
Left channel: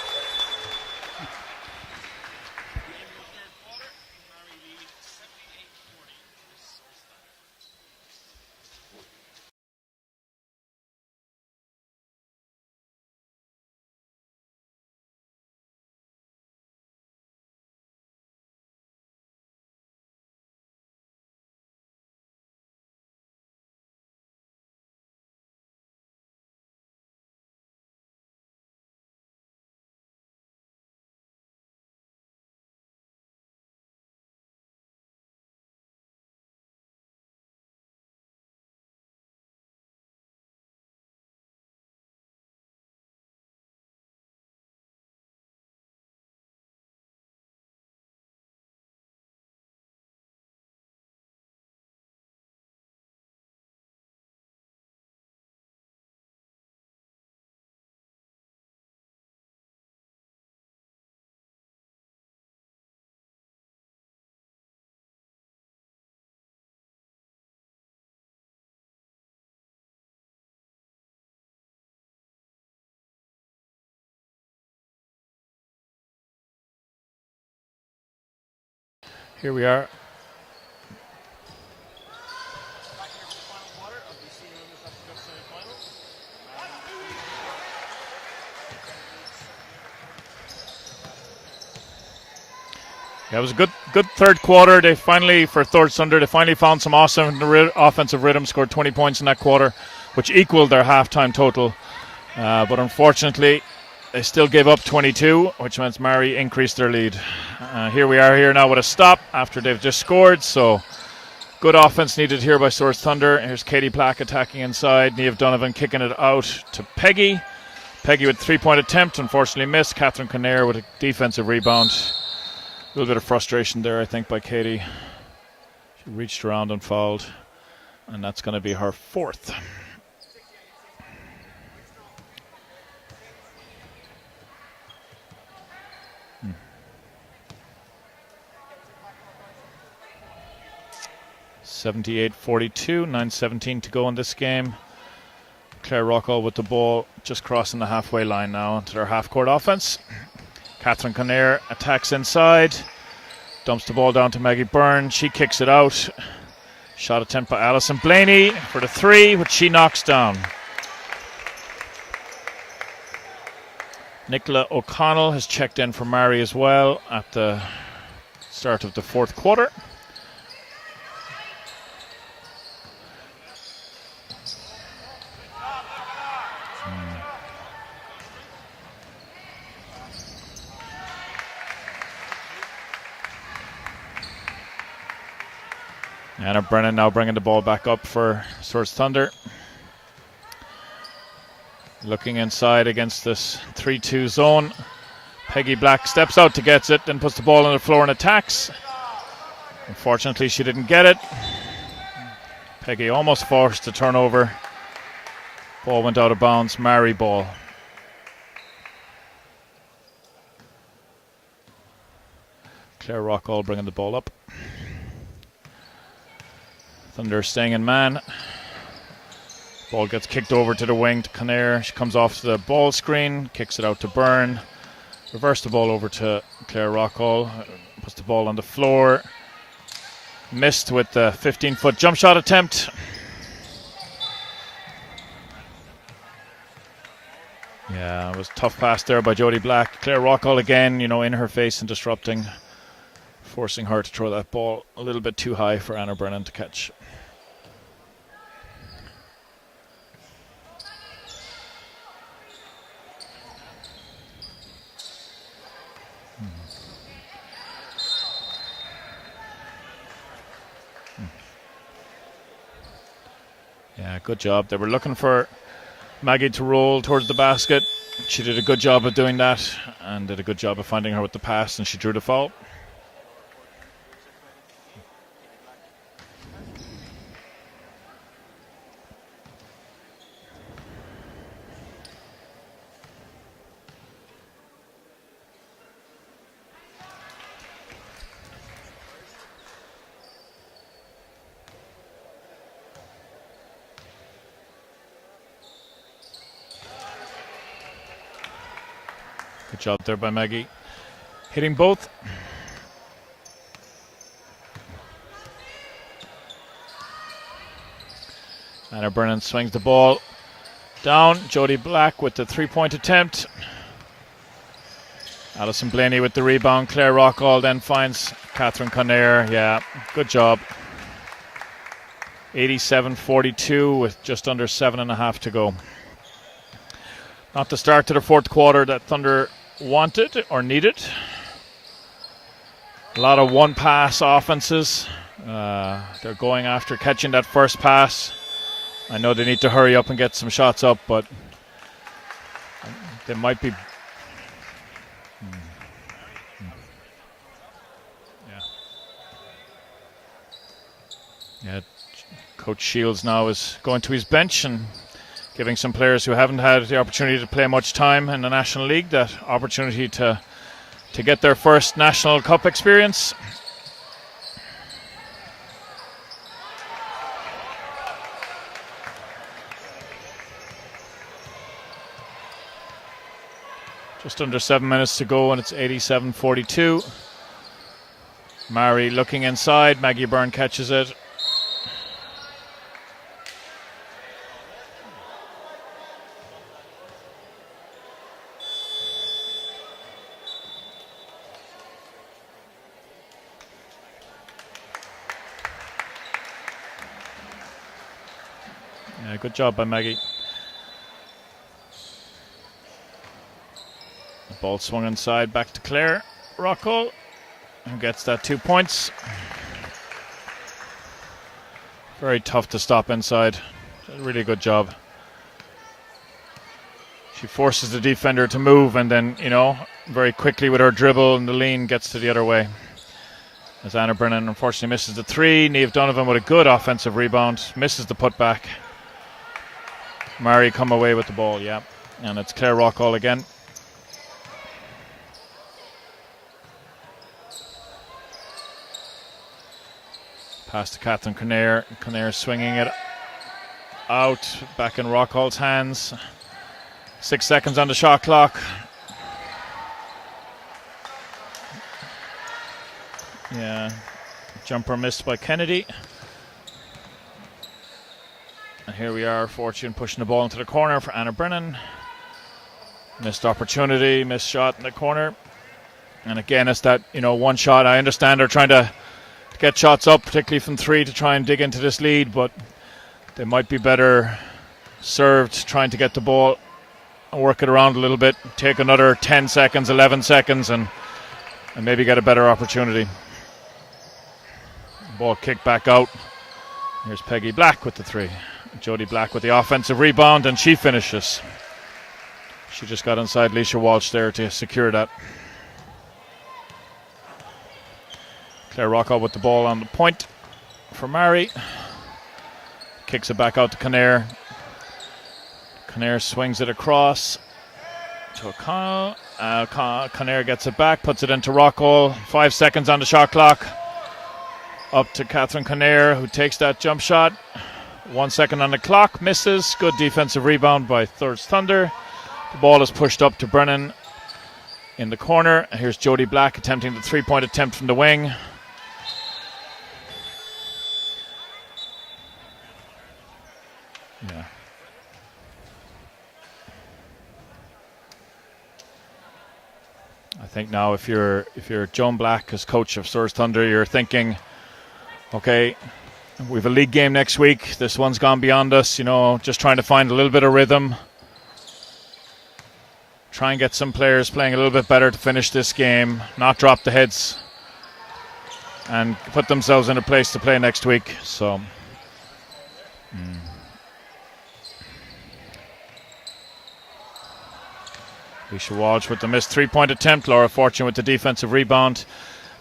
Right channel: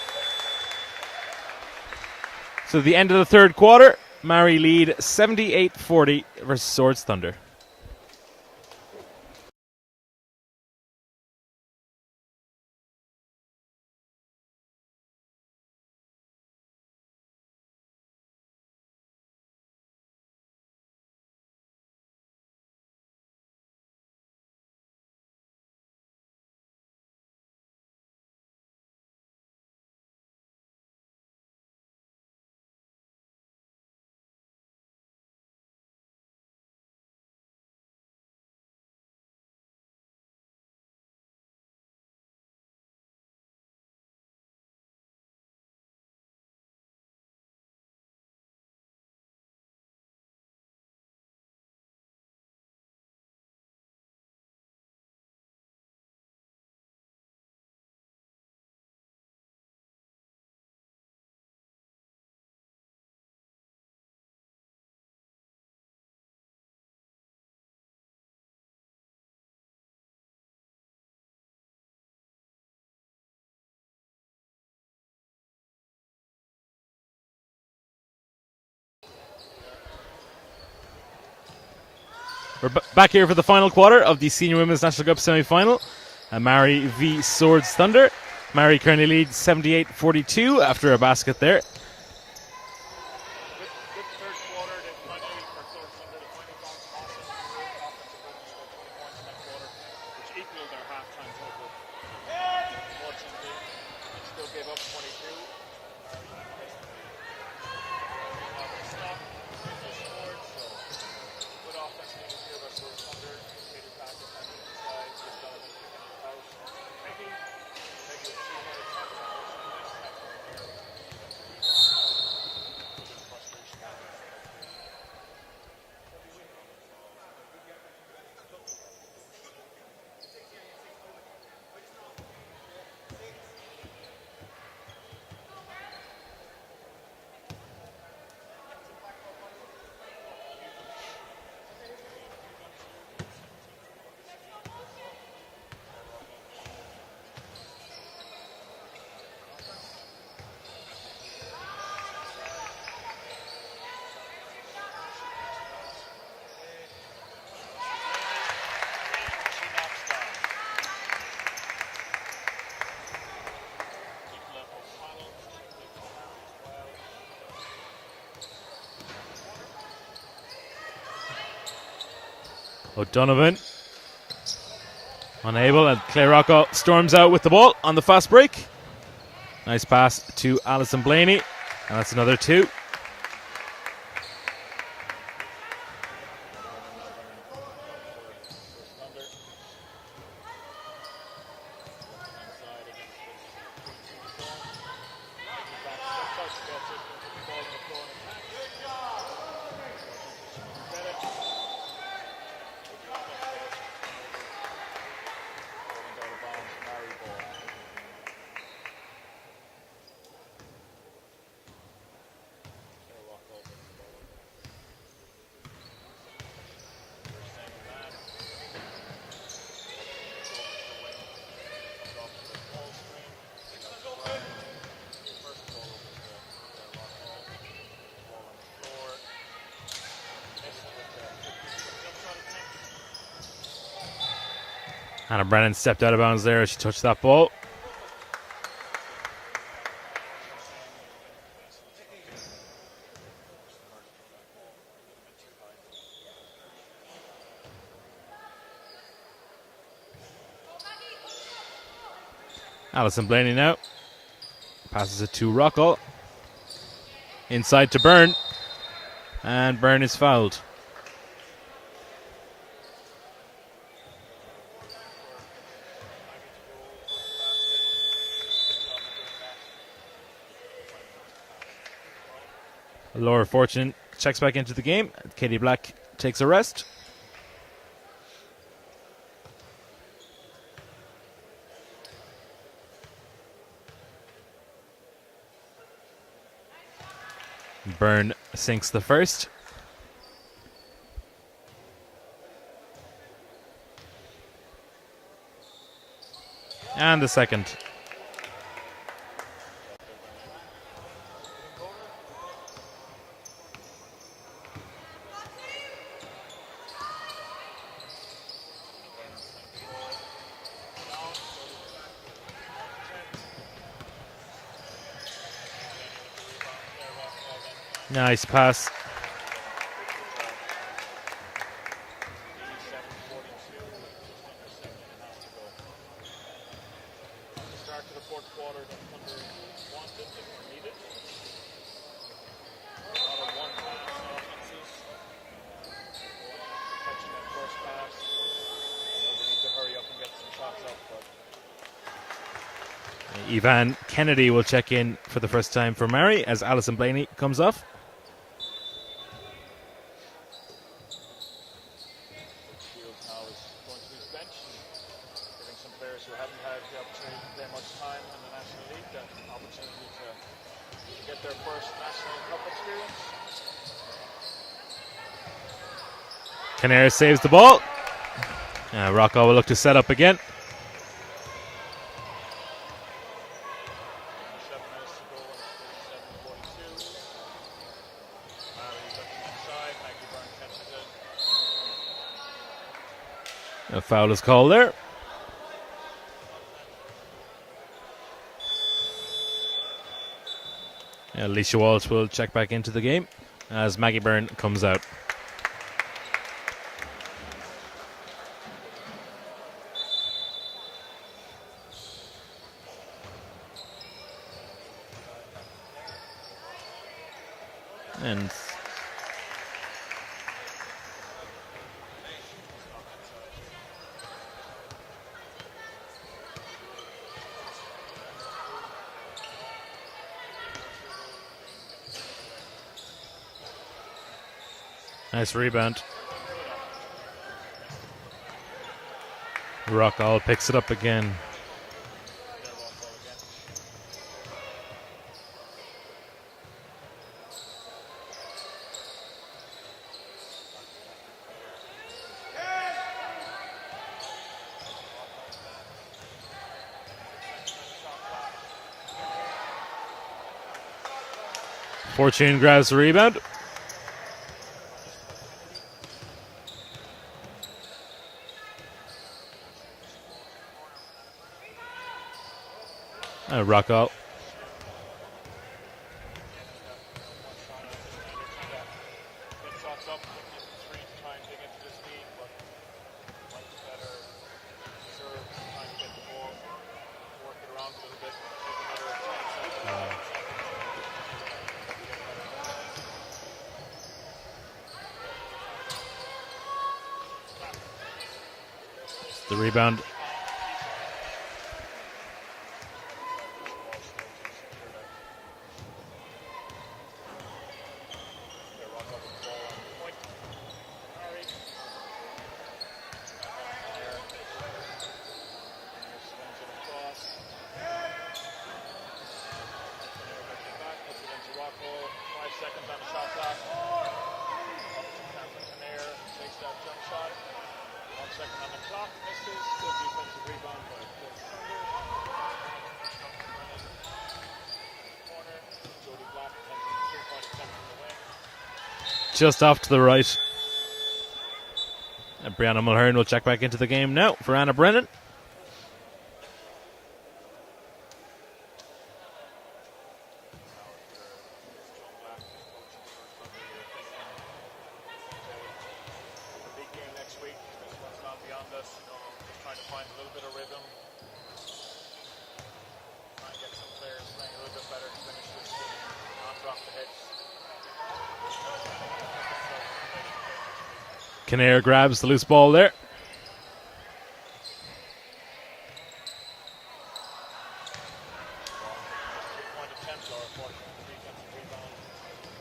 So the end of the third quarter, Maree lead 78-40 versus Swords Thunder. Here we are. We're back here for the final quarter of the Senior Women's National Cup semi-final. Maree v Swords Thunder. Maree currently leads 78-42 after a basket there. Yeah, it was a good third quarter. They finally, for Swords Thunder, they finally found some awesome offensive rhythm, scored 20 points in that quarter, which equaled their halftime total. But unfortunately, they still gave up 22, which means Maree increased their lead. Here we are here now with a stop after they've just scored. So good offense needed here by Swords Thunder. Here's Katie Black attacking inside. Niamh Donovan kicking it out to Peggy. Peggy with 3-point attempt, unfortunately missed. Catherine Kinnair with a defensive rebound. A little bit of frustration there, I think, by Katie. She reached around and fouled, and that's going to be her 4th. Hmm. 78-42, 9:17 to go in this game. Claire Rockall with the ball, just crossing the halfway line now to their half-court offense. Catherine Kinnair attacks inside, dumps the ball down to Maggie Byrne. She kicks it out. Shot attempt by Alison Blaney for the 3, which she knocks down. Nicola O'Connell has checked in for Maree as well at the start of the fourth quarter. O'Donovan unable, and Claire Rockall storms out with the ball on the fast break. Nice pass to Alison Blaney, and that's another 2. Anna Brennan now bringing the ball back up for Swords Thunder. Looking inside against this 3-2 zone. Peggy Black steps out to get it, then puts the ball on the floor and attacks. Unfortunately, she didn't get it. Peggy almost forced the turnover. Ball went out of bounds. Maree ball. Claire Rockall bringing the ball up. Thunder staying in man. Ball gets kicked over to the wing to Kinnair. She comes off the ball screen, kicks it out to Byrne. Reverse the ball over to Claire Rockall. Puts the ball on the floor. missed with the 15-foot jump shot attempt. Anna Brennan stepped out of bounds there as she touched that ball. Yeah, it was a tough pass there by Jodie Black. Claire Rockall again, in her face and disrupting, forcing her to throw that ball a little bit too high for Anna Brennan to catch. Alison Blaney now passes it to Rockall. Inside to Byrne, and Byrne is fouled. Yeah, good job. They were looking for Maggie to roll towards the basket. She did a good job of doing that and did a good job of finding her with the pass, and she drew the foul. Laura Fortune checks back into the game. Katie Black takes a rest. Byrne sinks the first. And the second. Good job there by Maggie. Hitting both. Anna Brennan swings the ball down. Jodie Black with the three-point attempt. Alison Blaney with the rebound. Claire Rockall then finds nice pass. Catherine Conair. Yeah, good job. 87-42 with just under 7.5 to go. Not the start to the fourth quarter that Thunder wanted or needed. A lot of one-pass offenses. They're going after catching that first pass. I know they need to hurry up and get some shots up, but they might. Yvonne Kennedy will check in for the first time for Maree as Alison Blaney comes off. Yeah, Coach Shields now is going to his bench and giving some players who haven't had the opportunity to play much time in the National League that opportunity to get their first National Cup experience. Conair saves the ball. Rockall will look to set up again. Just under 7 minutes to go and it's 87-42. Maree looking inside. Maggie Byrne catches it. A foul is called there. Alicia Walsh will check back into the game as Maggie Byrne comes out. Yeah, good job by Maggie. The ball swung inside back to Claire Rockall, who gets that 2 points. Very tough to stop inside. Really good job. She forces the defender to move and then, very quickly with her dribble and the lean gets to the other way. As Anna Brennan unfortunately misses the three. Niamh Donovan with a good offensive rebound. Misses the putback. Rockall Maree come away with the ball, yeah. And it's Claire Rockall again. Pass to Catherine Conair. Conair swinging it out. Back in Rockall's hands. 6 seconds on the shot clock. Fortune grabs the rebound. Yeah. Jumper missed by Kennedy. And here we are, Fortune pushing the ball into the corner for Anna Brennan. Missed opportunity, missed shot in the corner. And again, it's that, one shot. I understand they're trying to get shots up, particularly from three, to try and dig into this lead, but they might be better served trying to get the ball and work it around a little bit, take another 10 seconds, 11 seconds, and maybe get a better opportunity. Ball kicked back out. Here's Peggy Black with the three. Jodie Black with the offensive rebound, and she finishes. She just got inside Alicia Walsh there to secure that. Claire Rockall with the ball on the point for Maree. Kicks it back out to Conair. Conair swings it across to O'Connell. Conair gets it back, puts it into Rockall. 5 seconds on the shot clock. Up to Catherine Conair, who takes that jump shot. 1 second on the clock, misses. Good defensive rebound by Thirds Thunder. The ball is pushed up to Brennan in the corner. Here's Jodie Black attempting the three-point attempt from the wing. just off to the right. And Brianna Mulhern will check back into the game now for Anna Brennan. I think now if you're Joan Black as coach of Swords Thunder, you're thinking, okay, we've a league game next week. This one's gone beyond us, just trying to find a little bit of rhythm. Try and get some players playing a little bit better to finish this game, not drop the heads, and put themselves in a place to play next week. So Kinnear grabs the loose ball there. Alicia Walsh with the missed 3-point attempt. Laura Fortune with the defensive rebound.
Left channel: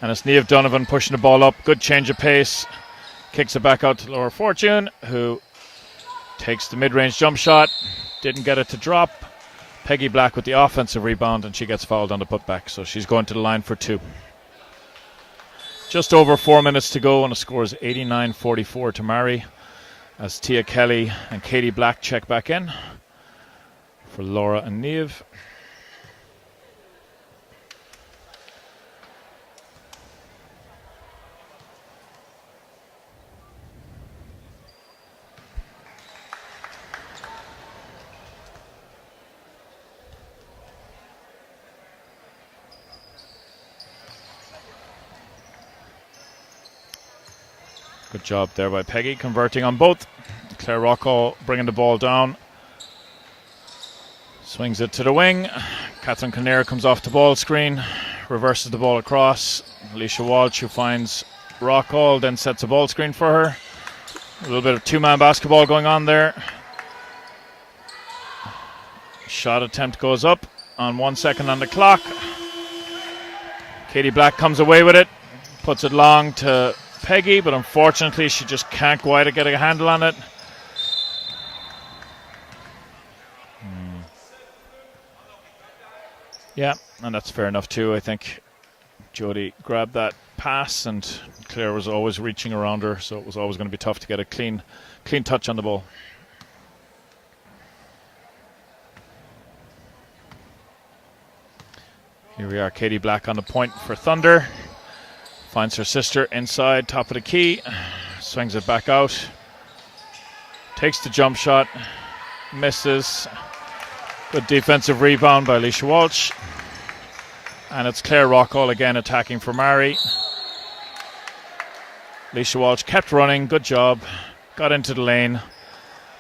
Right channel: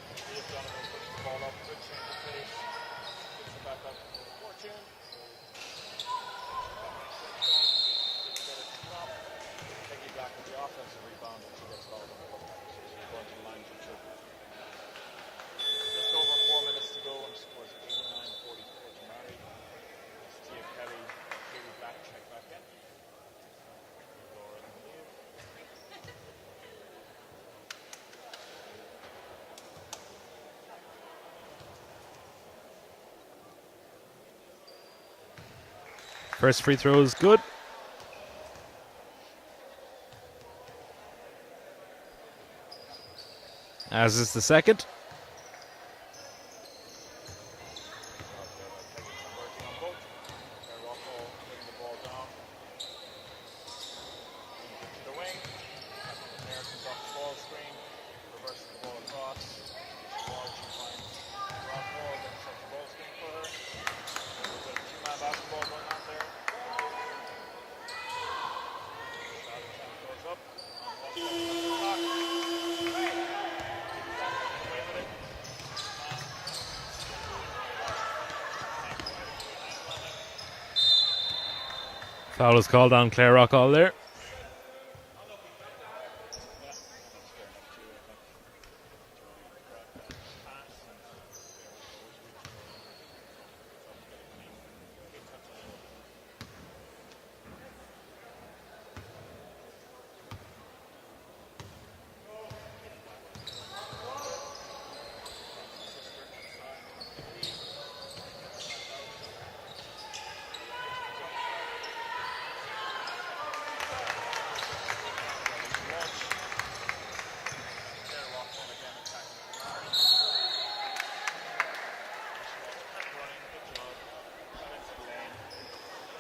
And it's Niamh Donovan pushing the ball up. Good change of pace. Kicks it back out to Laura Fortune, who takes the mid-range jump shot. Didn't get it to drop. Peggy Black with the offensive rebound, and she gets fouled on the putback. So she's going to the line for 2. Just over 4 minutes to go, and the score is 89-44 to Maree, as Tia Kelly and Katie Black check back in for Laura and Niamh. First free throw is good. As is the second. Good job there by Peggy, converting on both. Claire Rockall bringing the ball down. Swings it to the wing. Catherine Kinnear comes off the ball screen, reverses the ball across. Alicia Walsh, who finds Rockall, then sets a ball screen for her. A little bit of two-man basketball going on there. Shot attempt goes up on 1 second on the clock. Katie Black comes away with it, puts it long to Peggy, but unfortunately she just can't quite get a handle on it. Foul is called on Claire Rockall there. Yeah, and that's fair enough too. I think Jodie grabbed that pass, and Claire was always reaching around her, so it was always going to be tough to get a clean touch on the ball. Here we are, Katie Black on the point for Thunder. Finds her sister inside, top of the key. Swings it back out. Takes the jump shot. Misses. Good defensive rebound by Alicia Walsh. And it's Claire Rockall again attacking for Maree. Alicia Walsh kept running, good job. Got into the lane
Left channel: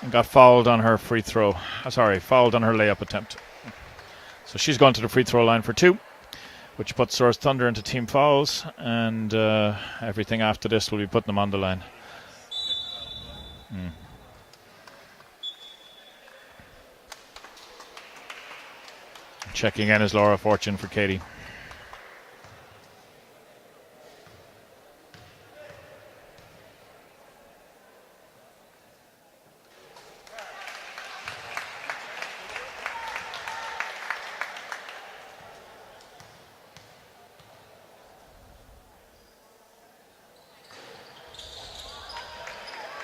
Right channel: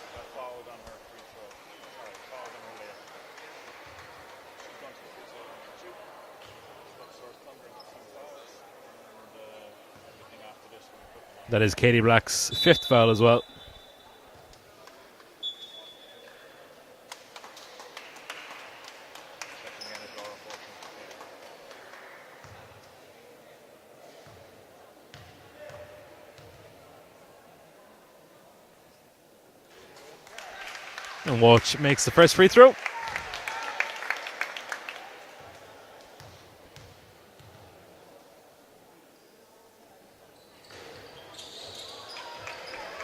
and got fouled on her free throw. Fouled on her layup attempt. So she's gone to the free throw line for 2, which puts Swords Thunder into team fouls, and everything after this will be putting them on the line. That is Katie Black's 5th foul as well. Checking in is Laura Fortune for Katie. And Walsh makes the first free throw.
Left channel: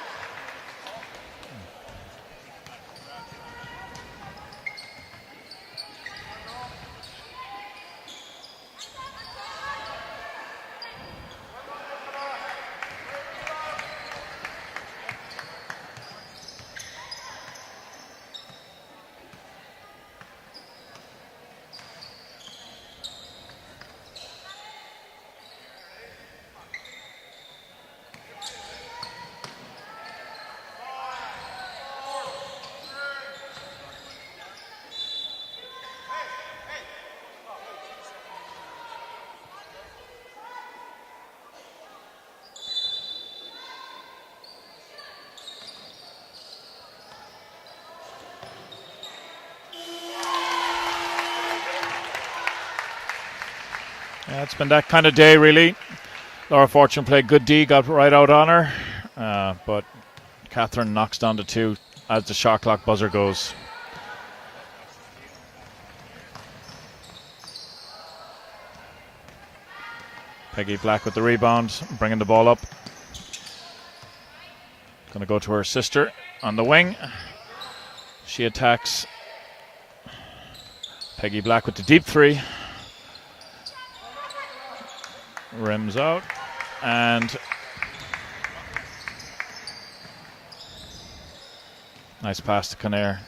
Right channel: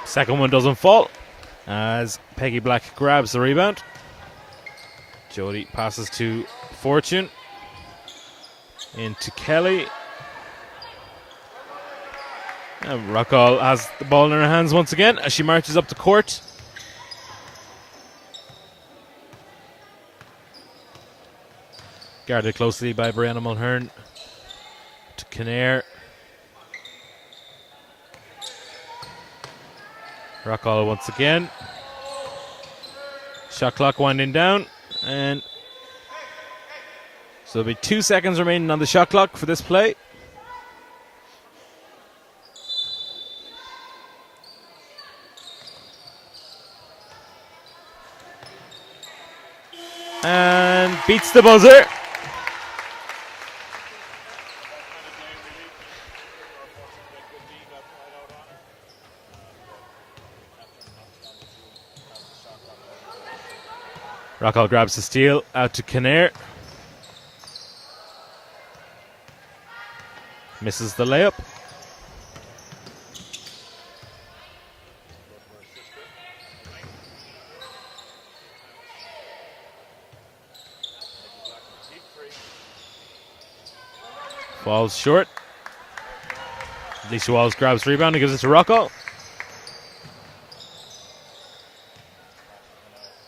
Second one doesn't fall as Peggy Black grabs the rebound. Jodie passes to Fortune. Into Kelly. And Rockall has the ball in her hands once again as she marches up the court. Guarded closely by Brianna Mulhern. To Kinnear. Rockall once again. Shot clock winding down, and so there'll be 2 seconds remaining on the shot clock for this play. And beats the buzzer. Yeah, it's been that kind of day, really. Laura Fortune played good D, got right out on her, but Catherine knocks down the 2 as the shot clock buzzer goes. Rockall grabs the steal out to Kinnear. Peggy Misses Black the with the layup. rebound, bringing the ball up. Going to go to her sister on the wing. She attacks. Peggy Black with the deep 3. Falls short. Rims out. And Lisa Walsh grabs rebound and gives it to Rocco. nice pass to Kinnair.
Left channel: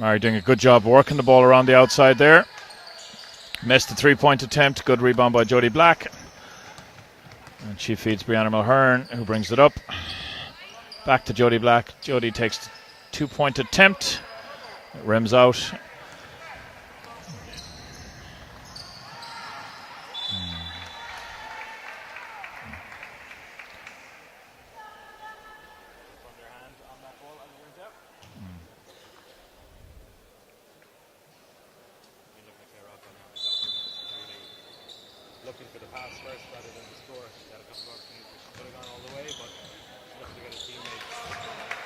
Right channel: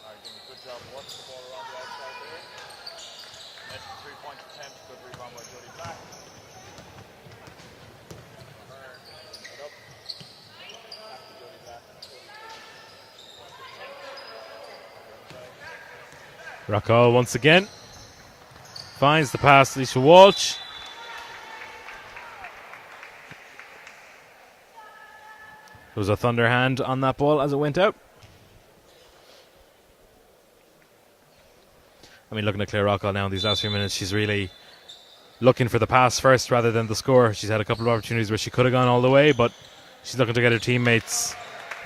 Maree doing a good job working the ball around the outside there. Missed the 3-point attempt. Good rebound by Jodie Black. And she feeds Brianna Mulhern, who brings it up. Back to Jodie Black. Jodie takes 2-point attempt. Rims out. Rocco once again finds the pass to Lisa Walsh. There was a Thunder hand on that ball as it went out. I mean, looking at Claire Rockwell now in these last few minutes, she's really looking for the pass first rather than the score. She's had a couple of opportunities where she could have gone all the way, but she's looking to get her teammates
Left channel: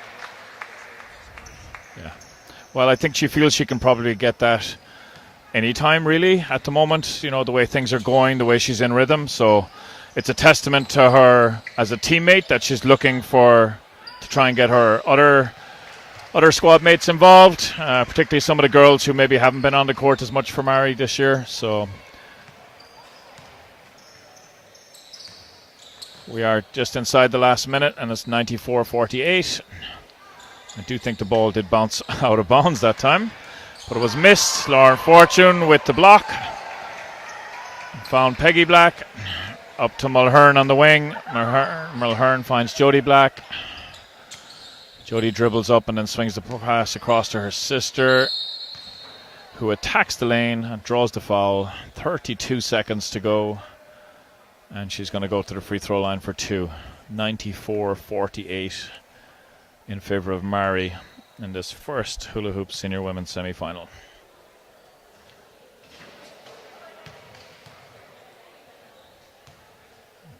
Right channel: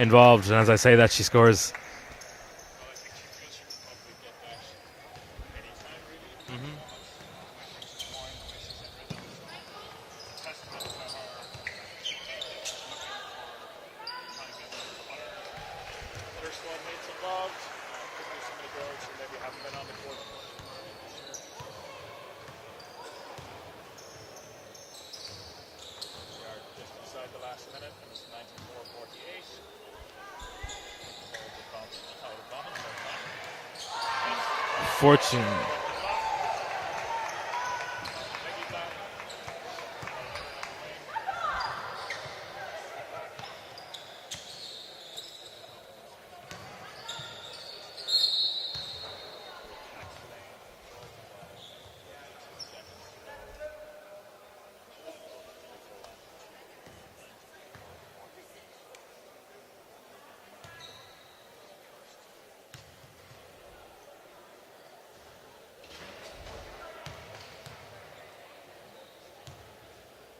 involved. And as I say that, she scores. Yeah. Well, I think she feels she can probably get that anytime, really, at the moment. You know, the way things are going, the way she's in rhythm. So it's a testament to her as a teammate that she's looking to try and get her other squad mates involved, particularly some of the girls who maybe haven't been on the court as much for Maree this year. So we are just inside the last minute, and it's 94-48. I do think the ball did bounce out of bounds that time, but it was missed. Lauren Fortune with the block. Found Peggy Black. Up to Mulhern on the wing. Mulhern finds Jodie Black. Jodie dribbles up and then swings the pass across to her sister, who attacks the lane and draws the foul. 32 seconds to go, and she's going to go to the free throw line for two. 94-48 in favor of Maree in this first Hula Hoop Senior Women's semi-final.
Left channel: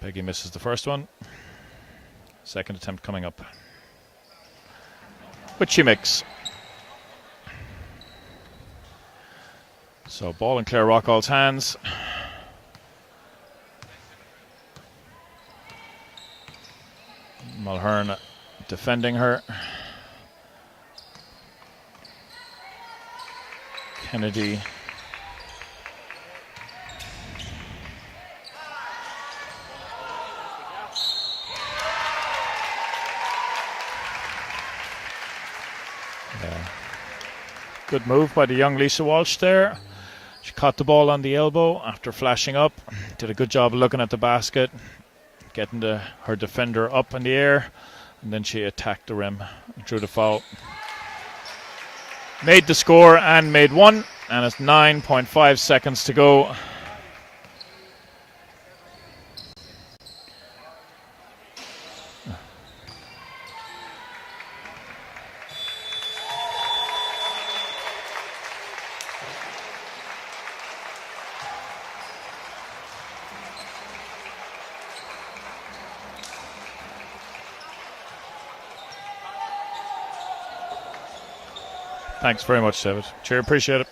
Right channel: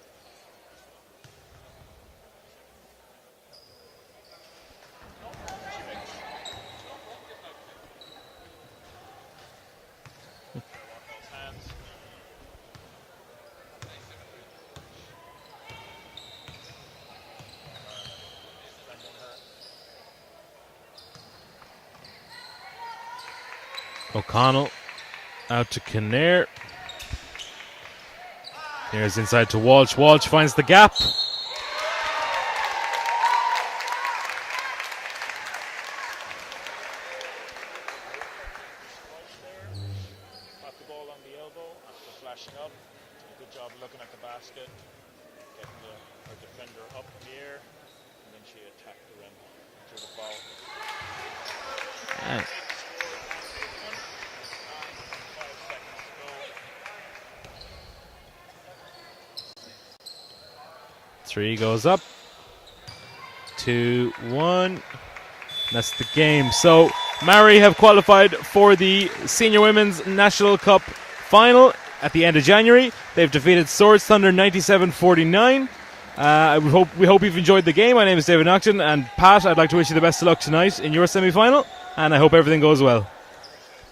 Peggy misses the first one. Second attempt coming up, which she makes. So ball in Claire Rockall's hands. Mulhern defending her. O'Connell out to Kinnair. There's inside to Walsh. Walsh finds the gap. Good move by the young Lisa Walsh there. She caught the ball on the elbow after flashing up. Did a good job of looking at the basket, getting her defender up in the air, and then she attacked the rim, drew the foul. Made the score and made one, and it's 9.5 seconds to go. 3 goes up. 2-1. That's the game. So Maree have qualified for the Senior Women's National Cup final at the end of January. They've defeated Swords Thunder 97-49. We hope you've enjoyed the game. My name is David Nocton, and Pat, I'd like to wish you the best of luck tonight in your semi-final, and I hope Thanks everything very goes much, well. Cheers, appreciate it.